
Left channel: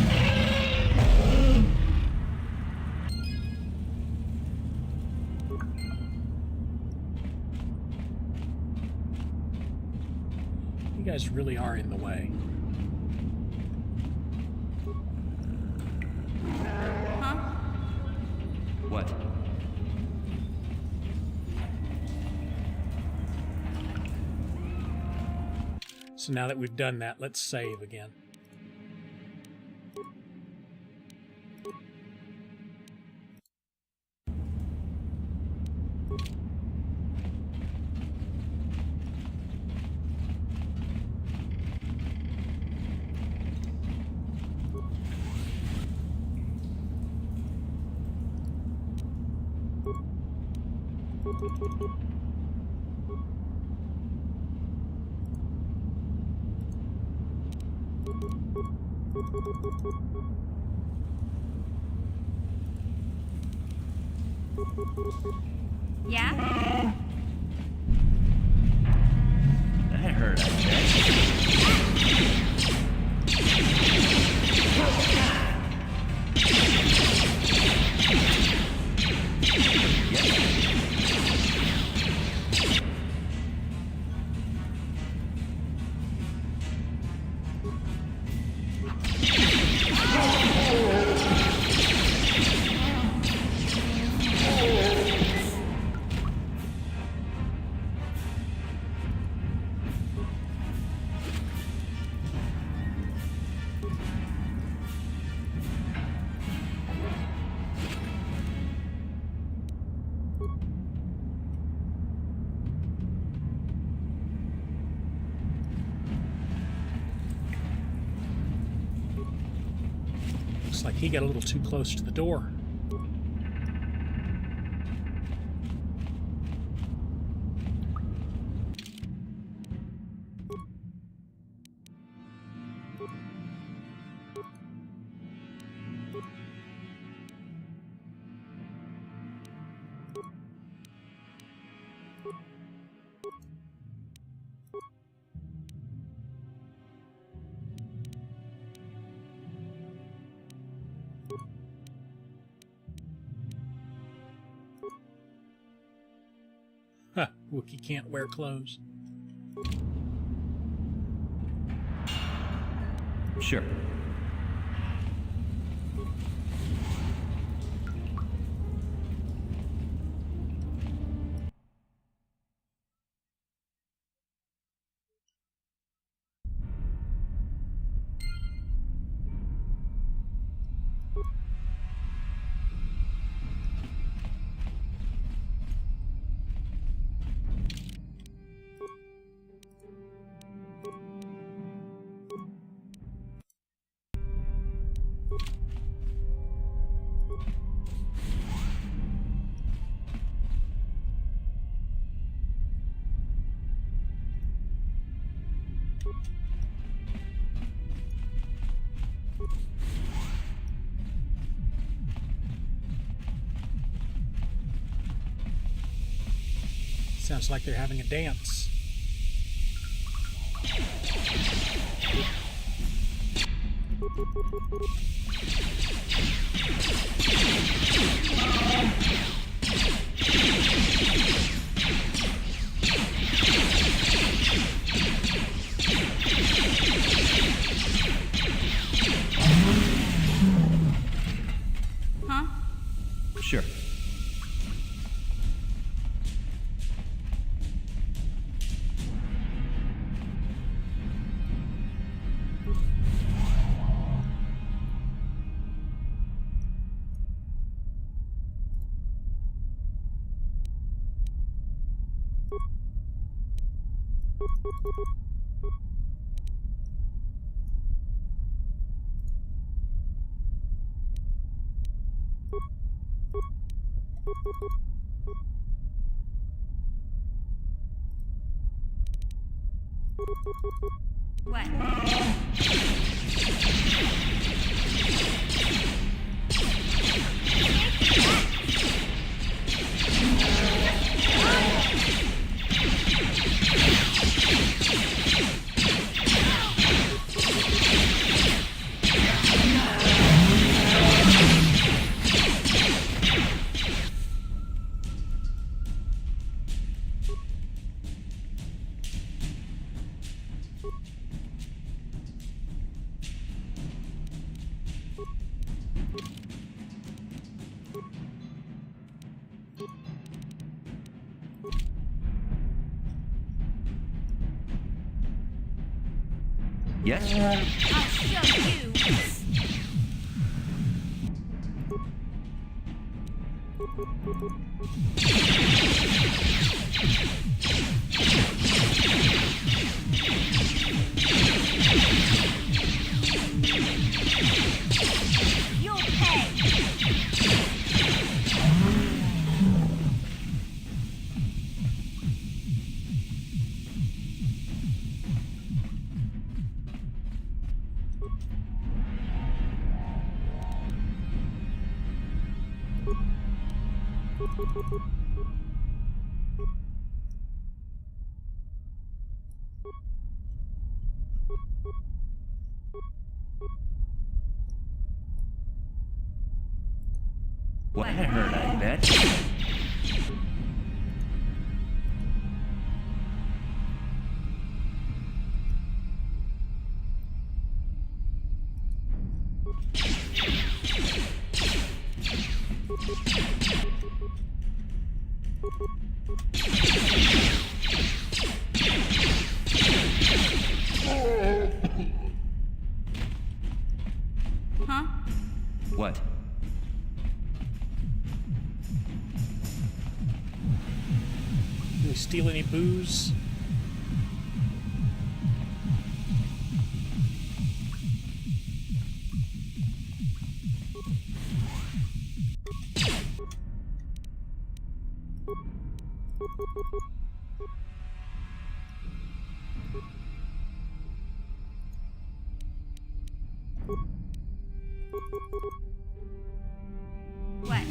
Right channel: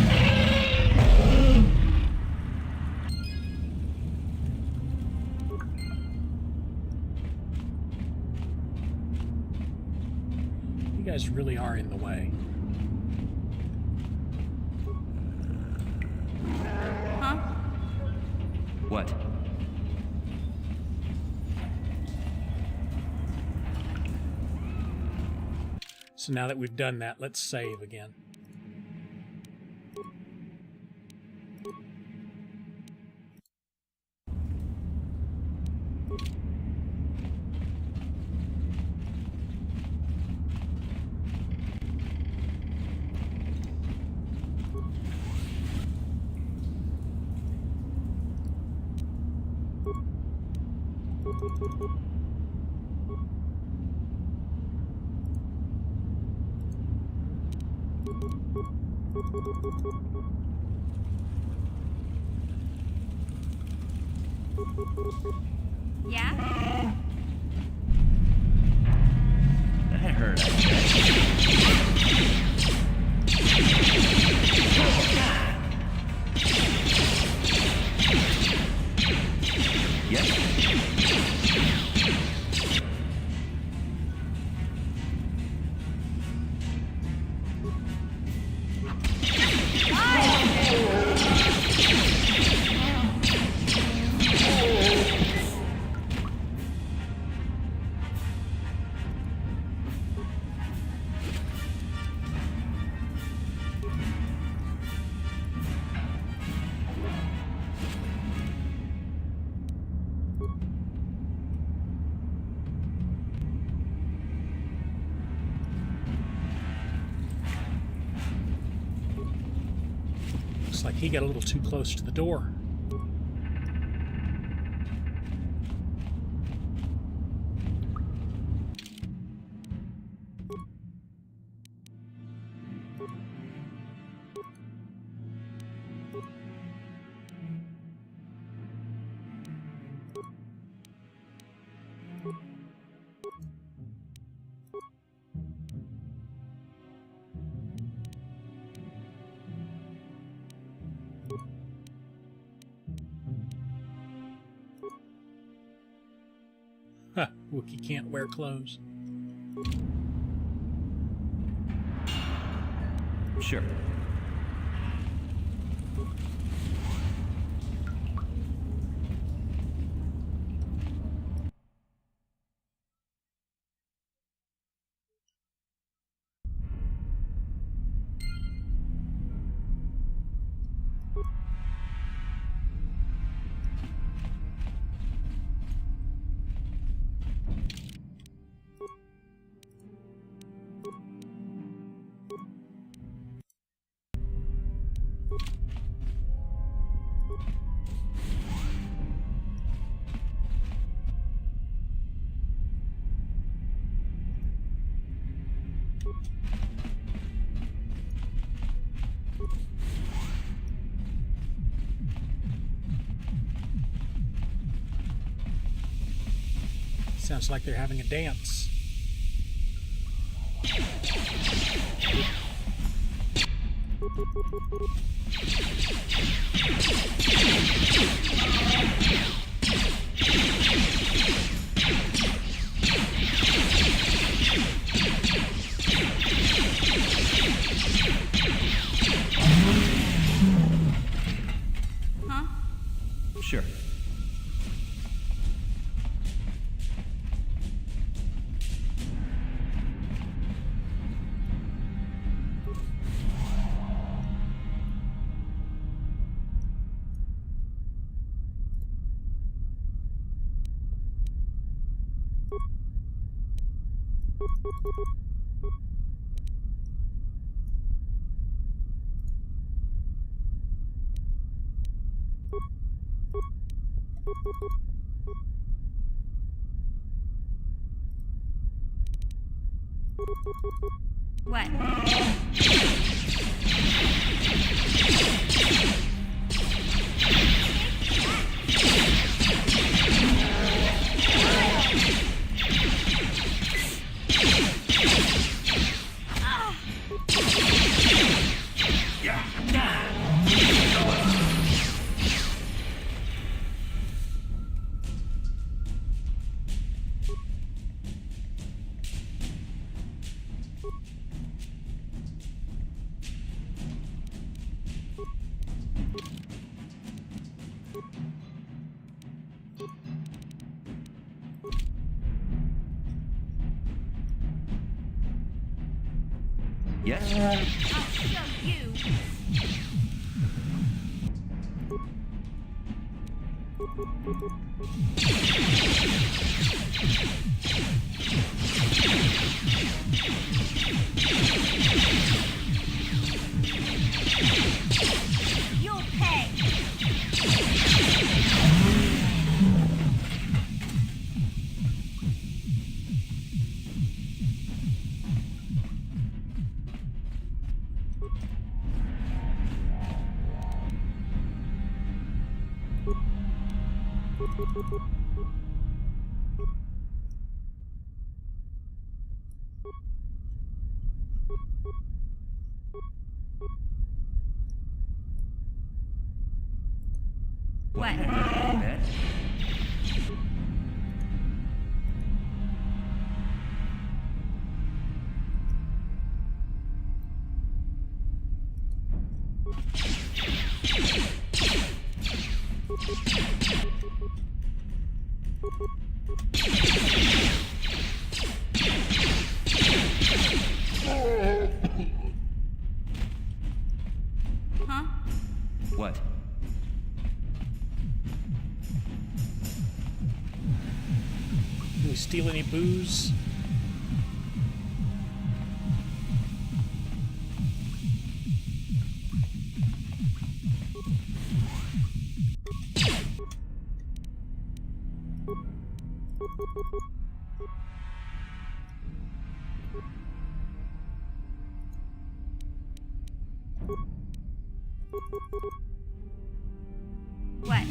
You guys really are in the way. Huh? What? So now that we've done that, let's save again. Yeah? That hurt, I bet. Yes. Looks like he got a little too close to the door. Huh, Wookiee can't wear clothes. Sure. Sounds like they're having a dance. Huh? Sure. What? Yes? I'll show you. You'll pay. What? I heard, I bet. Huh? What? Did we steal any booze? What?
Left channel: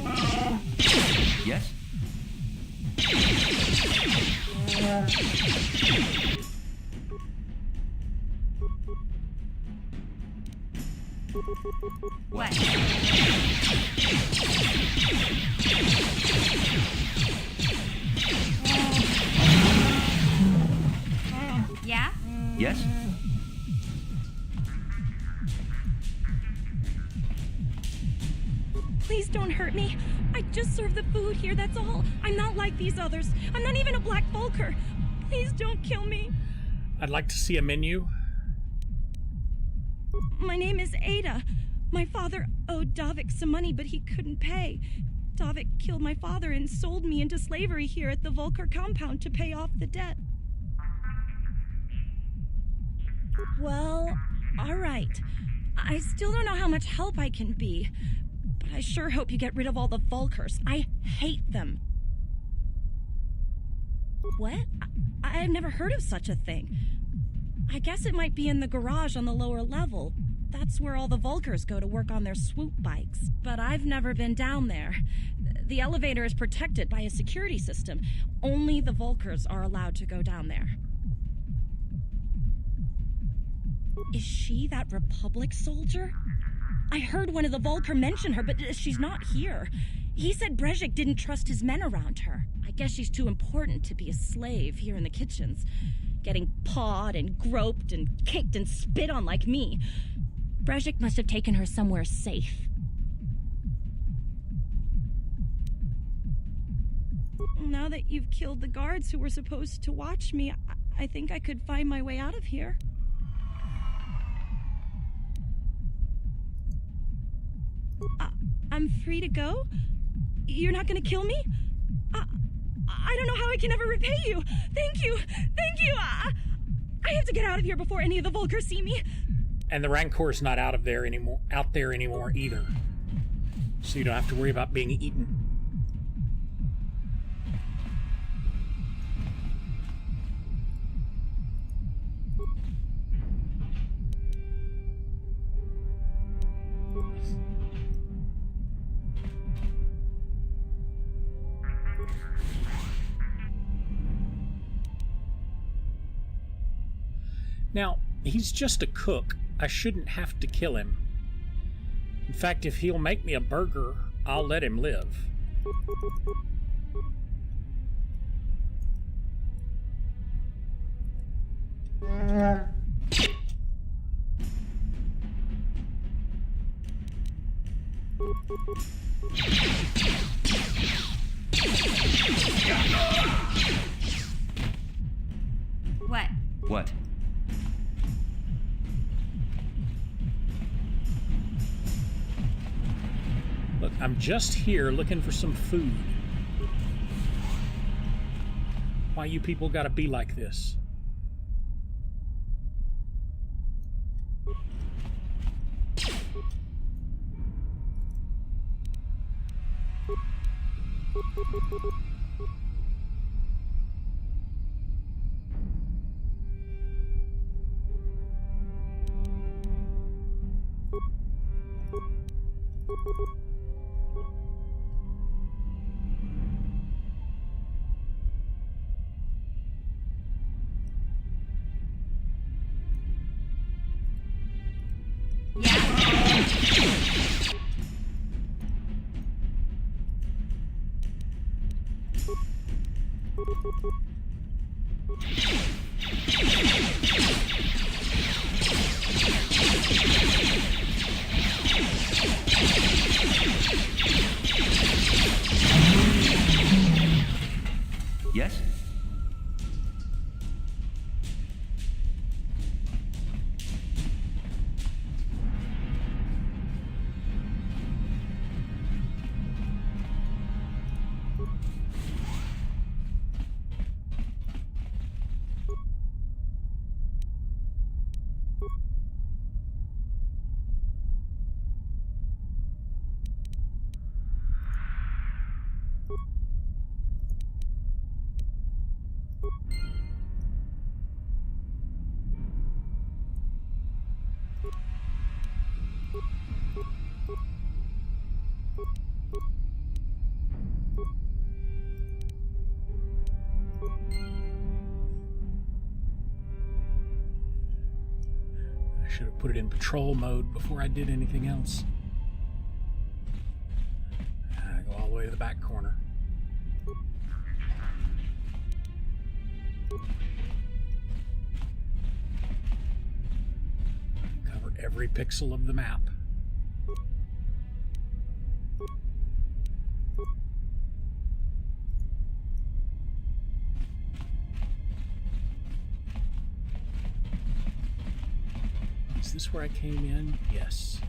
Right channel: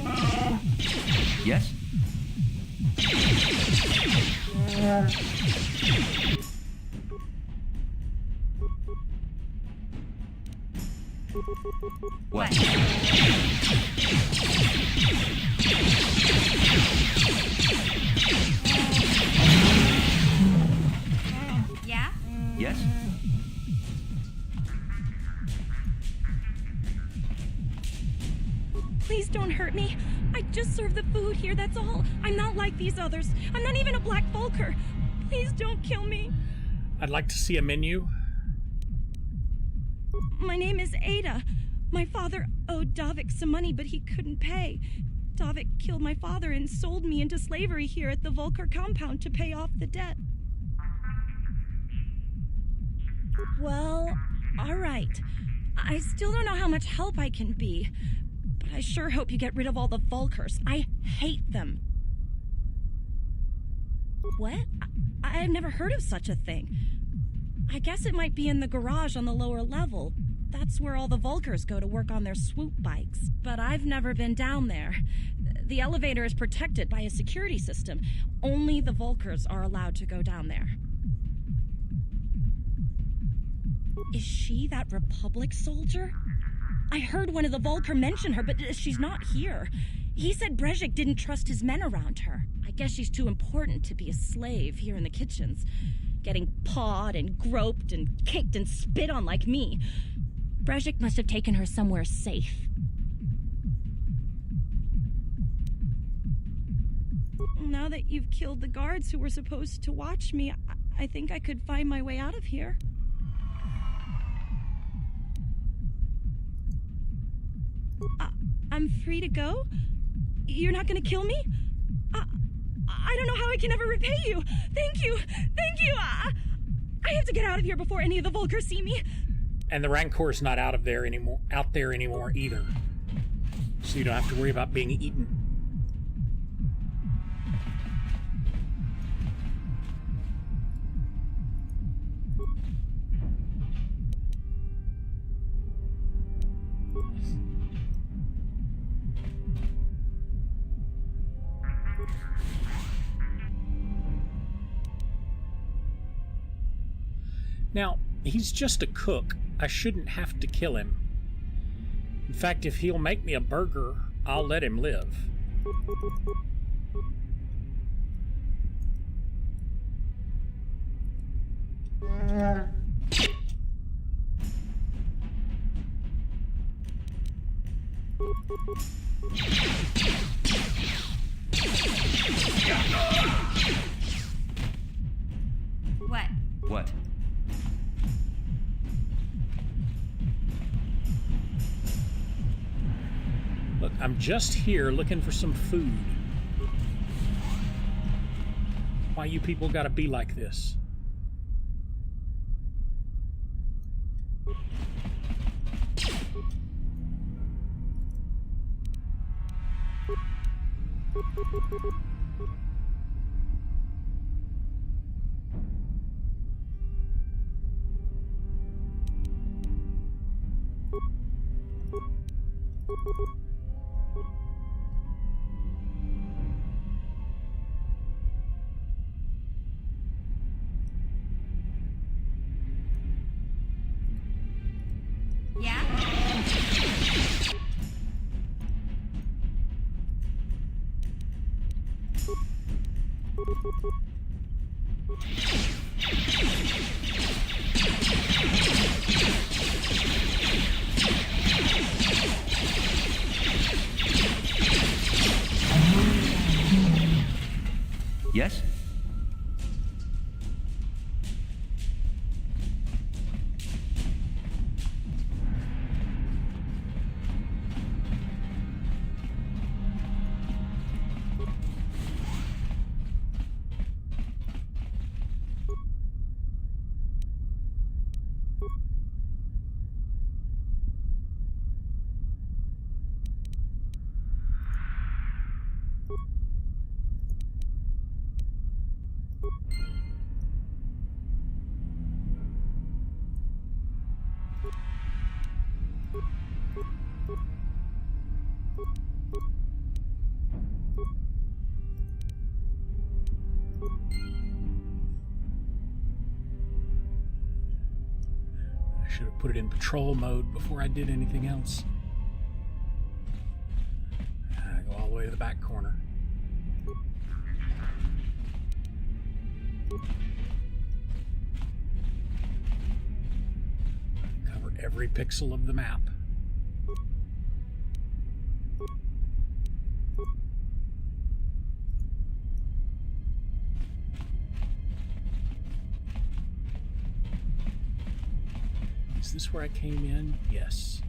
Yes? What? Yeah? Yes? Please don't hurt me. I just serve the food here, that's all. I'm not like these others. I'm not even a Black Vulker. Please don't kill me. I'd like to see a menu. My name is Ada. My father owed Davik some money, but he couldn't pay. Davik killed my father and sold me into slavery here at the Vulker compound to pay off the debt. Well, all right. I still don't know how much help I can be, but I sure hope you get rid of all the Vulkers. I hate them. What? I've never heard of such a thing. I guess it might be in the garage on the lower level. That's where all the Vulkers go to work on their swoop bikes. But I've never been down there. The elevator is protected by a security system. Only the Vulkers are allowed to go down there. Is she that Republic soldier? I heard one of the Vulker mention her, but she's not here. He said Brejik didn't trust his men around her. I guess she's too important to be a slave here in the kitchens, getting pawed and groped and kicked and spit on like me. Brejik must have taken her somewhere safe. Now that you've killed the guards who were supposed to watch me, I think I could find my way out of here. I'm free to go? You're not gonna kill me? I don't know how I can ever repay you. Thank you. Thank you. I have to get out of here before any of the Vulkers see me. And the Rancor's not out there anymore either. So you don't have to worry about being eaten. Now, he's just a cook. I shouldn't have to kill him. In fact, if he'll make me a burger, I'll let him live. What? What? Look, I'm just here looking for some food. Why you people gotta be like this? Yes? I should have put it in patrol mode before I did anything else. I go all the way to the back corner. Cover every pixel of the map. Is this where I came in? Yes.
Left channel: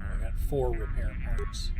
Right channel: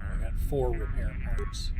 I got 4 repair parts.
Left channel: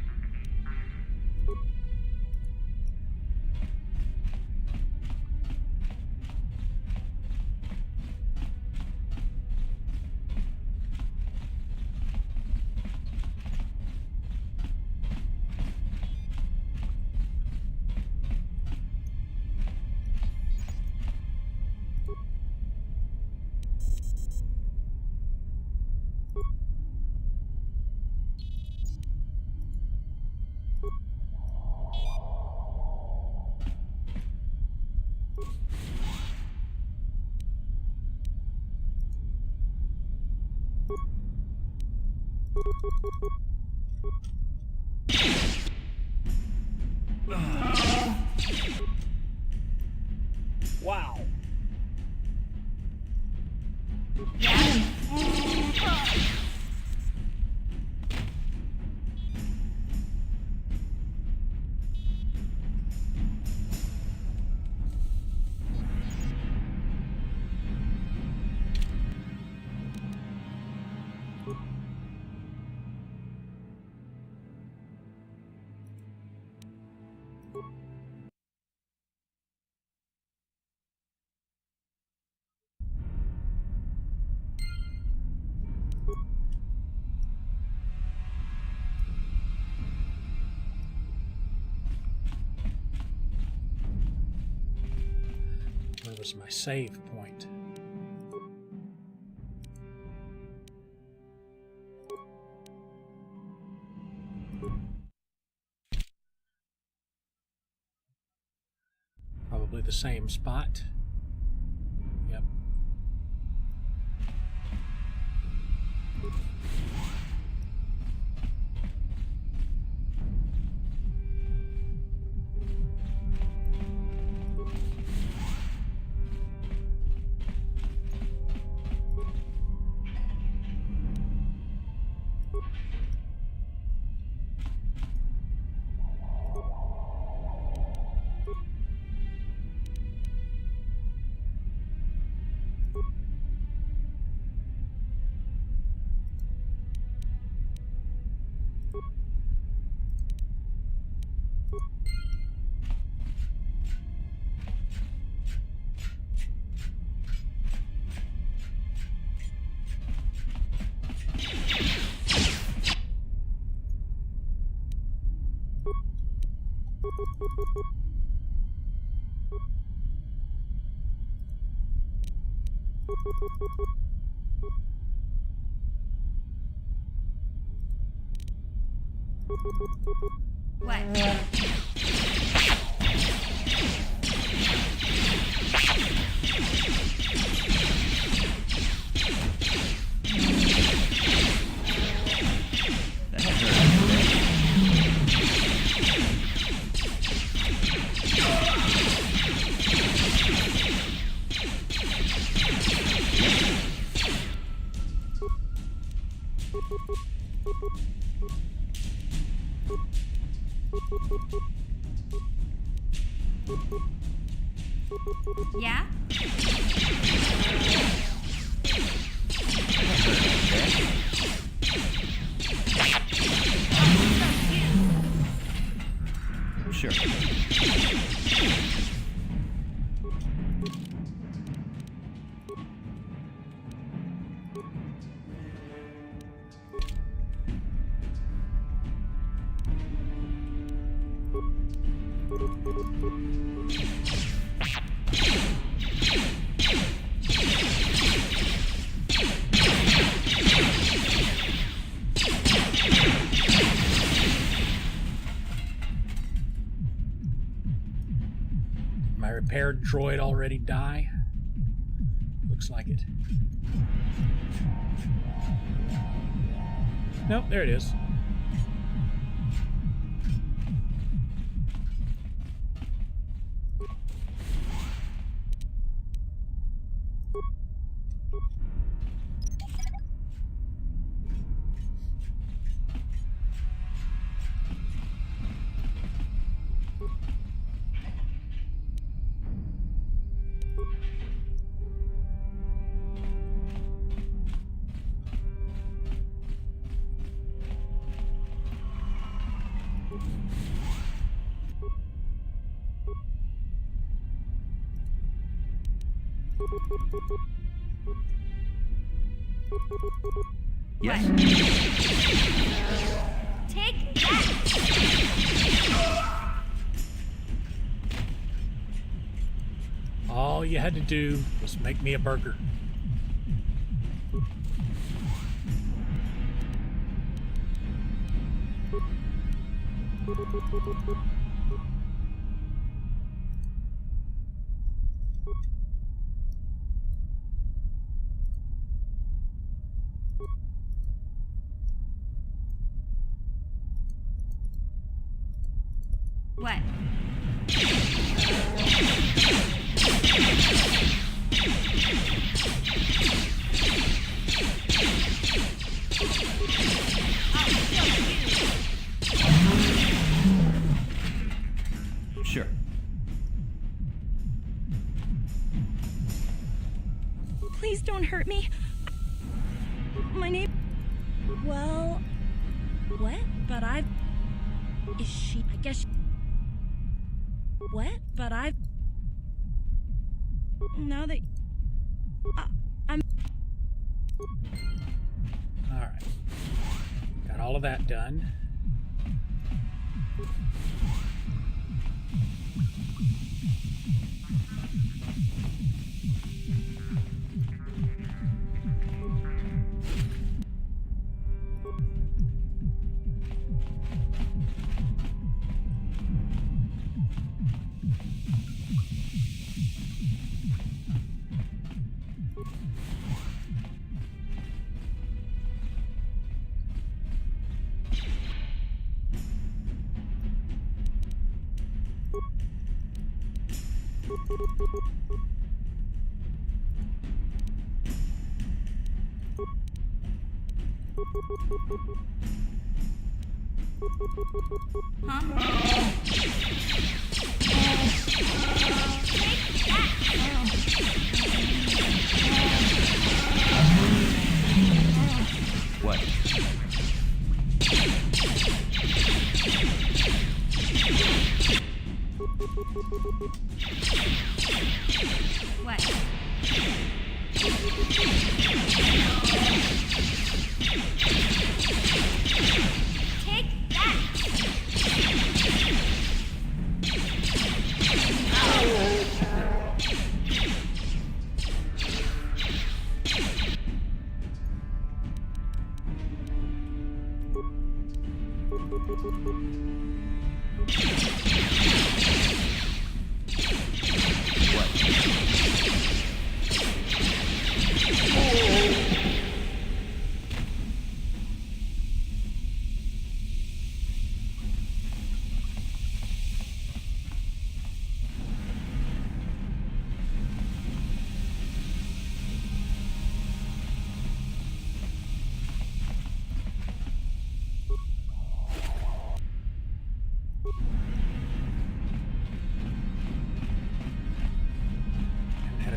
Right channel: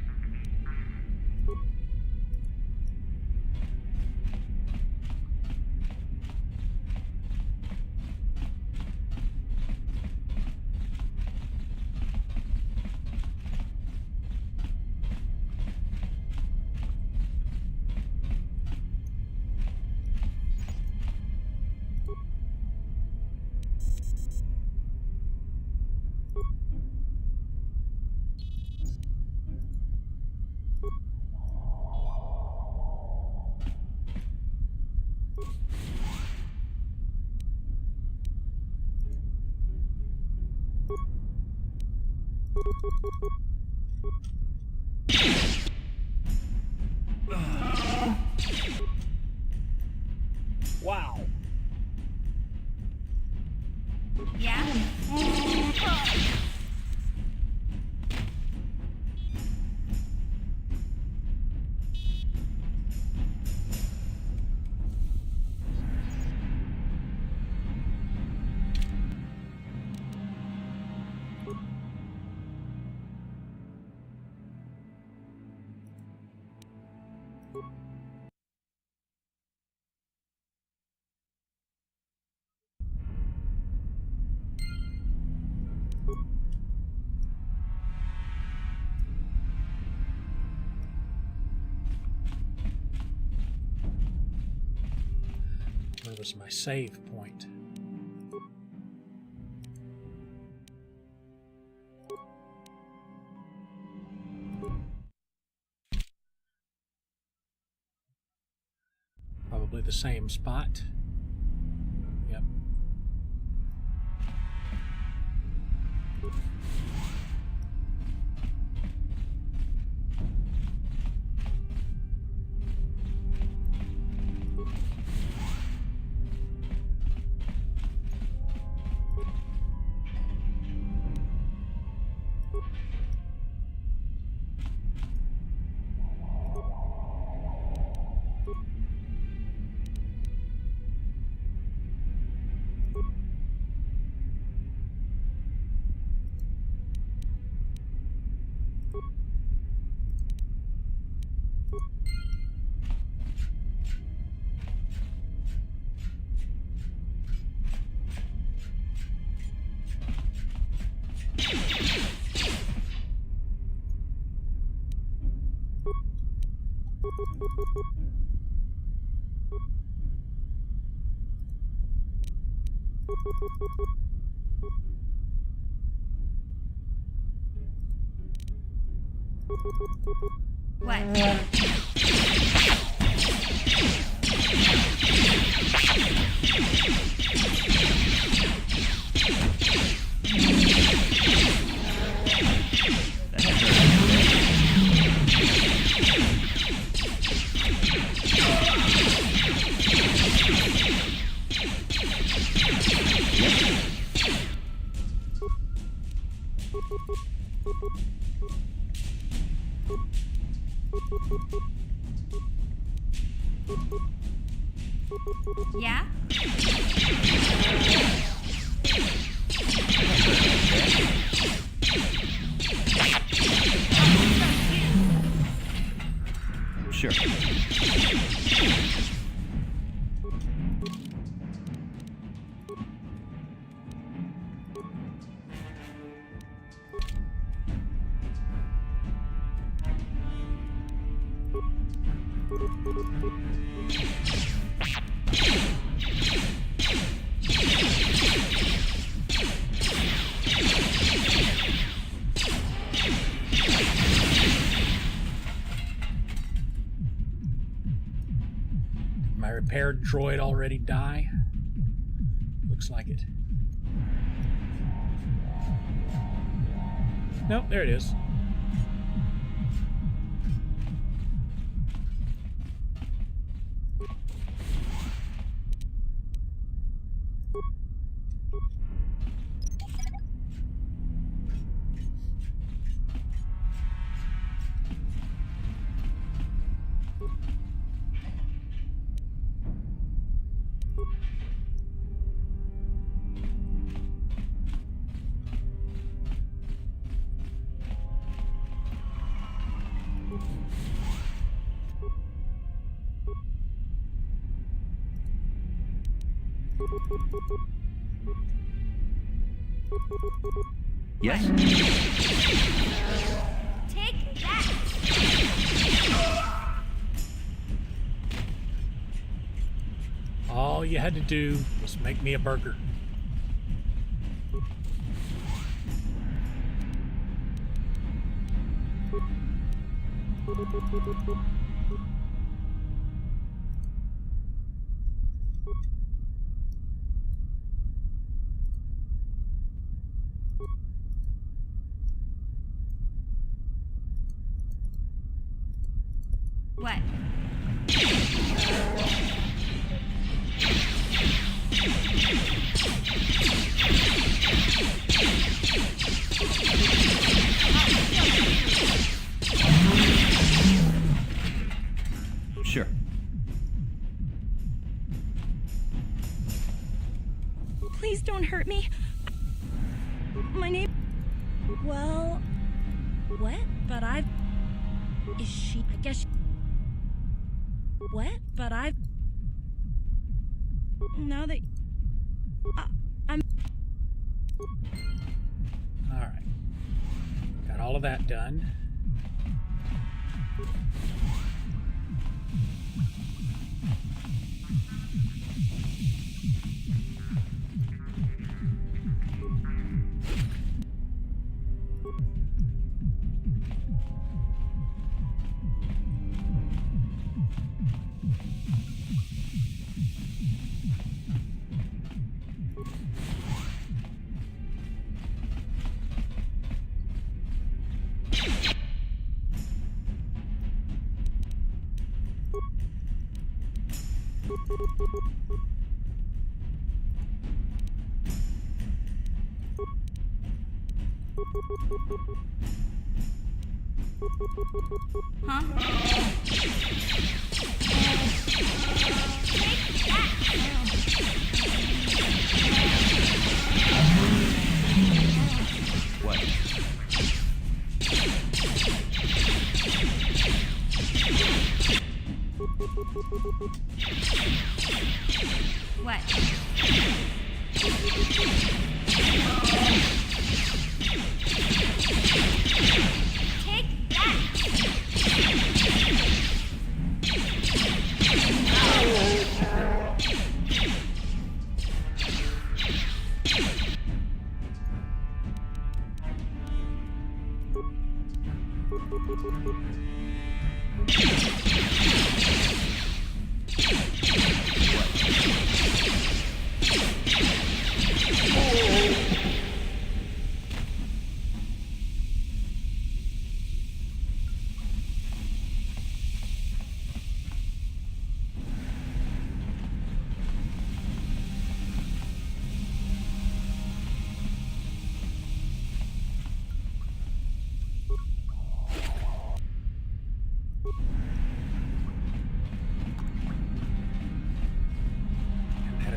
Wow. Yeah? Where was my save point? Probably the same spot. Yep. Yeah? Sure. My repaired droid already die? Looks like it. Nope, there it is. Yes? Take that! All you had to do was make me a burger. What? Sure. Please don't hurt me. My name... Well... What? But I've... Is she... I guess... What? But I've... Now that... I'm... Alright. Got all of that done. What? What? Take that!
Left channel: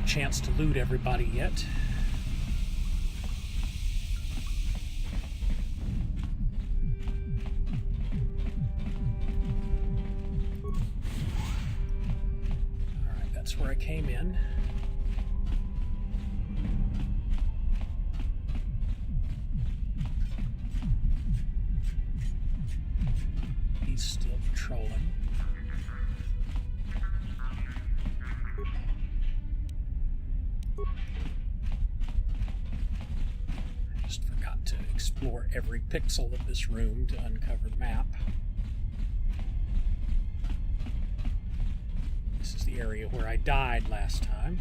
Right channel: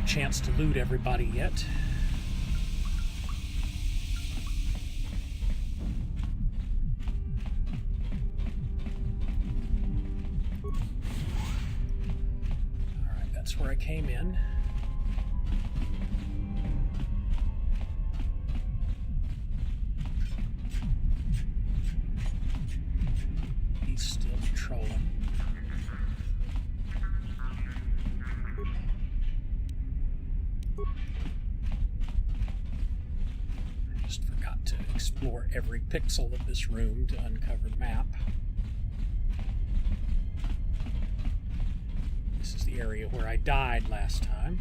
Chance to loot everybody yet. Alright, that's where I came in. He's still patrolling. Explore every pixel of this room to uncover the map. This is the area where I died last time.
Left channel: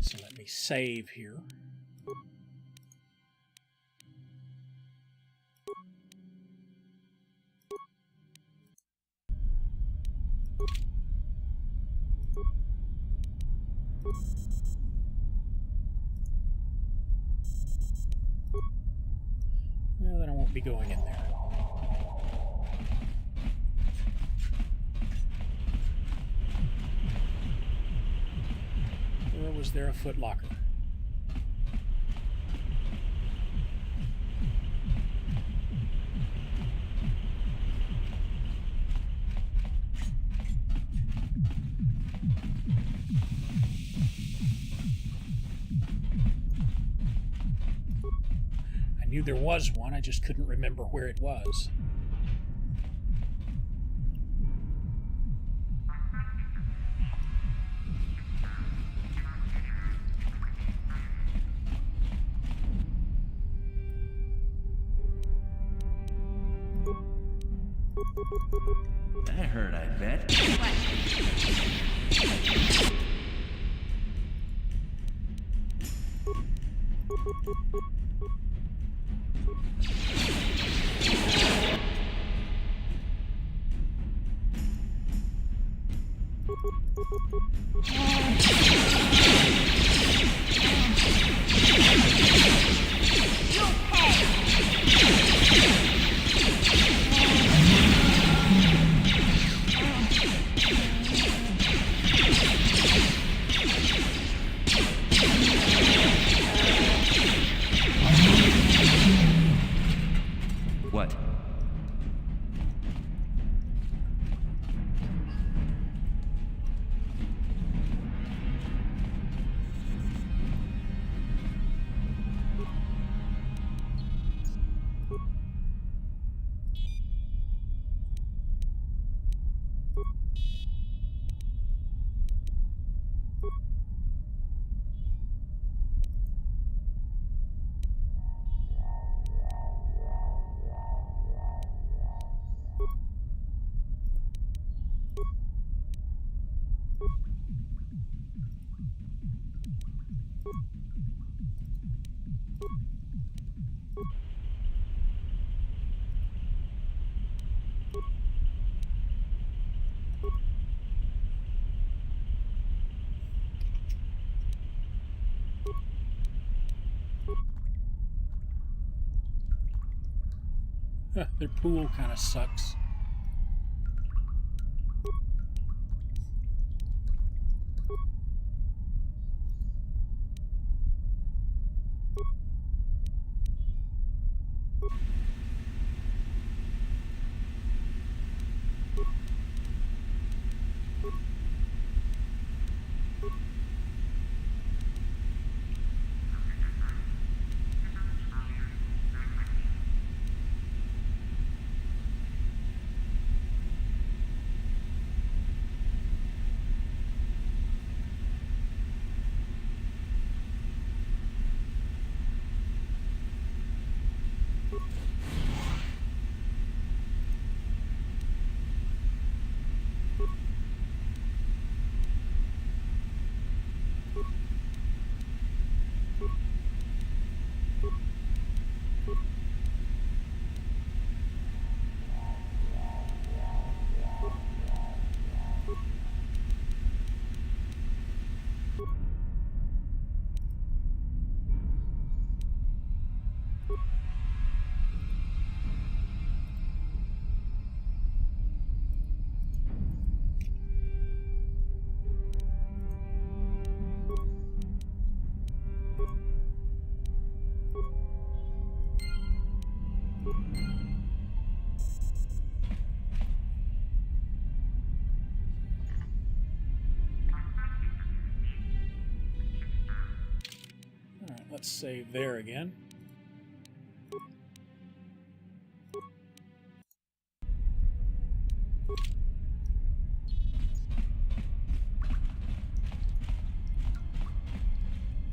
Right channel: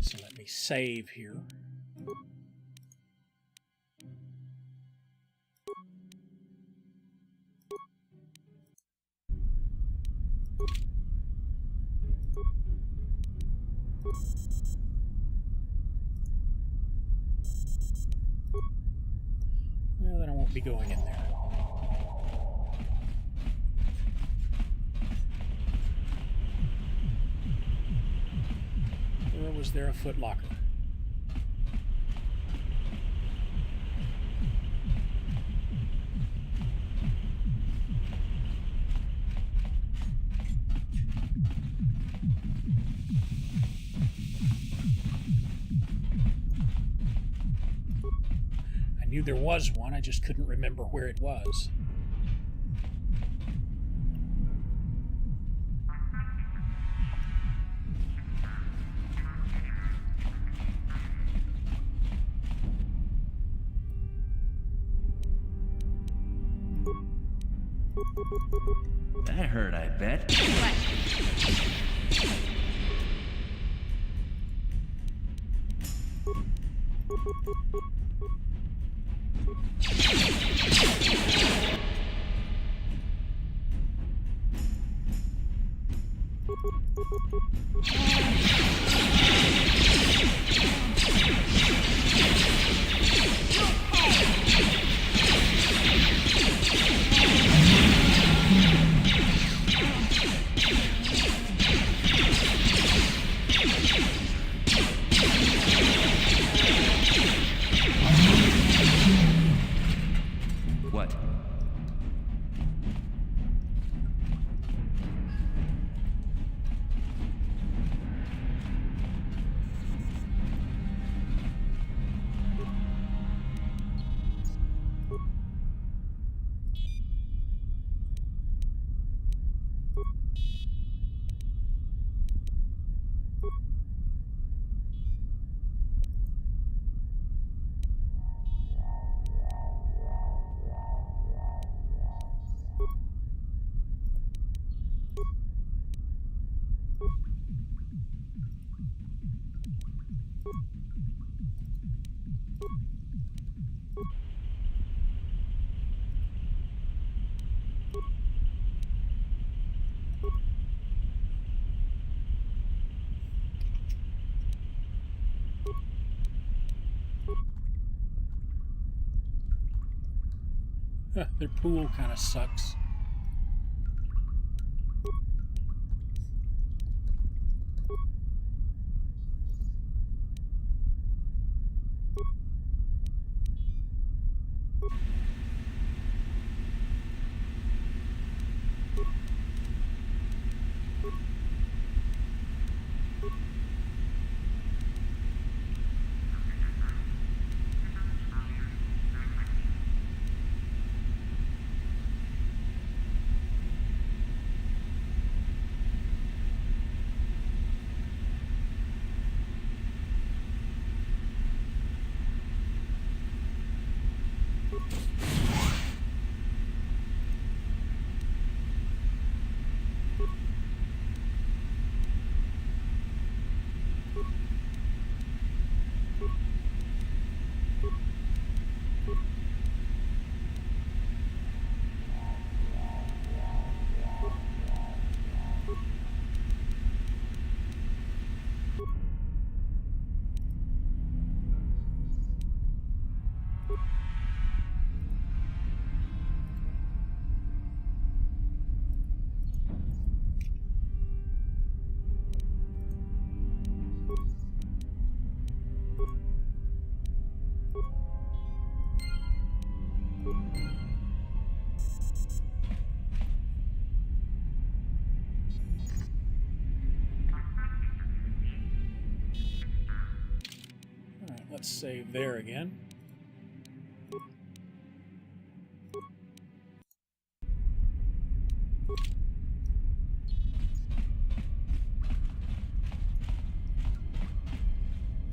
So let me save here. Well, then I won't be going in there. Or was there a footlocker? I knew there was one, I just couldn't remember where it was. That hurt, I bet. What? What? Their pool kind of sucks. Let's save there again.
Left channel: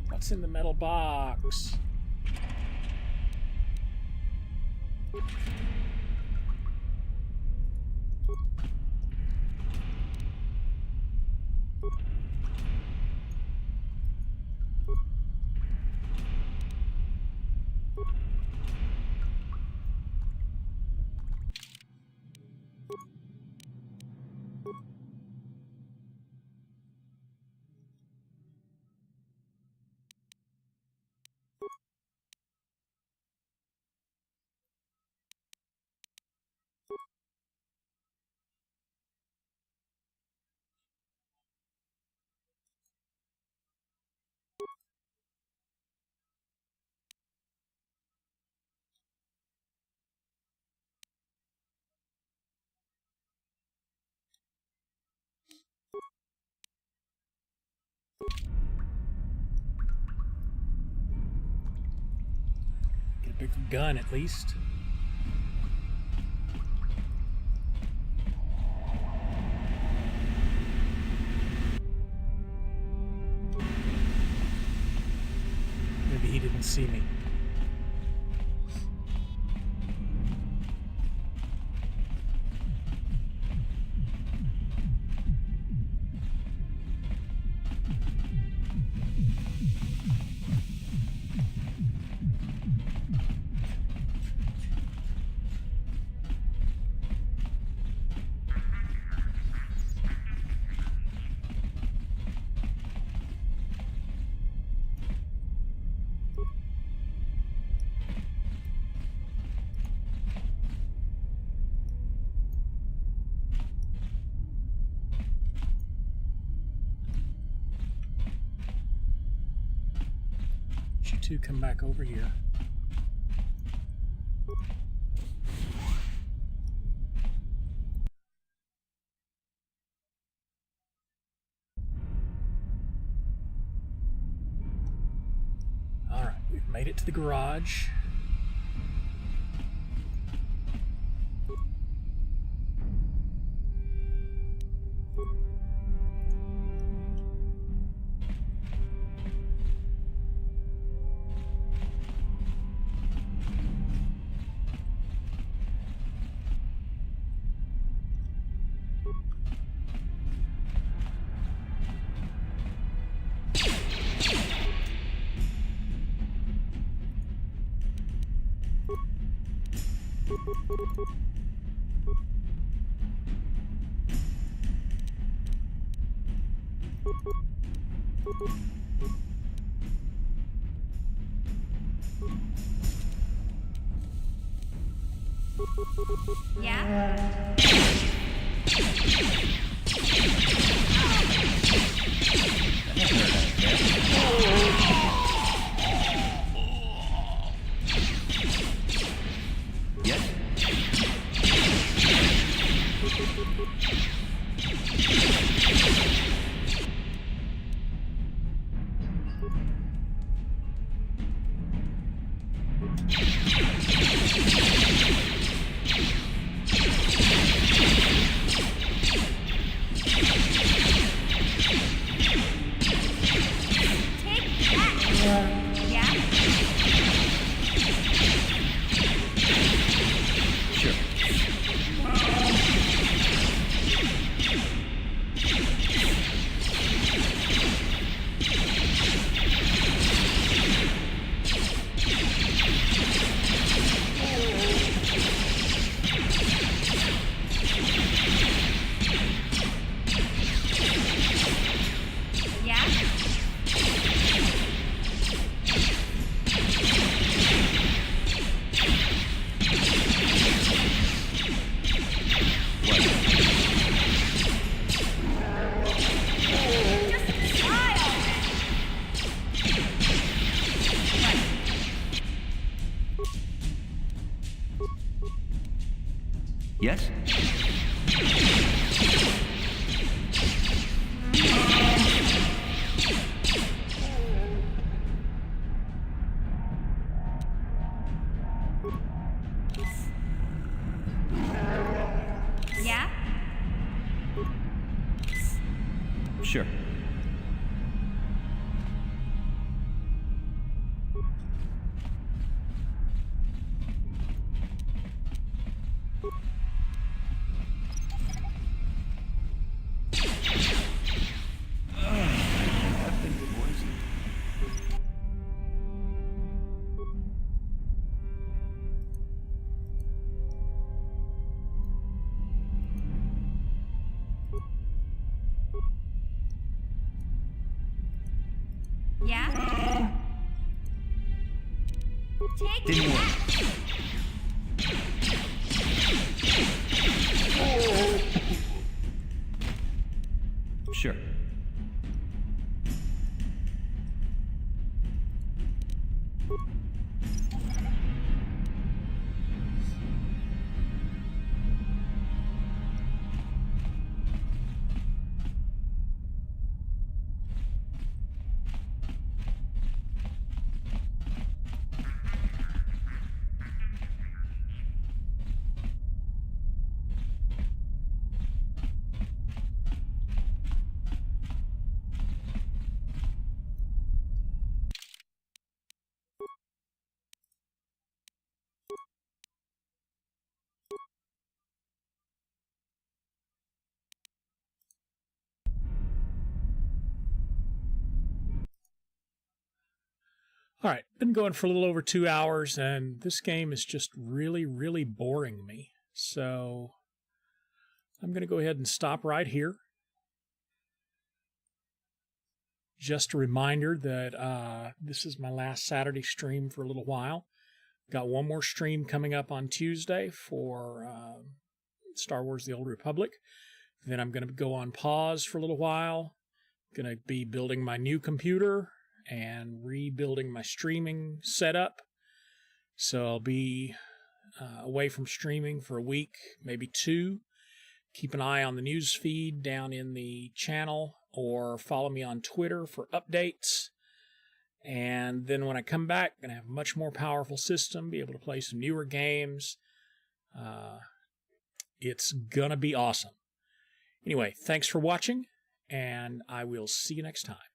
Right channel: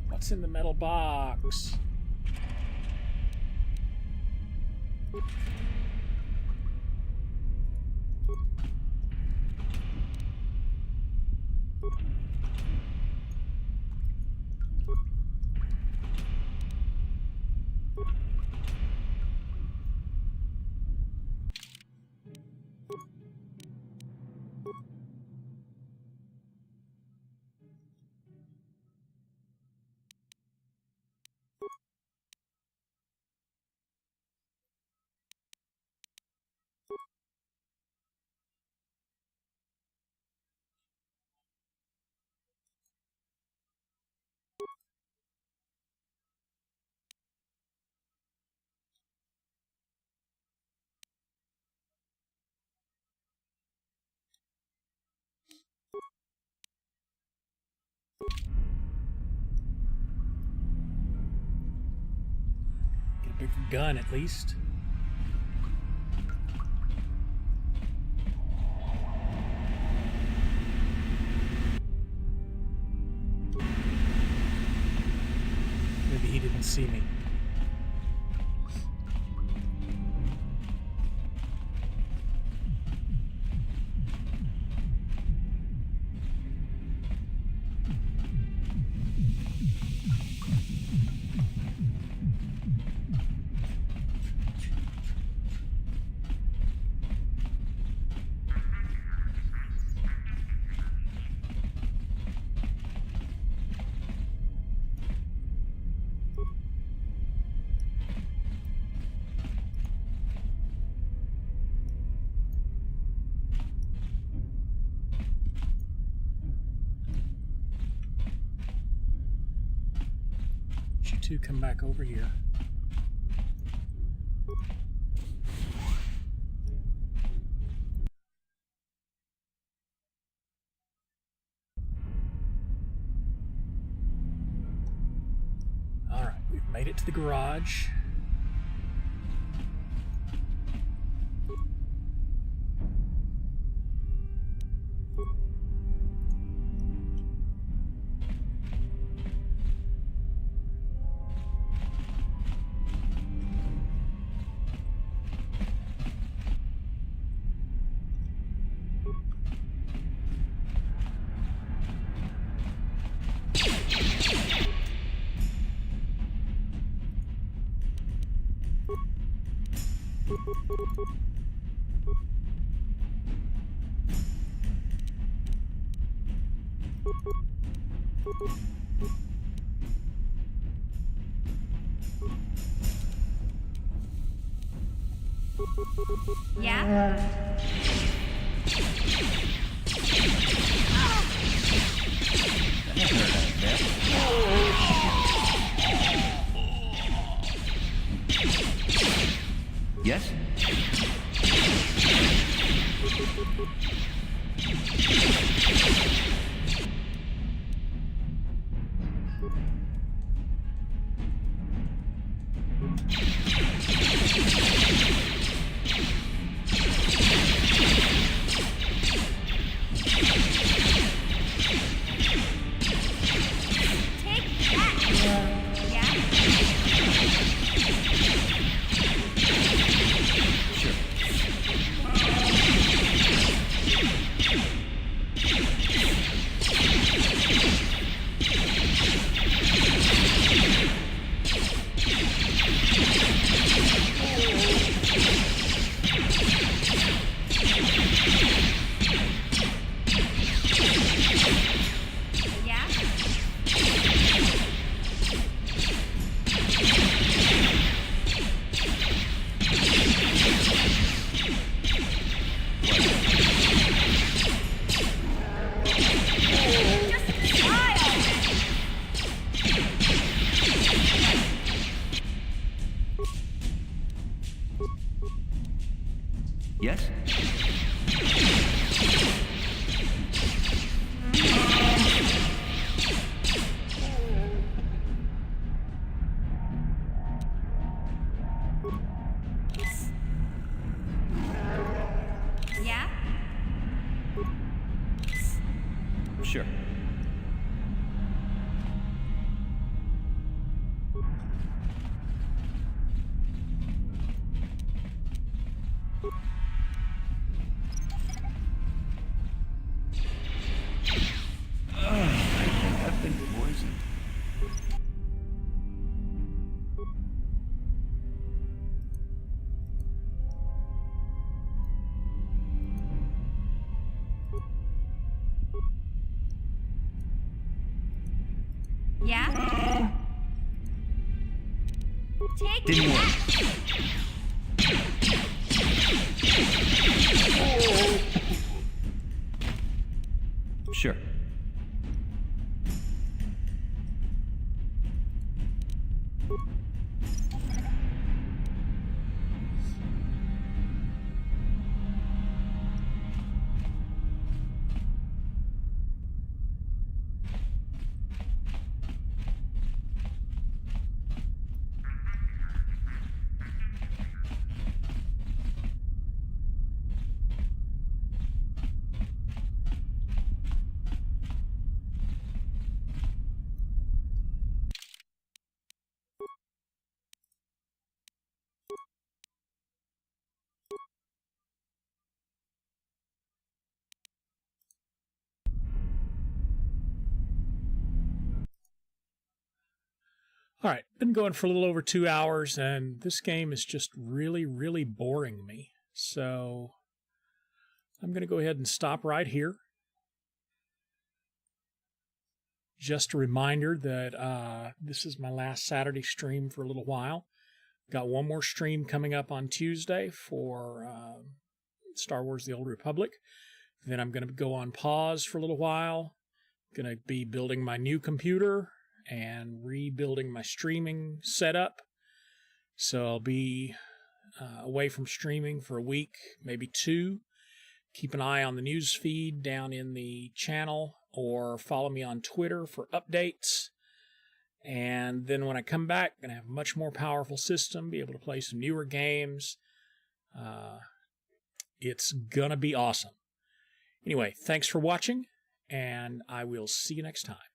What's in the metal box? Get a big gun at least. Maybe he didn't see me. two come back over here. All right, we've made it to the garage. Yeah? Yes? Yes? Yeah? Sure. Yeah? Take Didn't work. Sure. All right, been going for a little over 2 hours, and this game is just really, really boring me. So I'm going to go ahead and stop right here. Just a reminder that this is my last Saturday stream for a little while. Got one more stream coming up on Tuesday for Star Wars The Old Republic. Then I'm going to go on pause for a little while. Going to be building my new computer and rebuilding my streaming setup. So I'll be away from streaming for a week, maybe 2. Keep an eye on the news feed down in the channel, or follow me on Twitter for updates. And then when I come back, I'm going to have a much more powerful system, be able to play some newer games. It's going to be awesome. Anyway, thanks for watching, and I will see you next time.